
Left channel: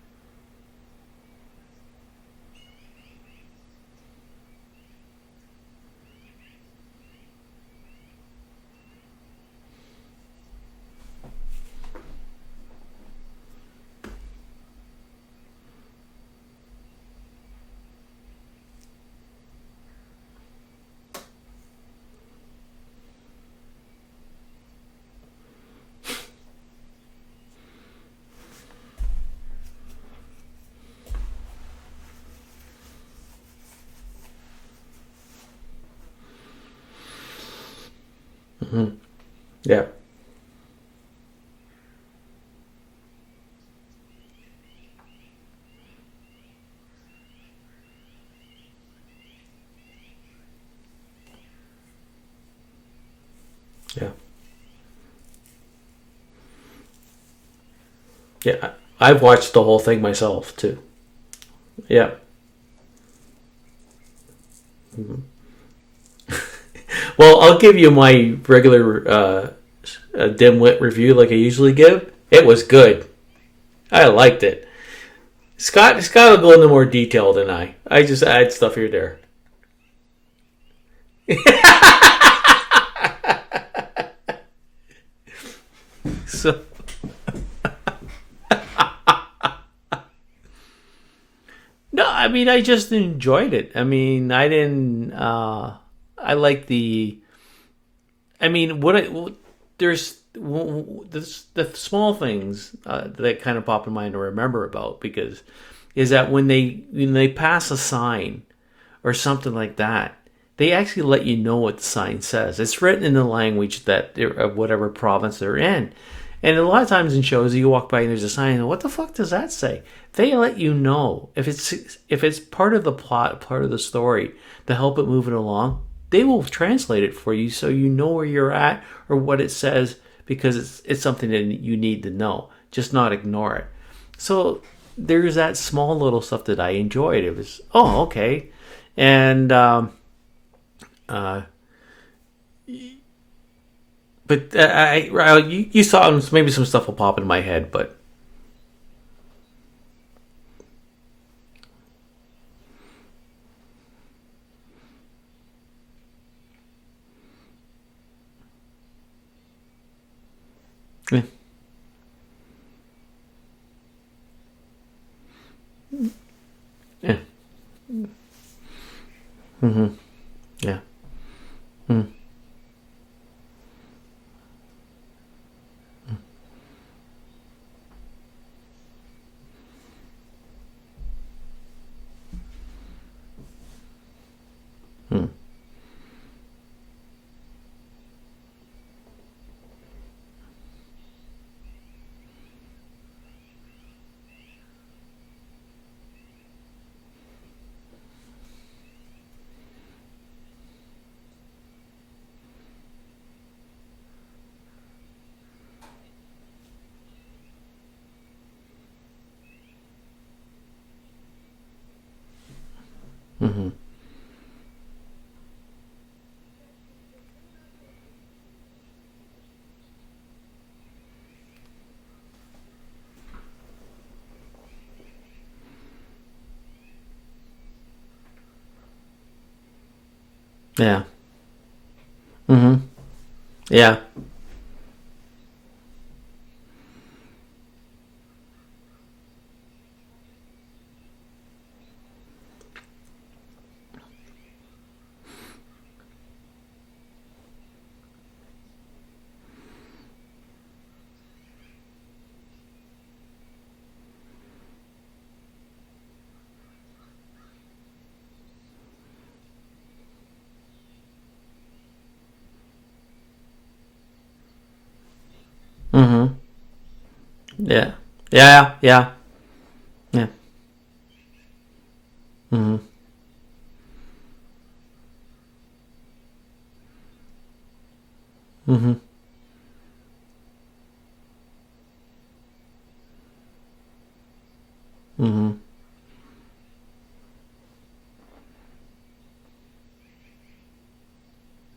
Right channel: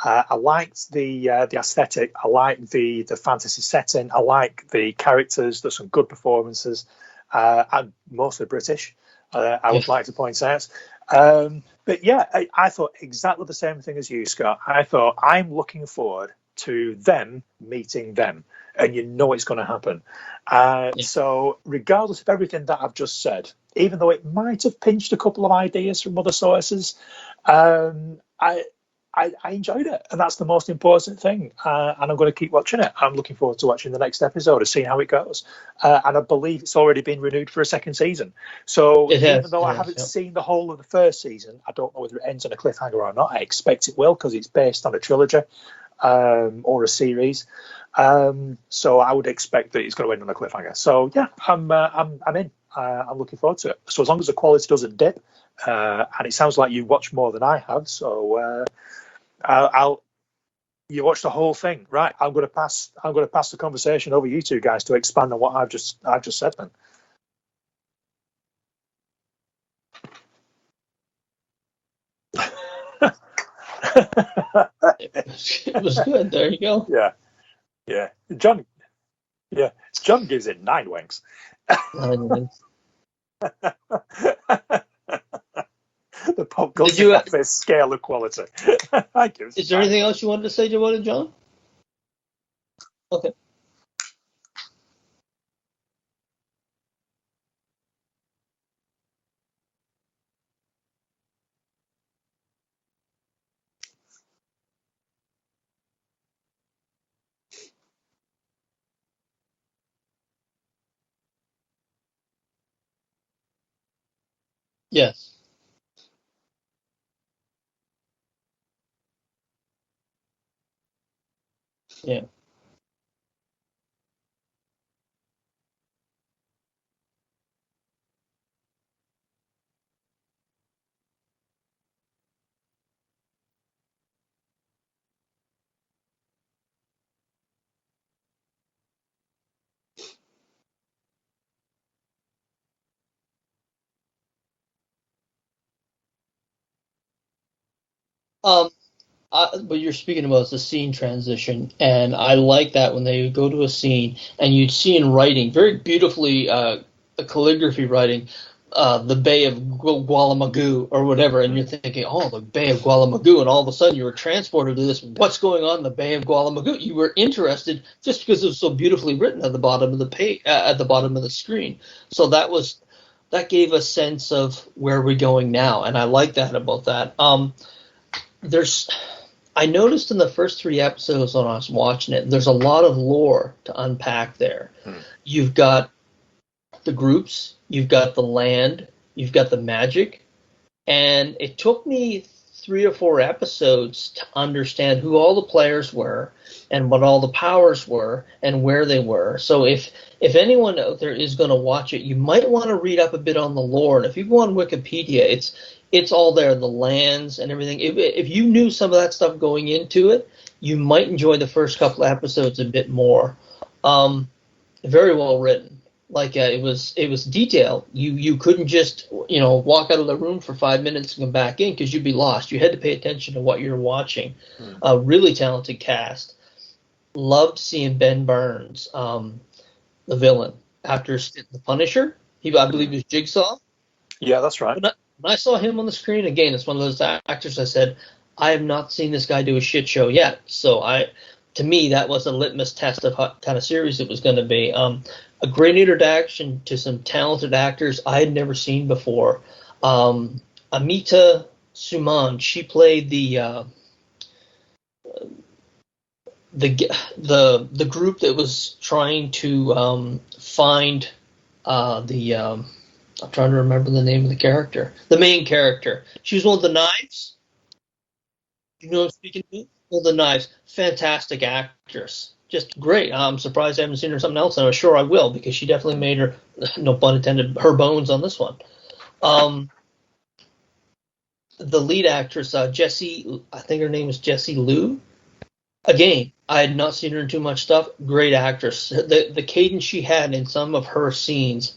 I liked the aesthetic. I liked the fantasy setting. I like the characters. There's some good performances. I'm mostly British. I would like to point out. But yeah, I thought exactly the same thing as you, Scott. I thought, I'm looking forward to them meeting them, and you know it's going to happen. So regardless of everything that I've just said, even though it might have pinched a couple of ideas from other sources, I enjoyed it, and that's the most important thing. And I'm going to keep watching it. I'm looking forward to watching the next episode and seeing how it goes. And I believe it's already been renewed for a second season. So even though I haven't seen the whole of the first season, I don't know whether it ends on a cliffhanger or not. I expect it will, because it's based on a trilogy or a series. So I would expect that it's going to end on a cliffhanger. So yeah, I'm in. I'm looking forward to it. So as long as the quality doesn't dip, and it sounds like you watched more than I have. So yeah, I've watched the whole thing myself too. You watched the whole thing. Yeah. Right, I'm going to pass the conversation over you two guys to expand on what I've just said. Then. Well, I'll give you my regular dimwit review like I usually give. It was good. I liked it. Scott will go into more detail than I. I just add John, stuff here and there. Yeah, John gives it 9 winks. So, did you have a scale of quality? Is there anything else you wanted to say about it, John? No, I mean, I just enjoyed it. I mean, I didn't. I like the. I mean, there's the small things that kind of pop in mind to remember about, because is that when they pass a sign or something like that, they actually let you know what the sign says. It's written in the language of whatever province they're in. And a lot of times in shows, you walk by and there's a sign, and what the fuck does that say? They let you know if it's part of the plot, part of the story to help it move it along. They will translate it for you so you know where you're at or what it says, because it's something that you need to know. Just not ignore it. So there's that small little stuff that I enjoyed. It was, oh, okay. And but you saw maybe some stuff will pop in my head, but what you're speaking about is the scene transition, and I like that when they go to a scene and you'd see in writing, very beautifully, calligraphy writing, the Bay of Gualamagoo or whatever, and you're thinking, oh, the Bay of Gualamagoo, and all of a sudden you were transported to this. What's going on in the Bay of Gualamagoo? You were interested just because it was so beautifully written at the bottom of the page, at the bottom of the screen. So that gave a sense of where we're going now, and I like that about that. I noticed in the first 3 episodes when I was watching it, there's a lot of lore to unpack there. You've got the groups, you've got the land, you've got the magic, and it took me 3 or 4 episodes to understand who all the players were and what all the powers were and where they were. So if anyone out there is going to watch it, you might want to read up a bit on the lore. And if you go on Wikipedia, it's all there, the lands and everything. If you knew some of that stuff going into it, you might enjoy the first couple of episodes a bit more. Very well written. Like it was detailed. You couldn't just walk out of the room for 5 minutes and come back in, because you'd be lost. You had to pay attention to what you're watching. A really talented cast. Loved seeing Ben Burns, the villain, after the Punisher. I believe he was Jigsaw. Yeah, that's right. When I saw him on the screen again, it's one of those actors I said, I have not seen this guy do a shit show yet. So to me, that was a litmus test of what kind of series it was going to be. A great introduction to some talented actors I had never seen before. Amita Suman, she played the group that was trying to find I'm trying to remember the name of the character. The main character. She was one of the knives. Yeah. Well, the knives. Fantastic actress. Just great. I'm surprised I haven't seen her in something else, and I'm sure I will, because she definitely made her, no pun intended, her bones on this one. The lead actress, Jessie, I think her name is Jessie Liu. Again, I had not seen her in too much stuff. Great actress. The cadence she had in some of her scenes.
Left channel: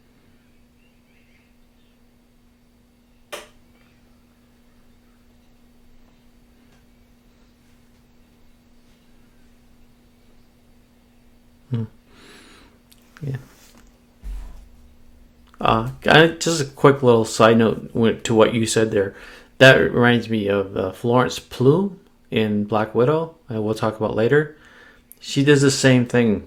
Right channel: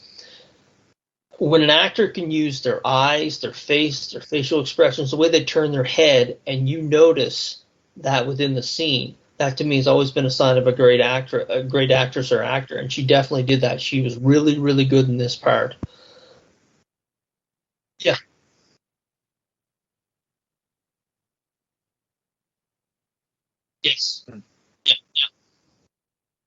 When an actor can use their eyes, their face, their facial expressions, the way they turn their head, and you notice that within the scene, that to me has always been a sign of a great actor, a great actress or actor, and she definitely did that. She was really, really good in this part. Just a quick little side note to what you said there. That reminds me of Florence Pugh in Black Widow. We'll talk about later. She does the same thing.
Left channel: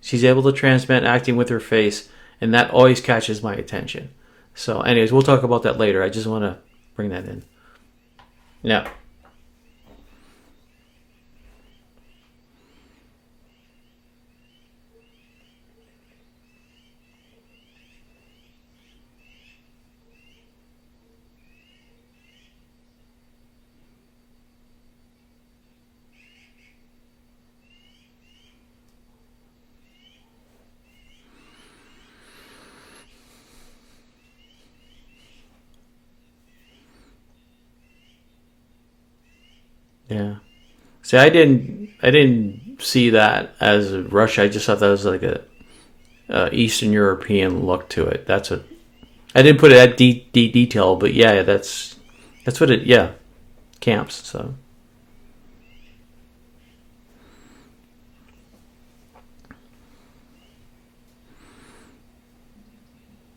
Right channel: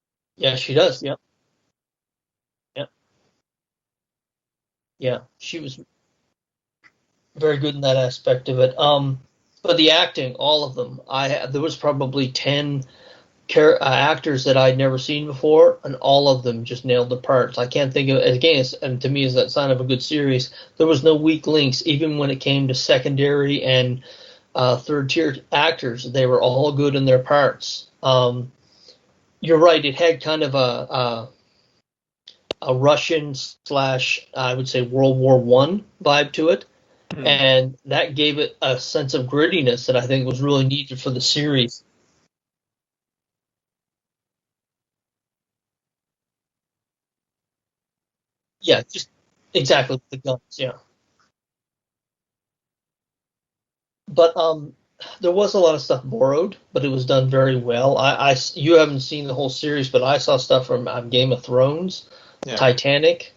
She's able to transmit acting with her face, and that always catches my attention. So, anyways, we'll talk about that later. I just want to bring that in. Very good in that aspect of it. Yeah. But the acting, all of them, there was probably 10 actors that I'd never seen before, and all of them just nailed the parts. I can't think of again, and to me, is that sign of a good series. There was no weak links, even when it came to secondary and third-tier actors. They were all good in their parts. You're right; it had kind of a Russian / I would say World War I vibe to it. And that gave it a sense of grittiness that I think was really needed for the series. I didn't see that as Russia. I just thought that was like a Eastern European look to it. That's what. Yeah, I didn't put it at detail, but that's what it. Camps. But there was a lot of stuff borrowed, but it was done very well. You haven't seen the whole series, but I saw stuff from Game of Thrones, Titanic.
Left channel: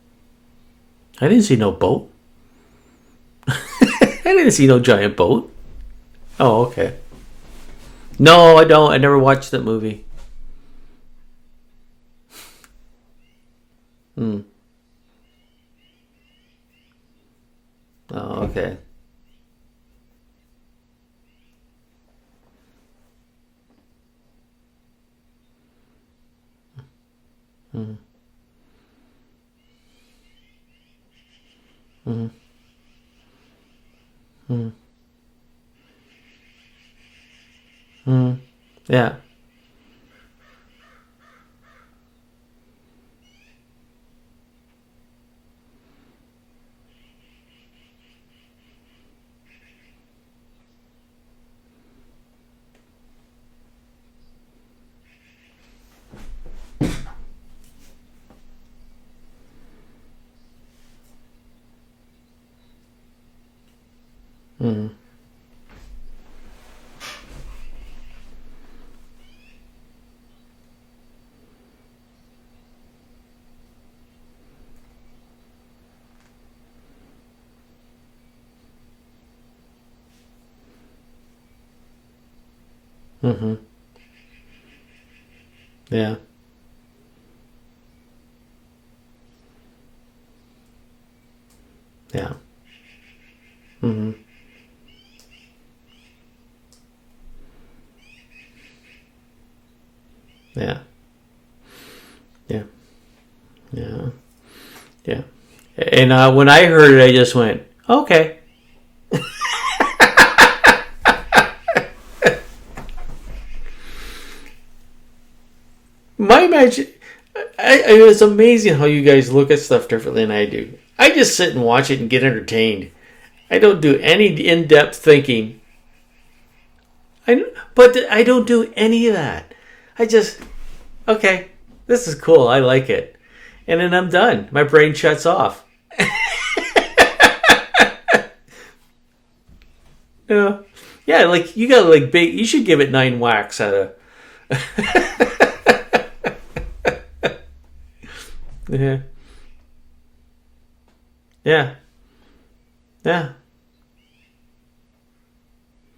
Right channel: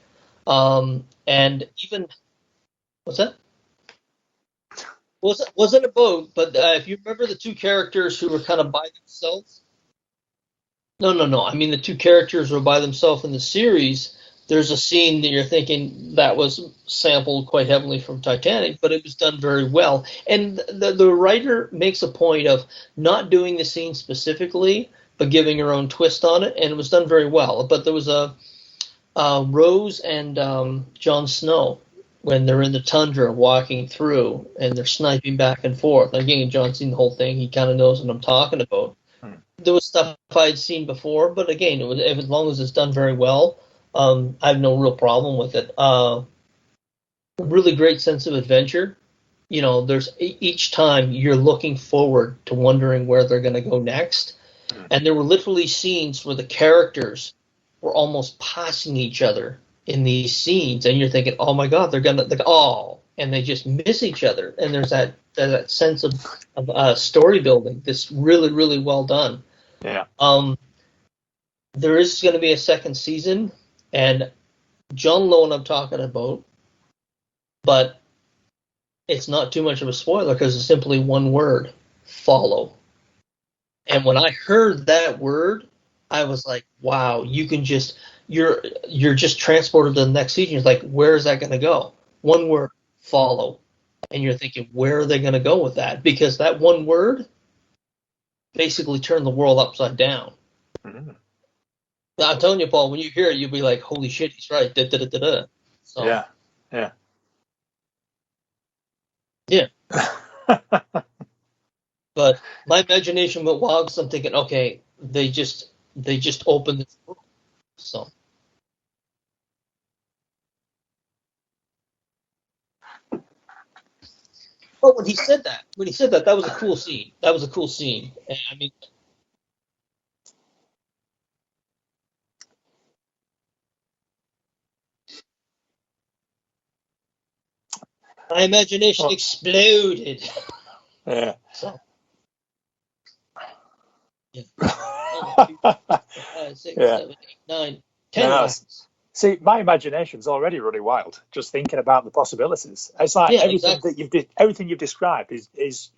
I didn't see no boat. What's that? I didn't see no giant boat. Wasn't a boat, but okay. you remember the two characters? No, I don't. I never watched that movie. No. I mean, the two characters were by themselves in the series. There's a scene that you're thinking that was sampled quite heavily from Titanic, but it was done very well. And the writer makes a point of not doing the scene specifically, but giving her own twist on it, and it was done very well. But there was a Rose and Jon Snow. When they're in the tundra walking through and they're sniping back and forth. Again, John's seen the whole thing. He kind of knows what I'm talking about. Yeah. There was stuff I'd seen before, but again, as long as it's done very well, I have no real problem with it. Really great sense of adventure. You know, there's each time you're looking forward to wondering where they're going to go next. And there were literally scenes where the characters were almost passing each other in these scenes, and you're thinking, oh my God, they're gonna, and they just miss each other. And there's that sense of story building that's really, really well done. Yeah. There is going to be a second season, and John Lone I'm talking about, but it's not too much of a spoiler because it's simply one word: follow. And when I heard that word, I was like, wow, you can just. You're just transported to the next season. It's like, where is that going to go? One word, follow. And you're thinking, where are they going to go with that? Because that one word basically turned the world upside down. Yeah. I'm telling you, Paul, when you hear it, you'll be like, holy shit, he's right. Da-da-da-da-da. And when I heard it, I just went, okay. Yeah. But my imagination went wild because I'm thinking, okay, they just it was amazing how you guys look at stuff differently than I do. I just sit and watch it and get entertained. I don't do any in-depth thinking. When he said that was a cool scene. That was a cool scene. But I don't do any of that. I just, okay, this is cool. I like it. And then I'm done. My brain shuts off. My imagination exploded. Yeah, like you got like big. You should give it 9 whacks out of. 9, 10. See, my imagination's already running wild just thinking about the possibilities. It's like everything you've described is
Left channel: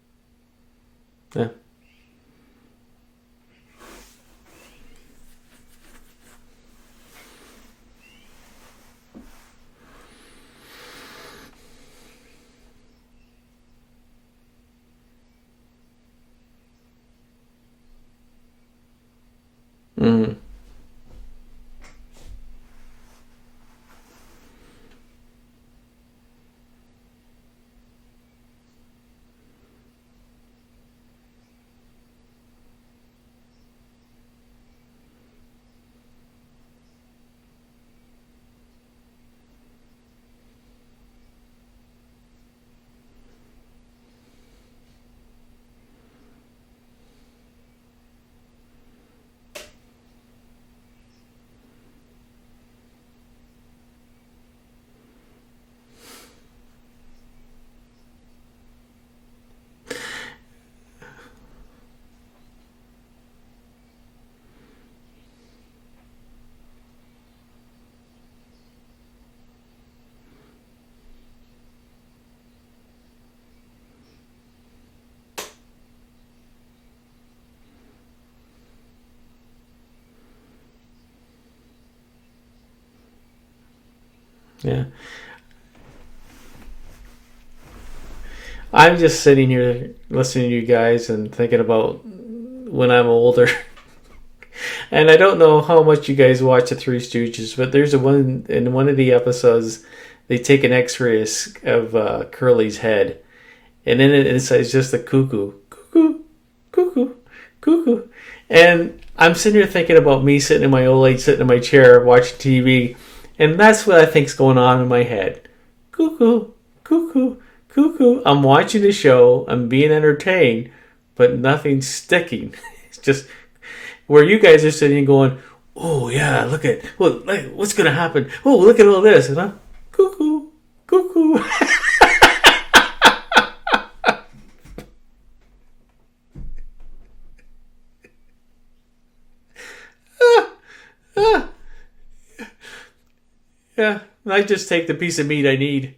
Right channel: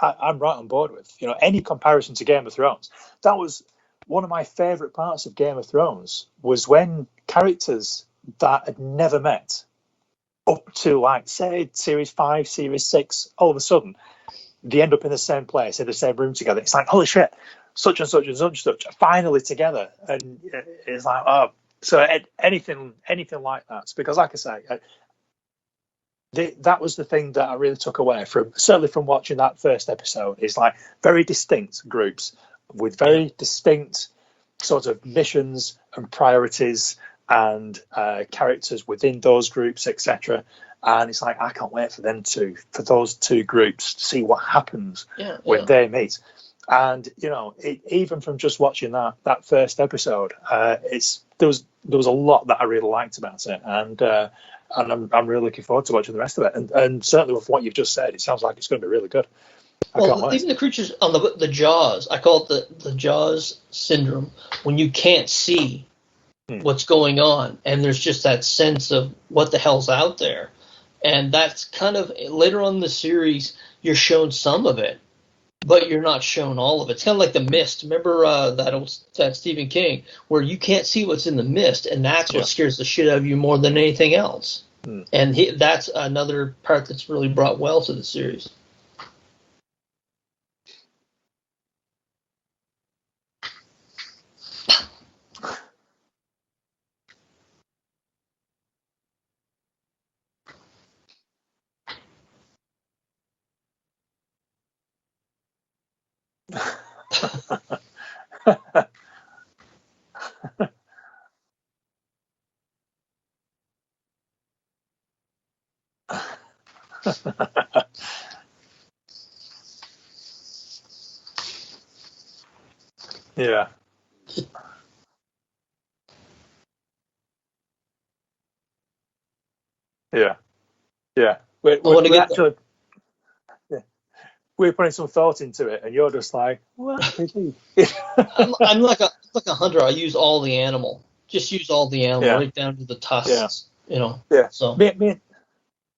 I'm right on board with. You know, any comparison to Game of Thrones. That was one of my favourite parts of Game of Thrones was when characters that had never met up to, like, say, Series 5, Series 6, all of a sudden, they end up in the same place, in the same room together. It's like, holy shit, such and such and such and such, finally together. And it's like, oh, so anything like that. Because, like I say, that was the thing that I really took away from, certainly from watching that first episode, is like very distinct groups with very distinct sort of missions and priorities and characters within those groups, etc. And it's like, I can't wait for those two groups to see what happens when they meet. And even from just watching that first episode, there was a lot that I really liked about it, and I'm really looking forward to watching the rest of it. And certainly with what you've just said, it sounds like it's going to be really good. Well, even the creatures on the Jaws, I call it the Jaws syndrome, when you can't see what's going on, and there's just that sense of what the hell's out there. And that's kind of, later on in the series, you're shown some of it, but you're not shown all of it. It's kind of like The Mist. Remember that Stephen King, where you can't see what's in the mist, and that's what scares the shit out of you more than anything else. Yeah. And that's another part that's really brought well to the series. I'm just sitting here listening to you guys and thinking about when I'm older. And I don't know how much you guys watch the Three Stooges, but there's in one of the episodes, they take an X-ray of Curly's head, and then it's just a cuckoo, cuckoo, cuckoo. And I'm sitting here thinking about me sitting in my old age, sitting in my chair, watching TV, and that's what I think's going on in my head. Cuckoo, cuckoo, cuckoo. I'm watching the show, I'm being entertained, but nothing's sticking. It's just where you guys are sitting going, oh yeah, look at what's gonna happen. Oh, look at all this, cuckoo, cuckoo. We're putting some thought into it, and you're just like, what? I'm like a hunter. I use all the animal. Just use all the animal, right down to the tusks. Yeah. I just take the piece of meat I need.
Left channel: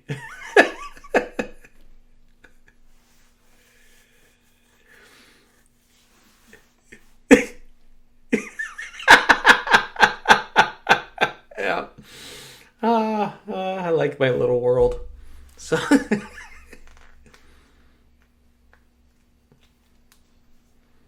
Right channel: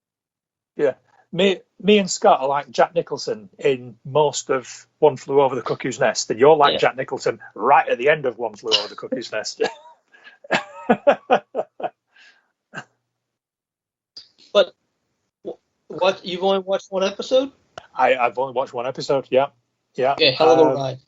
Me and Scott are like Jack Nicholson in most of One Flew Over the Cuckoo's Nest, and you're like Jack Nicholson right at the end of One Flew Over the Cuckoo's Nest. I like my little world. So. What, you've only watched one episode? I've only watched one episode. Yeah. Okay, hell of a ride.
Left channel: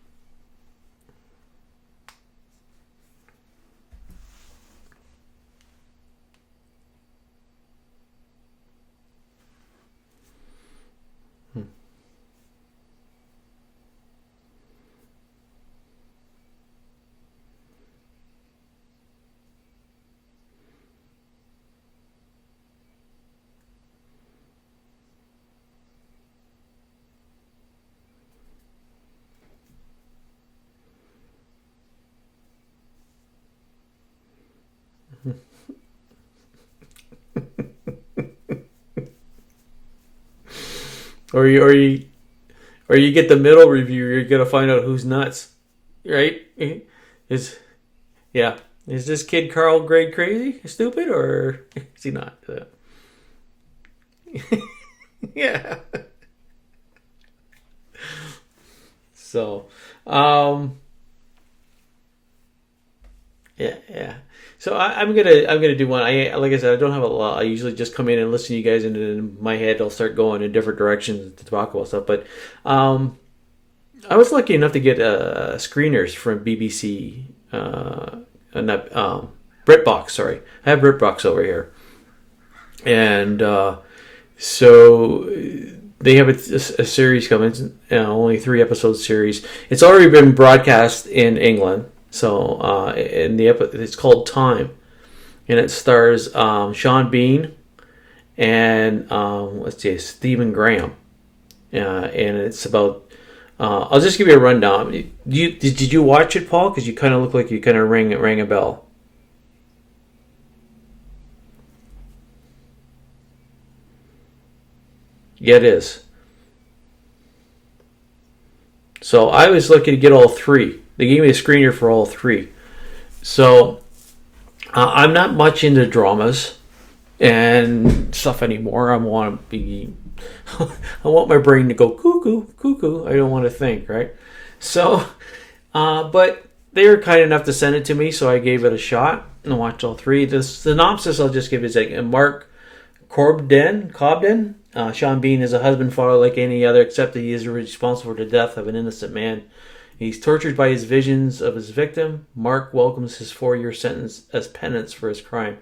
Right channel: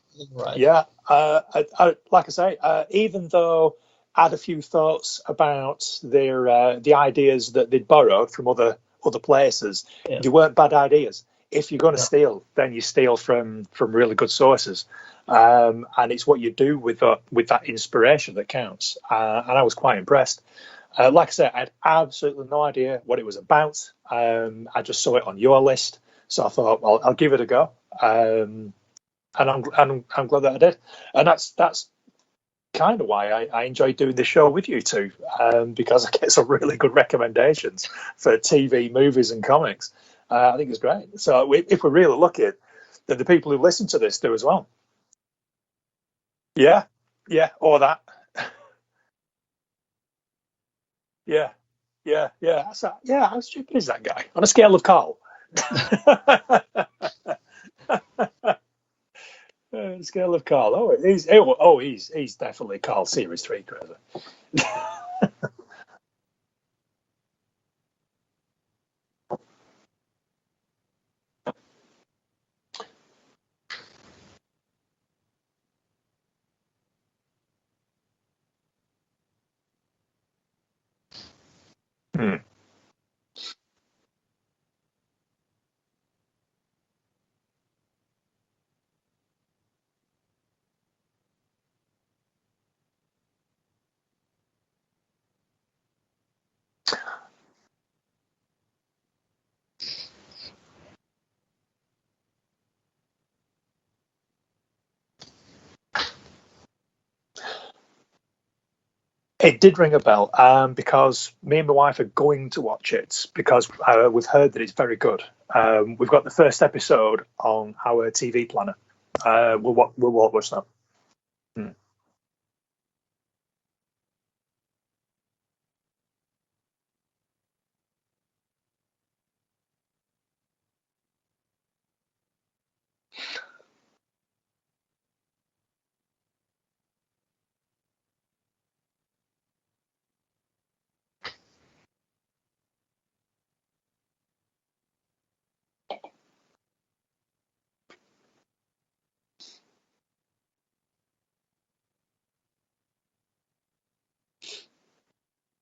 Yeah. Like I say, even though I had a few thoughts about the ideas that they'd borrowed from other places, they weren't bad ideas. If you're going to steal, then you steal from really good sources, and it's what you do with that inspiration that counts. And I was quite impressed. Like I said, I had absolutely no idea what it was about. I just saw it on your list, so I thought, well, I'll give it a go. And I'm glad that I did. And that's kind of why I enjoy doing the show with you two, because I get some really good recommendations for TV, movies, and comics. I think it's great. So we're really lucky. Or you get the middle review, you're going to find out who's nuts, right? Yeah, or that. Yeah. Is this kid Carl grade crazy, stupid, or is he not? How stupid is that guy? On a scale of Carl. Yeah. So, he's definitely Carl Series 3. Yeah. So I'm gonna do one. Like I said, I don't have a lot. I usually just come in and listen to you guys, and in my head I'll start going in different directions to talk about stuff. But I was lucky enough to get screeners from BBC. BritBox, sorry. I have BritBox over here. And so they have a series coming, only 3 episode series. It's already been broadcast in England. So it's called Time. And it stars Sean Bean and Stephen Graham. And it's about I'll just give you a rundown. Did you watch it, Paul? Because you kind of look like you kind of rang a bell. It did ring a bell because me and my wife are going to watch it because we've heard that it's very good. Yeah, it is. We've got the first episode on our TV planner. So I was lucky to get all 3. They gave me a screener for all 3. So I'm not much into dramas and stuff anymore. I want my brain to go cuckoo, cuckoo. I don't want to think, right? So, but they were kind enough to send it to me, so I gave it a shot and watched all 3. The synopsis I'll just give is like Mark Cobden. Sean Bean is a husband father like any other, except that he is responsible for the death of an innocent man. He's tortured by his visions of his victim. Mark welcomes his 4-year sentence as penance for his crime.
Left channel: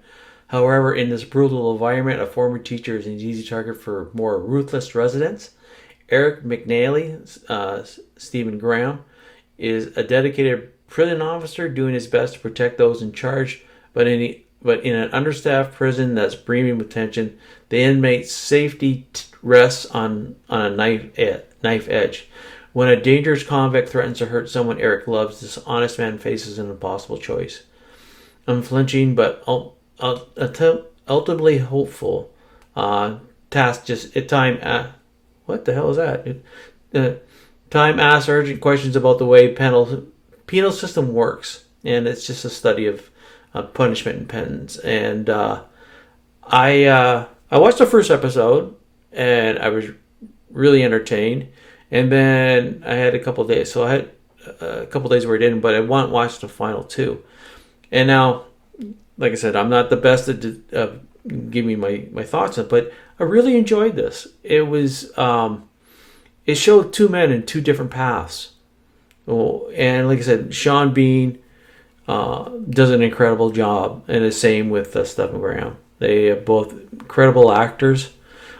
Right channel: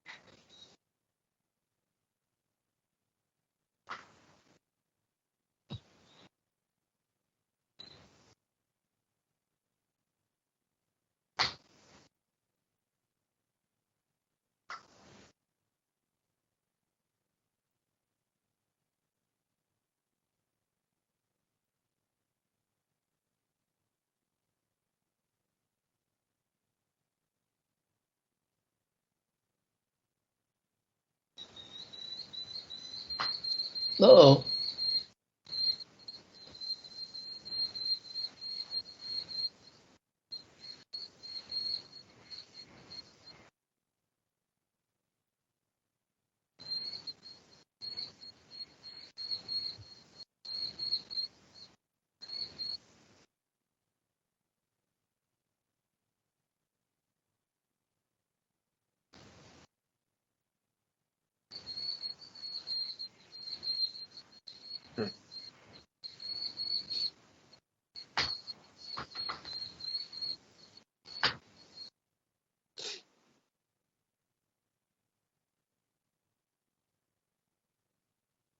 However, in this brutal environment, a former teacher is an easy target for more ruthless residents. Eric McNally, Stephen Graham, is a dedicated prison officer doing his best to protect those in charge, but in an understaffed prison that's brimming with tension, the inmate's safety rests on a knife edge. When a dangerous convict threatens to hurt someone Eric loves, this honest man faces an impossible choice. Unflinching but ultimately hopeful. Task just time. What the hell is that? Time asks urgent questions about the way penal system works, and it's just a study of punishment and penance. And I watched the first episode, and I was really entertained. And then I had a couple of days, so I had a couple of days where I didn't, but I watched the final two. And now, like I said, I'm not the best at giving my thoughts on it, but I really enjoyed this. It was it showed two men in two different paths. And like I said, Sean Bean does an incredible job, and the same with Stephen Graham. They are both incredible actors.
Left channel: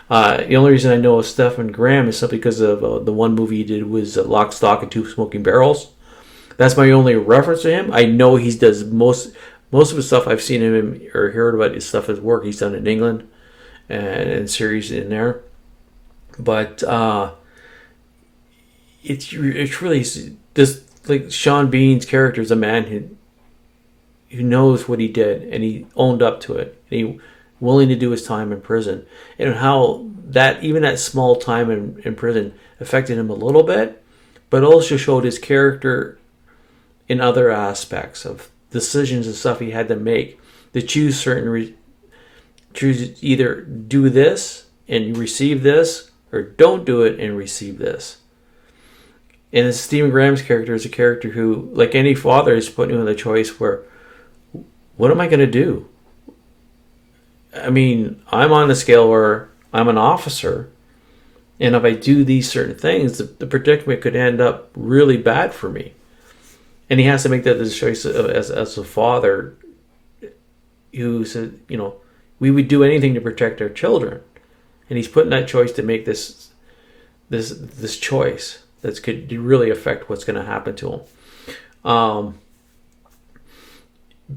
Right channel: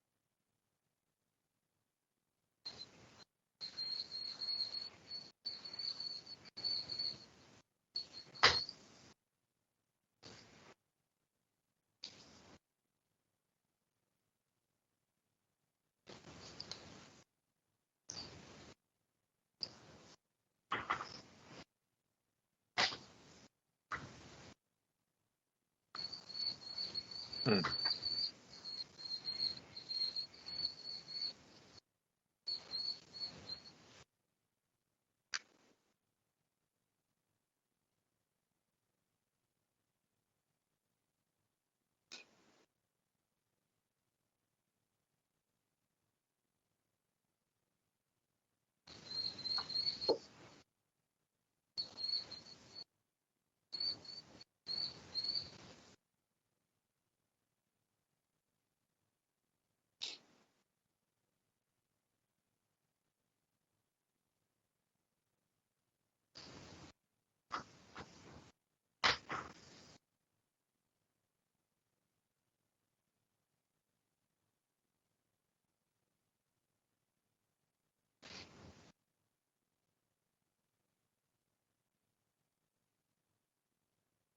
The only reason I know of Stephen Graham is simply because of the one movie he did was Lock, Stock, and Two Smoking Barrels. That's my only reference to him. I know he does most of his stuff. I've seen him or heard about his stuff, his work he's done in England and series in there. But it's really this, like, Sean Bean's character is a man who knows what he did, and he owned up to it. And he willing to do his time in prison, and how that even that small time in prison affected him a little bit, but also showed his character in other aspects of decisions and stuff he had to make to choose choose either do this and receive this, or don't do it and receive this. And Stephen Graham's character is a character who, like any father, is put in a choice where, what am I going to do? I mean, I'm on a scale where I'm an officer, and if I do these certain things, the predicament could end up really bad for me. And he has to make that choice as a father who said, we would do anything to protect our children. And he's put in that choice to make this choice that could really affect what's going to happen to him.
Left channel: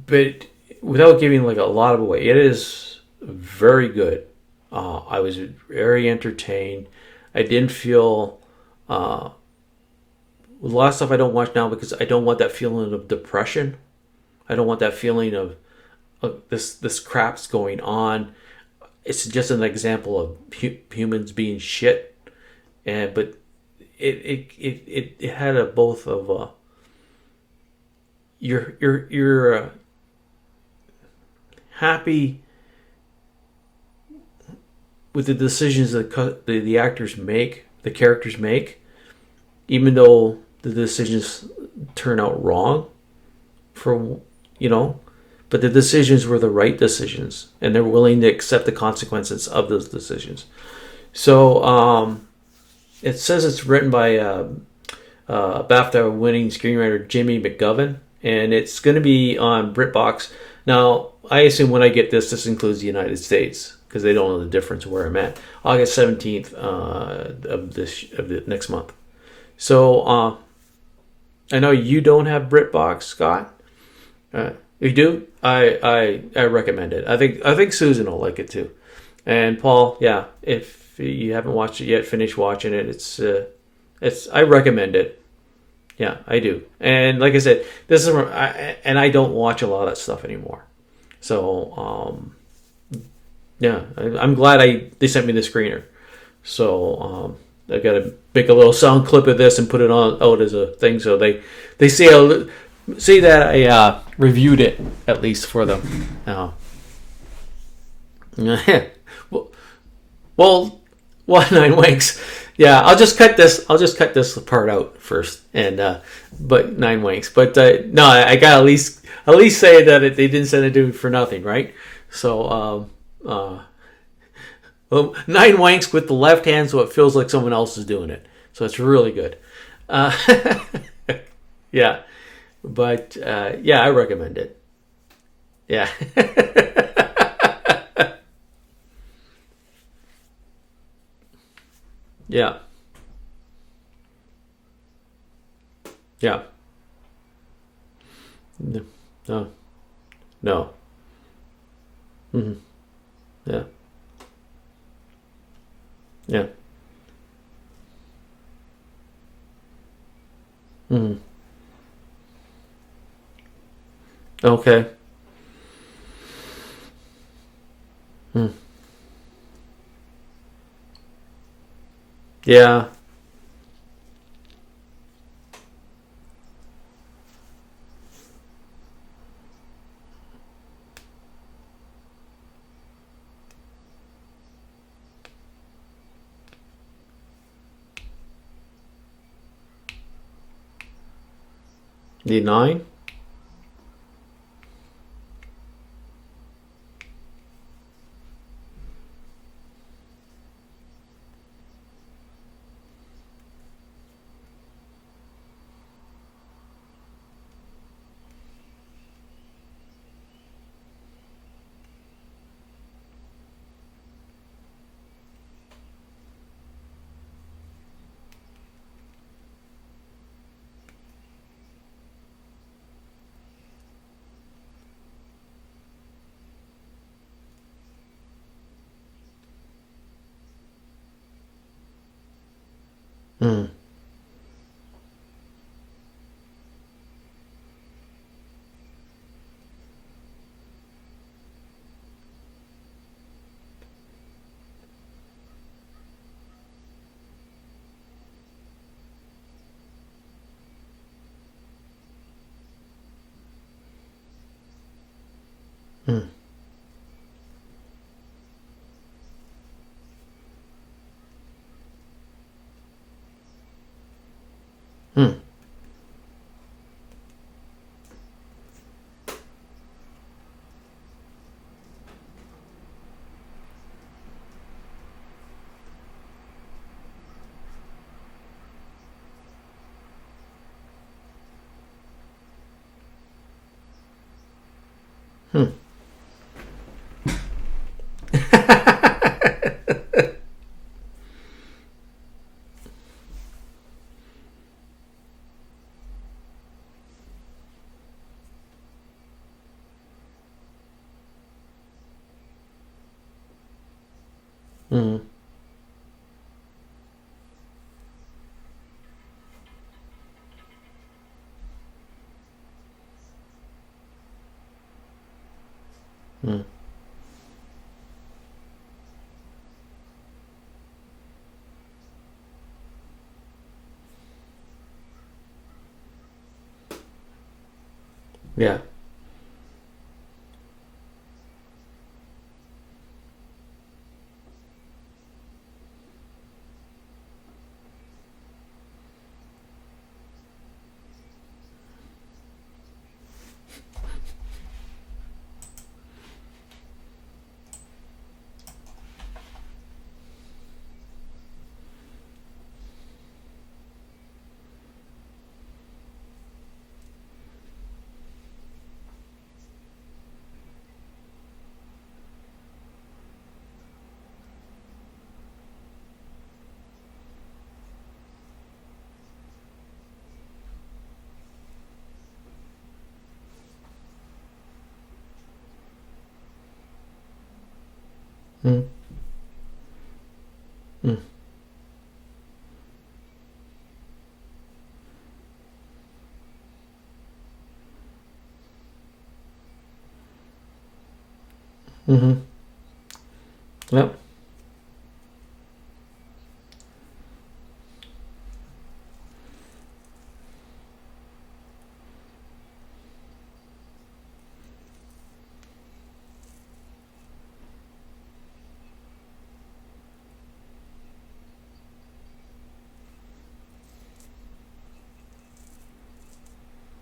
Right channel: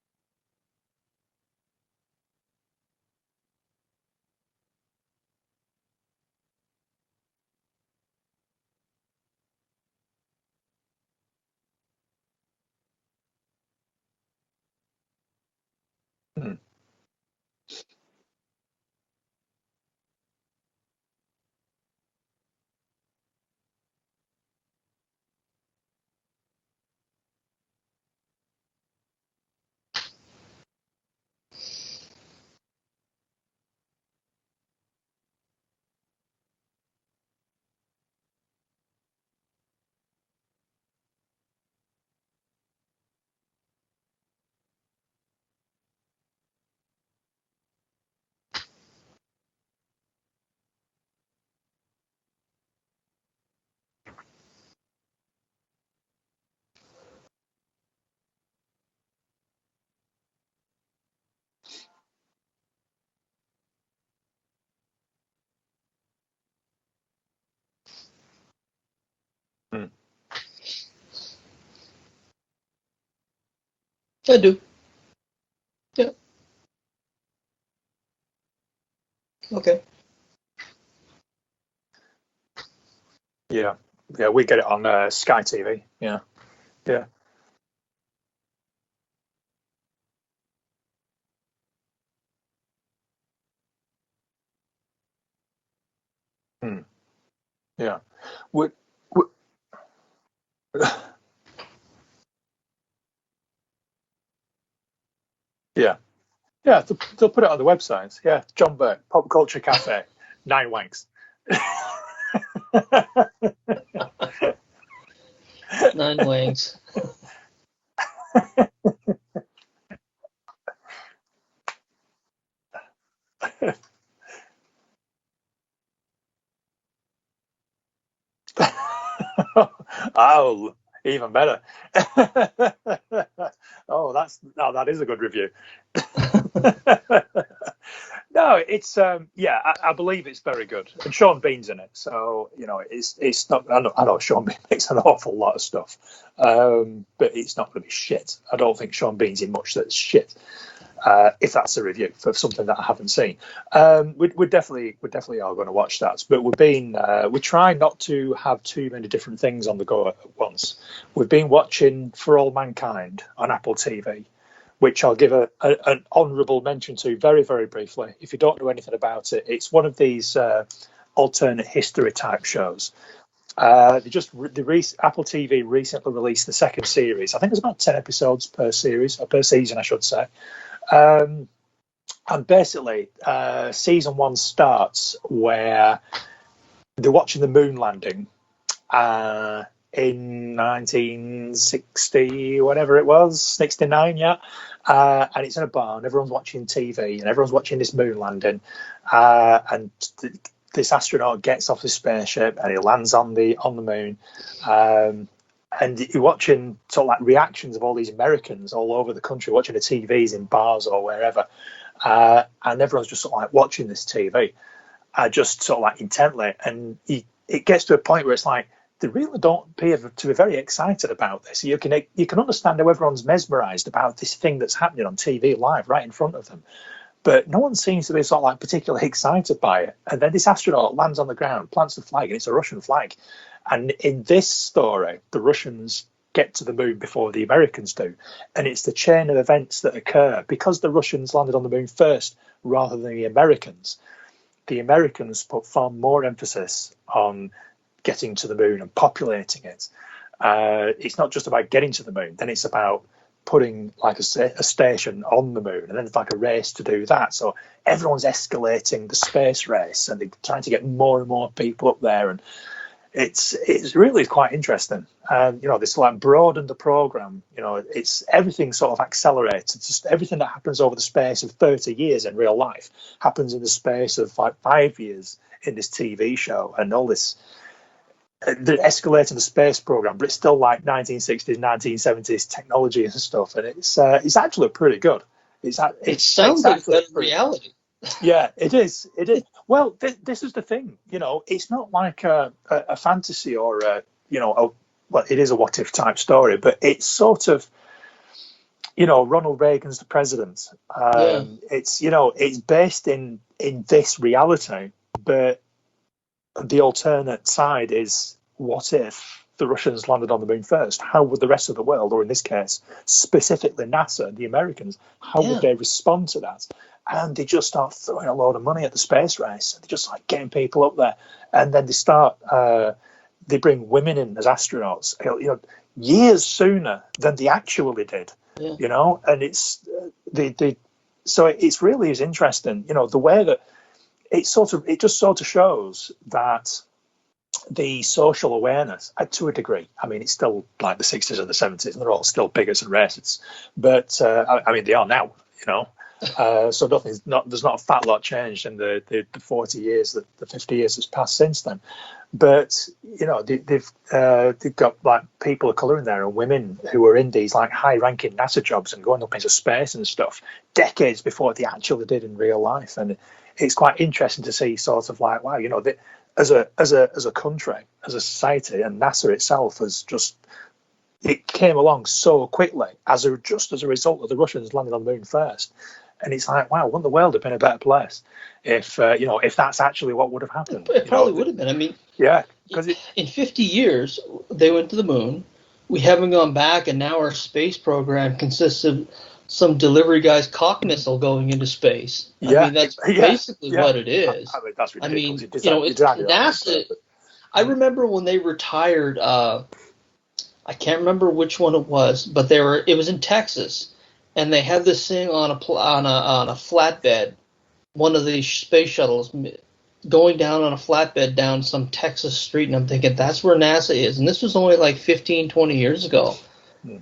But without giving like a lot of away, it is very good. I was very entertained. I didn't feel a lot of stuff I don't watch now because I don't want that feeling of depression. I don't want that feeling of this crap's going on. It's just an example of humans being shit, but it had a both of you're happy with the decisions that the actors make, the characters make, even though the decisions turn out wrong, but the decisions were the right decisions, and they're willing to accept the consequences of those decisions. So it says it's written by BAFTA-winning screenwriter Jimmy McGovern, and it's going to be on BritBox. Now, I assume when I get this includes the United States, because they don't know the difference where I'm at. August 17th of the next month. So I know you don't have BritBox, Scott. I do. You do? I recommend it. I think Susan will like it too. And okay. Paul, yeah, if you haven't watched it yet, finish watching it. It's I recommend it. Sky TV. Yeah, I do. And like I said, this is I don't watch a lot of stuff anymore. So yeah, I'm glad they sent me the screener. So I've got to make a little sound clip of this and put it out as a thing, so they see that I reviewed it at least for them. Yeah, they'll put it on the website. Yeah, John Pop Culture Cafe. Well, 9 wanks. Well, 9 wanks. Yeah, I'll just cut this part out first, and 9 wanks. But 9 wanks. But no, I got at least say that they didn't send it to me for nothing, right? So well, 9 wanks with the left hand, so it feels like someone else is doing it. So it's really good. Even better. Yeah. But I recommend it. No, that is a good review. Yeah. No, it's I believe it's very good, and Sean Bean's in it, so it's not. I know Sean Bean makes an awful lot of stuff. Yeah. But it's not going to be shit. I don't think Sean Bean's in much that's shit. No. if that's a review for something that I haven't seen. Yeah. We're definitely all going to watch that. But we try not to have too many different things on the go at once. We've been watching For All Mankind on Apple TV, Okay. which I'll give an honourable mention to very, very briefly. If you don't know anything about it, it's one of these alternate history type shows. Apple TV recently released the second series. I think there's about 10 episodes per series, or per season, I should say. And basically, season 1 starts where they're watching the moon landing in 1960, whatever it was, 69, yeah. And it's in a barn. Everyone's watching TV, and everyone's watching this moon landing. And this astronaut gets off the spaceship, and he lands on the moon. And you're watching sort of like reactions of all these Americans all over the country watching the TVs in bars or wherever. And everyone's just sort of like watching this TV, just sort of like intently. And it gets to a point where it's like, they really don't appear to be very excited about this. You can understand how everyone's mesmerised about this thing that's happening on TV live right in front of them. But no one seems to be sort of like particularly excited by it. And then this astronaut lands on the ground, plants the flag, and it's a Russian flag. And in this story, the Russians get to the moon before the Americans do. And it's the chain of events that occur. Because the Russians landed on the moon first rather than the Americans put far more emphasis on getting to the moon and populating it. It's not just about getting to the moon. Then it's about putting like a station on the moon, and then it's like a race to do that. So everyone's escalating the space race, and they're trying to get more and more people up there, and it's really quite interesting. And this like broadened the program. It's everything sort of accelerates. It's just everything that happens over the space of 30 years in real life happens in the space of like 5 years in this TV show, and all this. They're escalating the space program, but it's still like 1960s, 1970s technology and stuff, and it's actually pretty good. It sounds like reality. Yeah, it is. It is. Well, this is the thing. It's not like a fantasy or well, it is a what if type story, but it's sort of, Ronald Reagan's the president. It's it's based in this reality, but the alternate side is, what if the Russians landed on the moon first? How would the rest of the world, or in this case, specifically NASA, the Americans, how would they respond to that? And they just start throwing a load of money at the space race. They're just like getting people up there. And then they bring women in as astronauts, years sooner than they actually did. Yeah. And it's, so it's really is interesting, the way that, it just sort of shows that the social awareness, to a degree, I mean, it's still like the 60s or the 70s, and they're all still bigots and racists. But they are now, so there's not a fat lot changed in the 40 years, the 50 years that's passed since then. But they've got like people of colour in there, and women who are in these like high-ranking NASA jobs and going up into space and stuff decades before they actually did in real life. And it's quite interesting to see sort of like, wow, as a country, as a society, and NASA itself it came along so quickly as a result of the Russians landing on the moon first. And it's like, wow, wouldn't the world have been a better place if that's actually what would have happened? It probably would have been. I mean, yeah, because in 50 years they went to the moon. We haven't gone back, and now our space program consists of some delivery guy's cock missile going into space. I mean, that's basically what it is. I mean, that's ridiculous. It's NASA. I remember when they retired. I can't remember which one it was, but it was in Texas, and they had this thing on a flatbed, one of these space shuttles going down on a flatbed down some Texas street, and I'm thinking that's where NASA is, and this was only like 15, 20 years ago.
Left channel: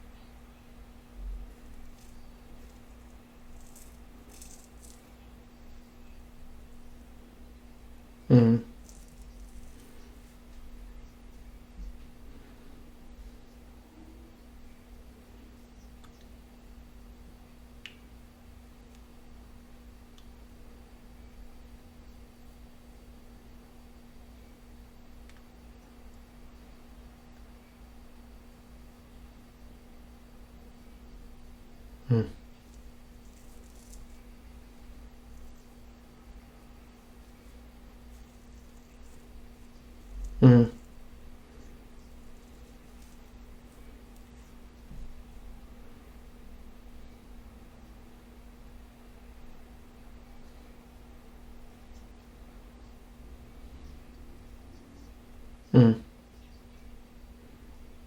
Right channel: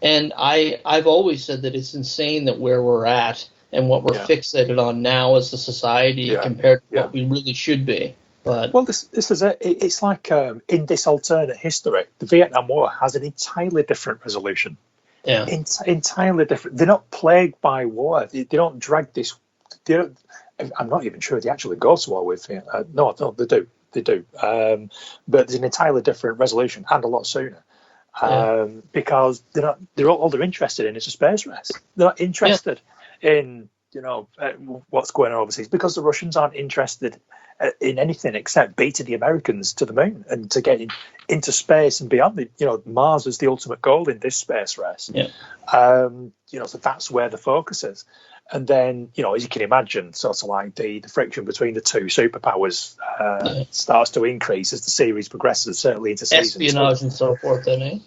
And I've always said that it's insane that where we're at and what we're fixated on now as a society compared to what we really should be. But this is it. It's like in this alternate history, the Vietnam War has an entirely different resolution. Yeah, entirely different. They're not plagued by war. They don't drag this. I'm not even sure they actually go to war with Vietnam. No, they do. They do. But there's an entirely different resolution, and a lot sooner. Because they're not. All they're interested in is a space race. They're not interested in what's going on overseas, because the Russians aren't interested in anything except beating the Americans to the moon and to get into space and beyond. Mars is the ultimate goal in this space race. Yeah. So that's where the focus is. And then, as you can imagine, sort of like the friction between the two superpowers starts to increase as the series progresses, certainly into season espionage and so forth, then, eh?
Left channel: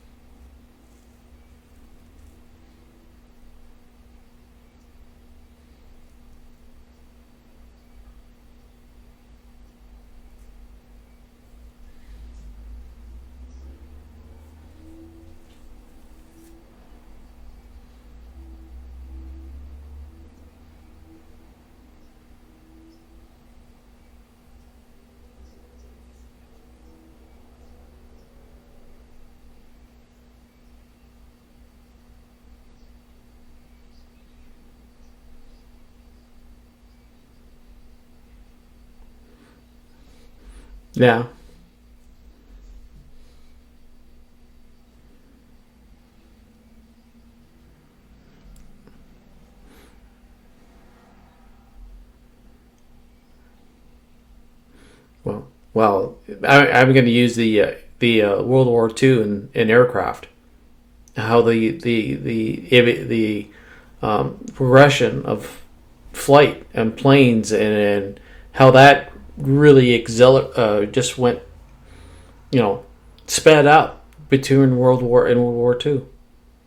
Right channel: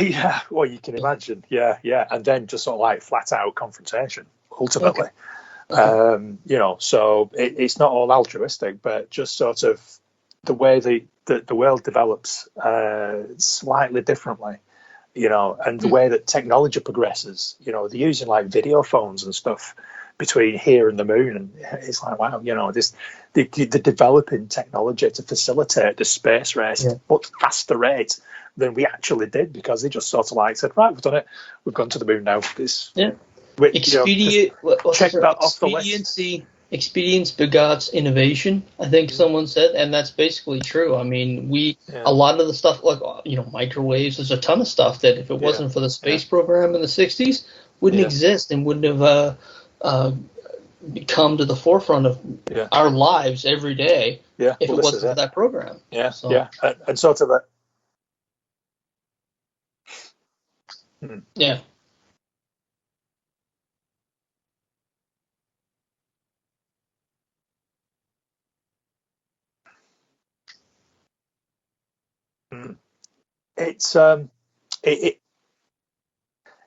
Yeah, well, you can imagine. Yeah. And then just sort of like flat out confrontation, ultimately. Okay. So it's not all altruistic, but just sort of the way the world develops slightly differently. And the way that technology progresses, they're using like video phones and stuff between here and the moon, and it's like, wow, they're developing technology to facilitate the space race at a much faster rate than we actually did, because they just sort of like said, right, we've done it, we've gone to the moon now. Check that off the list. Expedience begots innovation, I think someone said, and that's basically true. I mean, a lot of the stuff, like, microwaves, there's a ton of stuff that if it wasn't for the space program in the 60s, wouldn't exist and wouldn't have come to the forefront of our lives every day if it wasn't for that program. Well, I'm going to use the World War II in aircraft. How the progression of flight and planes and how that really just went, sped out between World War II.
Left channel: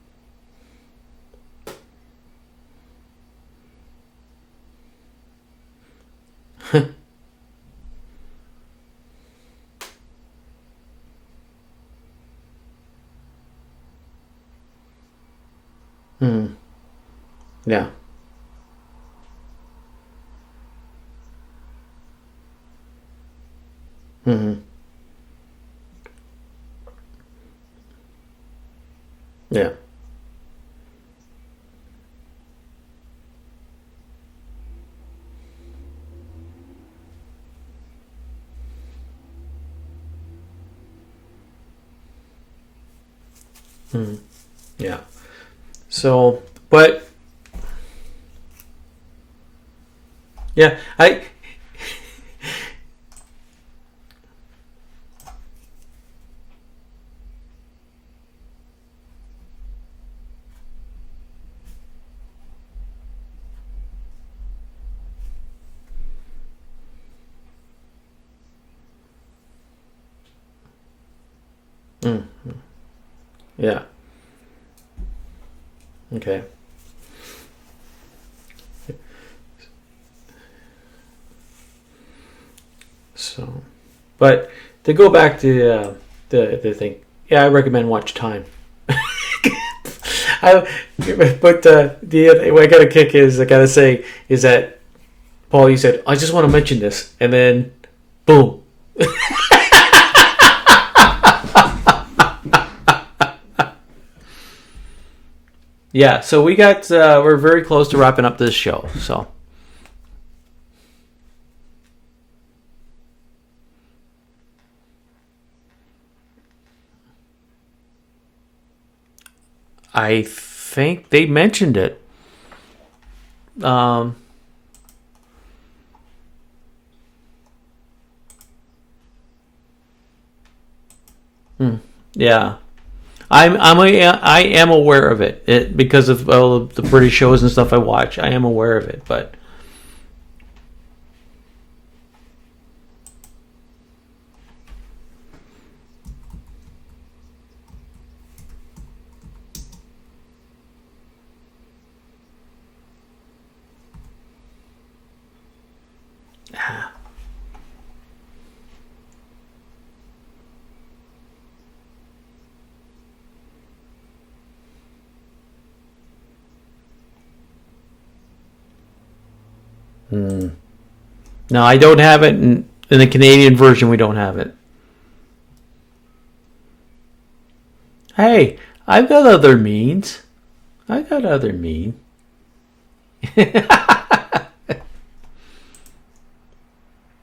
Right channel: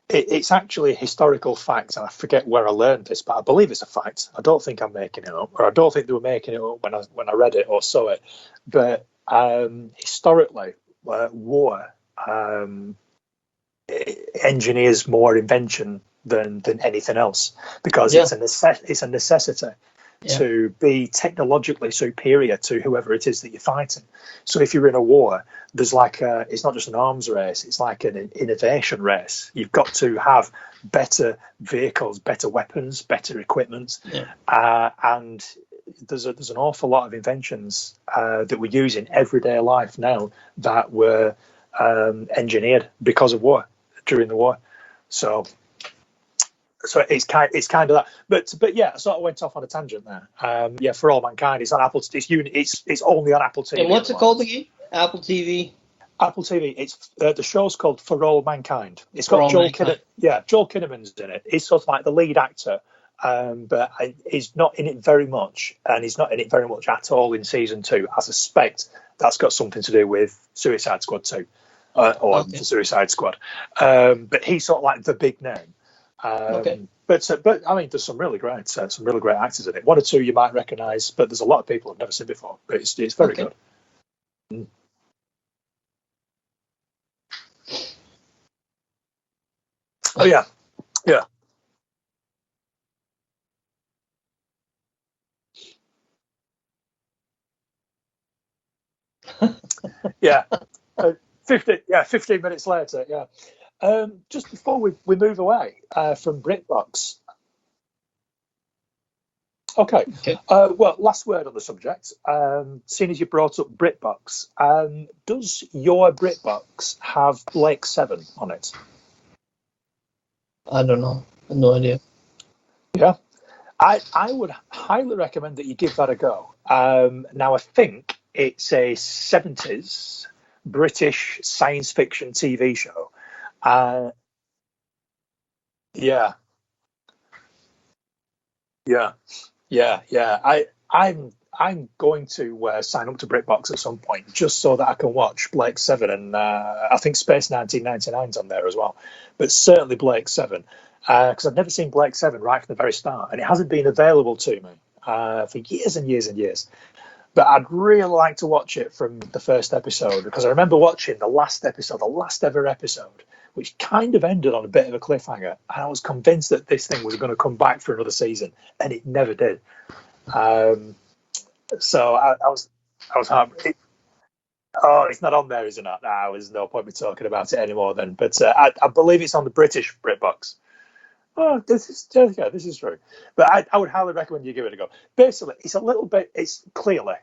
It's actually a historical fact, and I forget where I learned this, but I believe it's a fact. I don't think I'm making it up, or I don't think they were making it up when I read it or saw it. But historically, war engineers more invention than anything else, because it's a necessity to be technologically superior to whoever it is that you're fighting. So if you're in a war, there's like it's not just an arms race, it's like an innovation race. You've got to have better vehicles, better weapons, better equipment, and there's an awful lot of inventions that we use in everyday life now that were engineered because of war. During the war, So it's kind of that. But yeah, I sort of went off on a tangent there. For All Mankind, it's on Apple. It's only on Apple TV. And what's it called again? Apple TV. Apple TV. It's the show's called For All Mankind. It's got Joel Kinnaman's in it. He's sort of like the lead actor, but he's not in it very much, and he's not in it very much at all in season 2. I suspect that's got something to do with Suicide Squad 2. Or the Suicide Squad, but he's sort of like the big name. But I mean, there's some really great actors in it. One or two you might recognise, but there's a lot of people I've never seen before. But it's very good. But to go back to the thing, I recommend Watch Time. But the other what I got a kick is that Paul, you said, I just want to mention this, and then boom. 15 minutes later. Just before we move away. So we're very close to wrapping up this show. So. Okay. Well, last word on the subject. Seeing as you brought up BritBox, does your BritBox have Blake 7 on it? I think they mentioned it. Yeah. I would highly recommend that you give that a go. Now, I think it's a 70s British science fiction TV show. I am aware of it because of all the British shows and stuff I watch. I am aware of it, but I'm going to sign up to BritBox at some point just so that I can watch Blake 7, and I think Space 1999's on there as well, but certainly Blake 7 because I've never seen Blake 7 right from the very start, and it hasn't been available to me for years and years and years. But I'd really like to watch it from the first episode, because I remember watching the last ever episode, which kind of ended on a bit of a cliffhanger. And I was convinced that this thing was going to come back for another season, and it never did. No, I don't have it in the Canadian version. We don't have it. Oh, it's not on there, is it not? There's no point me talking about it anymore then. Hey, I believe got it's other on British means. BritBox. I got other means. This is true. But I would highly recommend you give it a go. Basically, it's clearly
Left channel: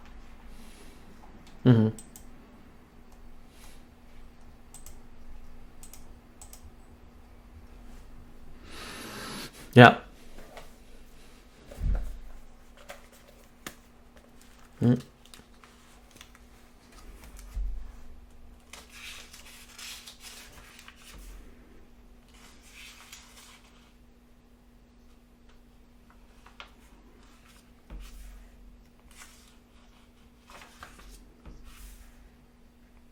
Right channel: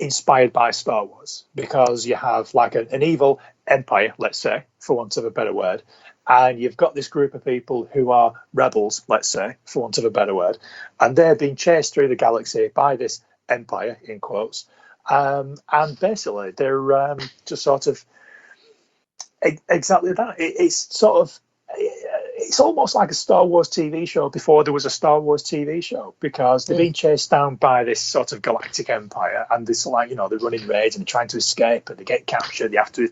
inspired by Star Wars, because you have like an evil empire, let's say, for want of a better word, and you've got this group of people who are rebels, let's say, for want of a better word, and they're being chased through the galaxy by this empire, in quotes, and basically they're just sort of exactly that. It's almost like a Star Wars TV show before there was a Star Wars TV show, because they're being chased down by this sort of galactic empire, and this, like, they're running raids and trying to escape, and they get captured. They have to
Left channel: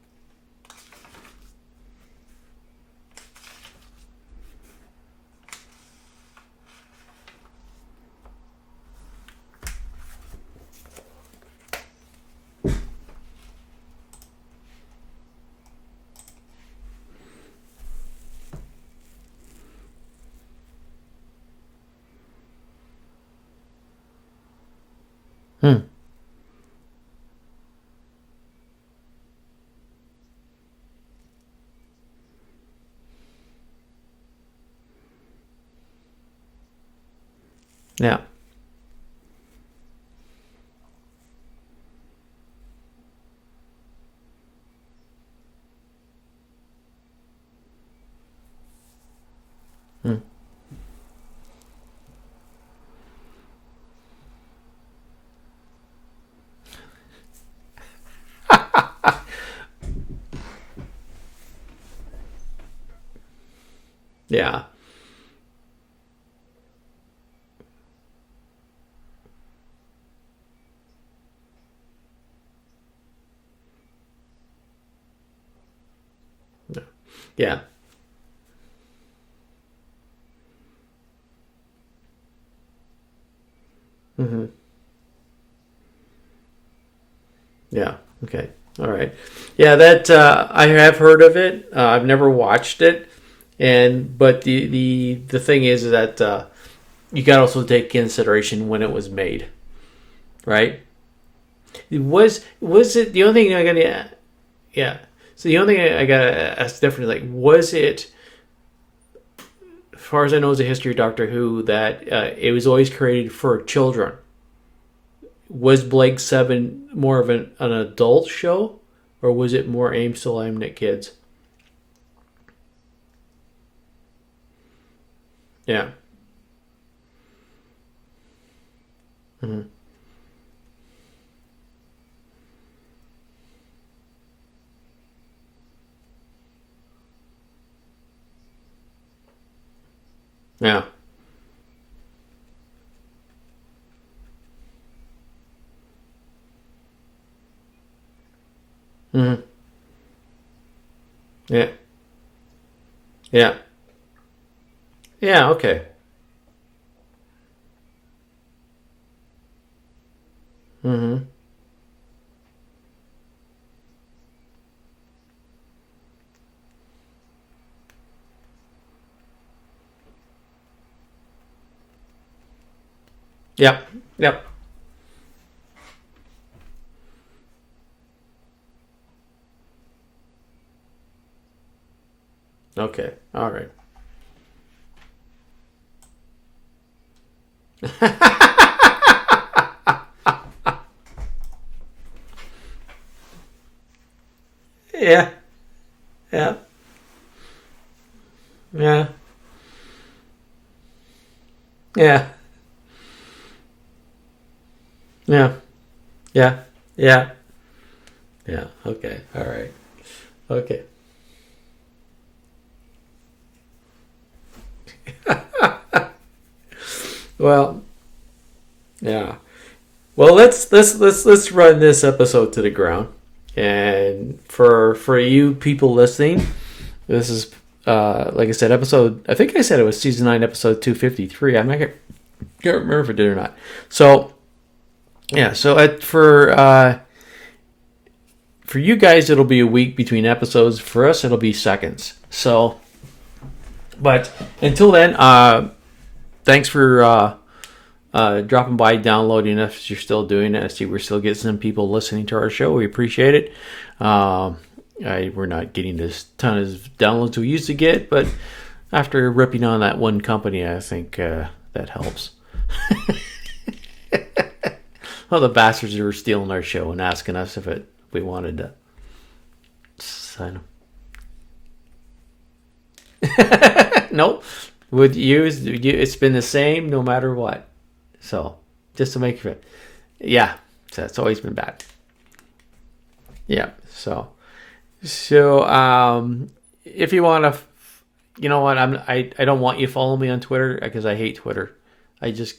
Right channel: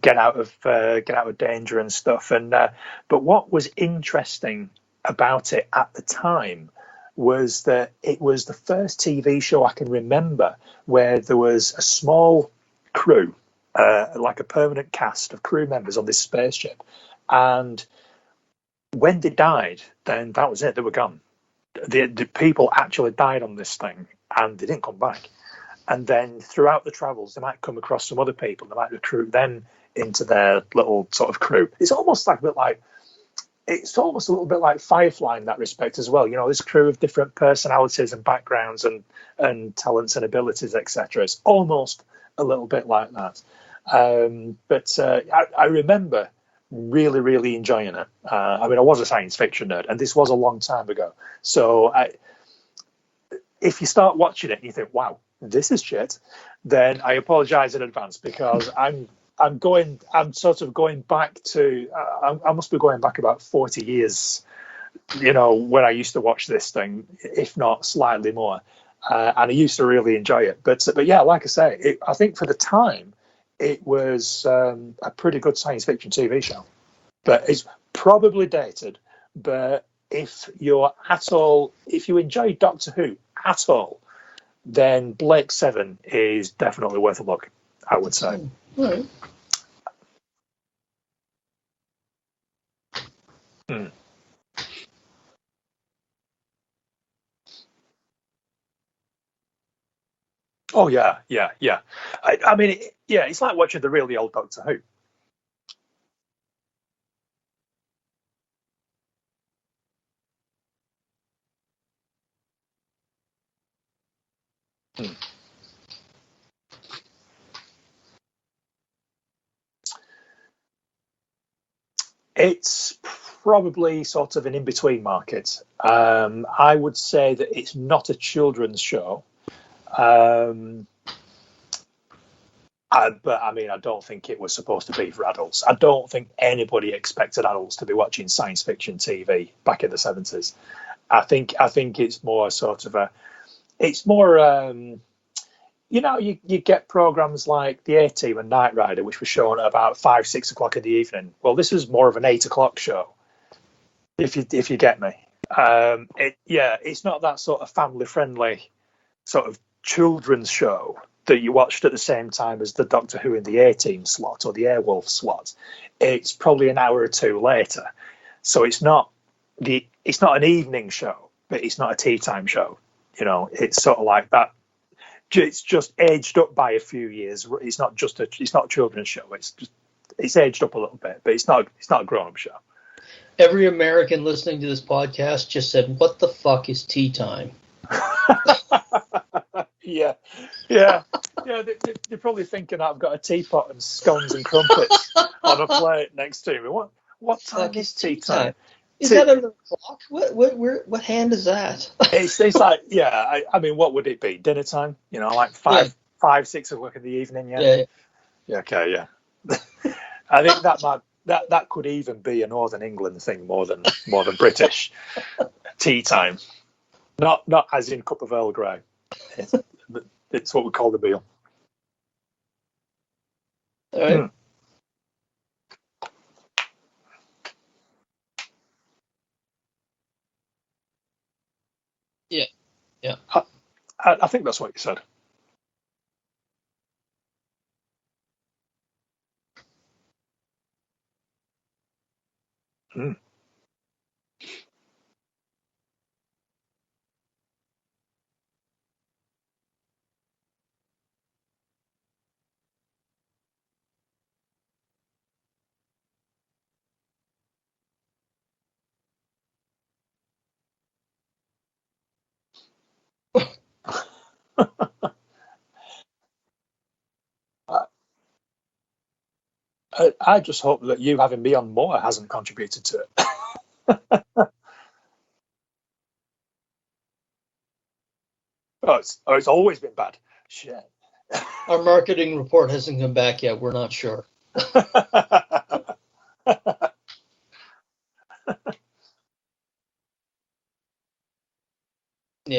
get out of danger and stuff. And but what was interesting about it at the time was that it was the first TV show I can remember where there was a small crew, like a permanent cast of crew members on this spaceship, and when they died, then that was it. They were gone. The people actually died on this thing, and they didn't come back. And then throughout the travels, they might come across some other people. They might recruit them into their little sort of crew. It's almost a little bit like Firefly in that respect as well. This crew of different personalities and backgrounds and talents and abilities, etc. It's almost a little bit like that. But I remember really, really enjoying it. I was a science fiction nerd, and this was a long time ago. So if you start watching it and you think, wow, this is shit, then I apologize in advance, because I'm sort of going back to I must be going back about 40 years. When I used to watch this thing, if not slightly more, and I used to really enjoy it. But yeah, like I say, I think for the time it was a pretty good science fiction TV show. But it's probably dated. But if you enjoy Doctor Who at all, then Blake 7 is definitely worth a look. I would say. Okay. All right. Yeah, that I have heard of it. I've never watched it, but the thing is that you got to also take consideration when it was made, right? Oh yeah. Was it the only thing I got the really old Doctor Who? Yeah. So the only thing I got to ask differently, like, was it? As far as I know, is a history of Doctor Who that it was always created for children. Was Blake 7 more of an adult show, or was it more still aimed at kids? It's probably sort of an in-between market. I would say that it's not a children's show. But I don't think it was supposed to be for adults. I don't think anybody expected adults to be watching science fiction TV back in the 70s. I think it's more sort of you get programs like the A-Team and Knight Rider, which were shown at about 5-6 o'clock in the evening. Well, this is more of an 8 o'clock show. If you get me. Okay. It's not that sort of family friendly sort of children's show that you watched at the same time as the Doctor Who in the A-Team slot or the Airwolf slot. It's probably an hour or two later, so it's not an evening show, but it's not a tea time show. It's sort of like that. It's just aged up by a few years. It's not a children's show. It's aged up a little bit, but it's not a grown-up show. Okay. Every American listening to this podcast just said, "What the fuck is tea time?" Yeah. They're probably thinking I've got a teapot and scones and crumpets on a plate next to me. What time is tea time? Is that under the clock? What hand is that? It's like, what would it be? Dinner time? Like 6 o'clock in the evening. Okay. All right. I think that could even be a Northern England thing more than British tea time. Not as in cup of Earl Grey. Yeah. Well, let's run this episode to the ground. And for you people listening, this is like I said, I think I said it was season 9, episode 253. I'm not can't remember if I did or not. So I think that's what you said. Yeah. So for you guys, it'll be a week between episodes. For us, it'll be seconds. So, but until then, thanks for dropping by, downloading us. If you're still doing it, I see we're still getting some people listening to our show. We appreciate it. We're not getting this ton of downloads we used to get, but after ripping on that one company, I think that helps. Well, the bastards who were stealing our show and asking us if we wanted to. I just hope that you having me on more hasn't contributed to it. Nope. With you, it's been the same no matter what. So just to make it's always been bad. Yeah, Shit. so it's always been bad. Our marketing report hasn't come back yet. Yeah, We're not sure. So if you want to, you know what? I don't want you to follow me on Twitter because I hate Twitter. I just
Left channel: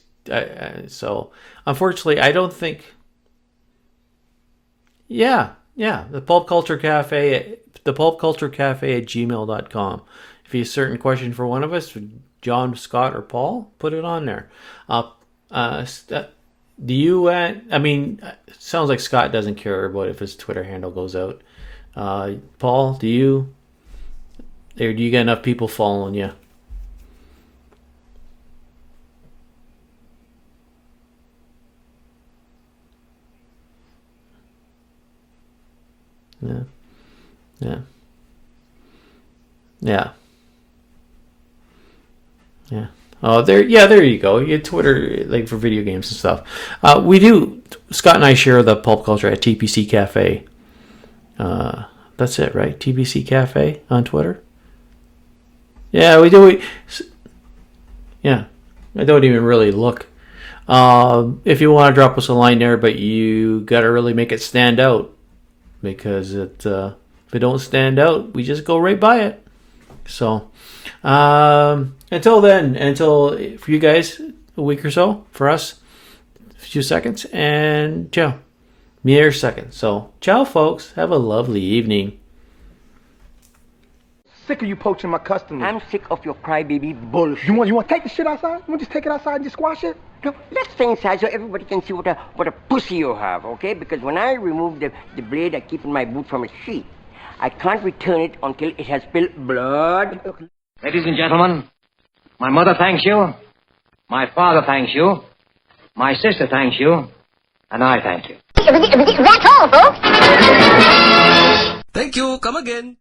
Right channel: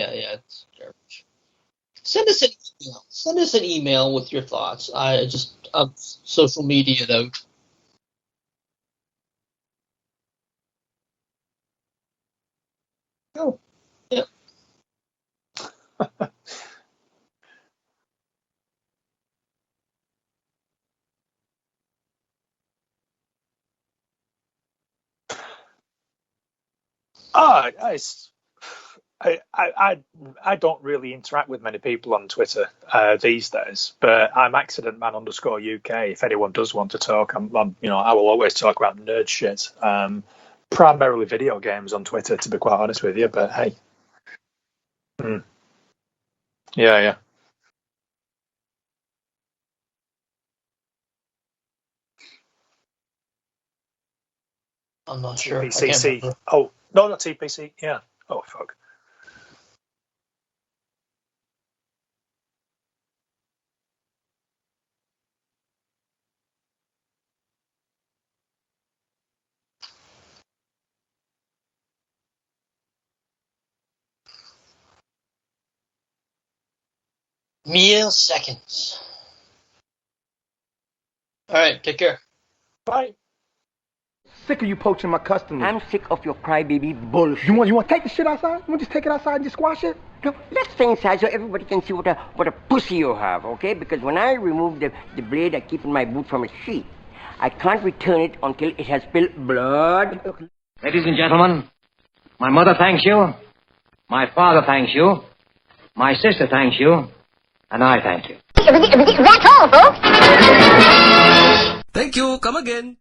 so unfortunately I don't think. Send us an email with your thoughts. The Pulp Culture Cafe, the Pulp Culture Cafe at gmail.com. If you have a certain question for one of us, John, Scott, or Paul, put it on there. Do you? I mean, it sounds like Scott doesn't care about if his Twitter handle goes out. Paul, do you? Or do you get enough people following you? I don't really interact with many people on Twitter these days, but I'm accidentman_UK. If anyone does want to talk, I will always talk about nerd shit. Primarily video games on Twitter, to be quite honest with you. Oh, there you go. You Twitter like for video games and stuff. We do. Scott and I share the pulp culture at TPCCafe. That's it, right? TPCCafe on Twitter. I'm not sure. Yeah, we do. No, not TPC. Yeah. Yeah. Oh, I don't even really look. If you want to drop us a line there, but you got to really make it stand out, because if it don't stand out, we just go right by it. So until then, for you guys, a week or so. For us, a few seconds. And mere seconds. So ciao, folks. Have a lovely evening. Take care. Bye. Sick of you poaching my customers. I'm sick of your crybaby bullshit. You want to take the shit outside? You want to just take it outside and just squash it? No, let's stay inside so everybody can see what a pussy you have, okay? Because when I remove the blade I keep in my boot from its sheath, I can't return it until it has spilled blood. Ladies and gentlemen, my mother thanks you, my father thanks you, my sister thanks you, and I thank you. That's all, folks. Thank you. Come again.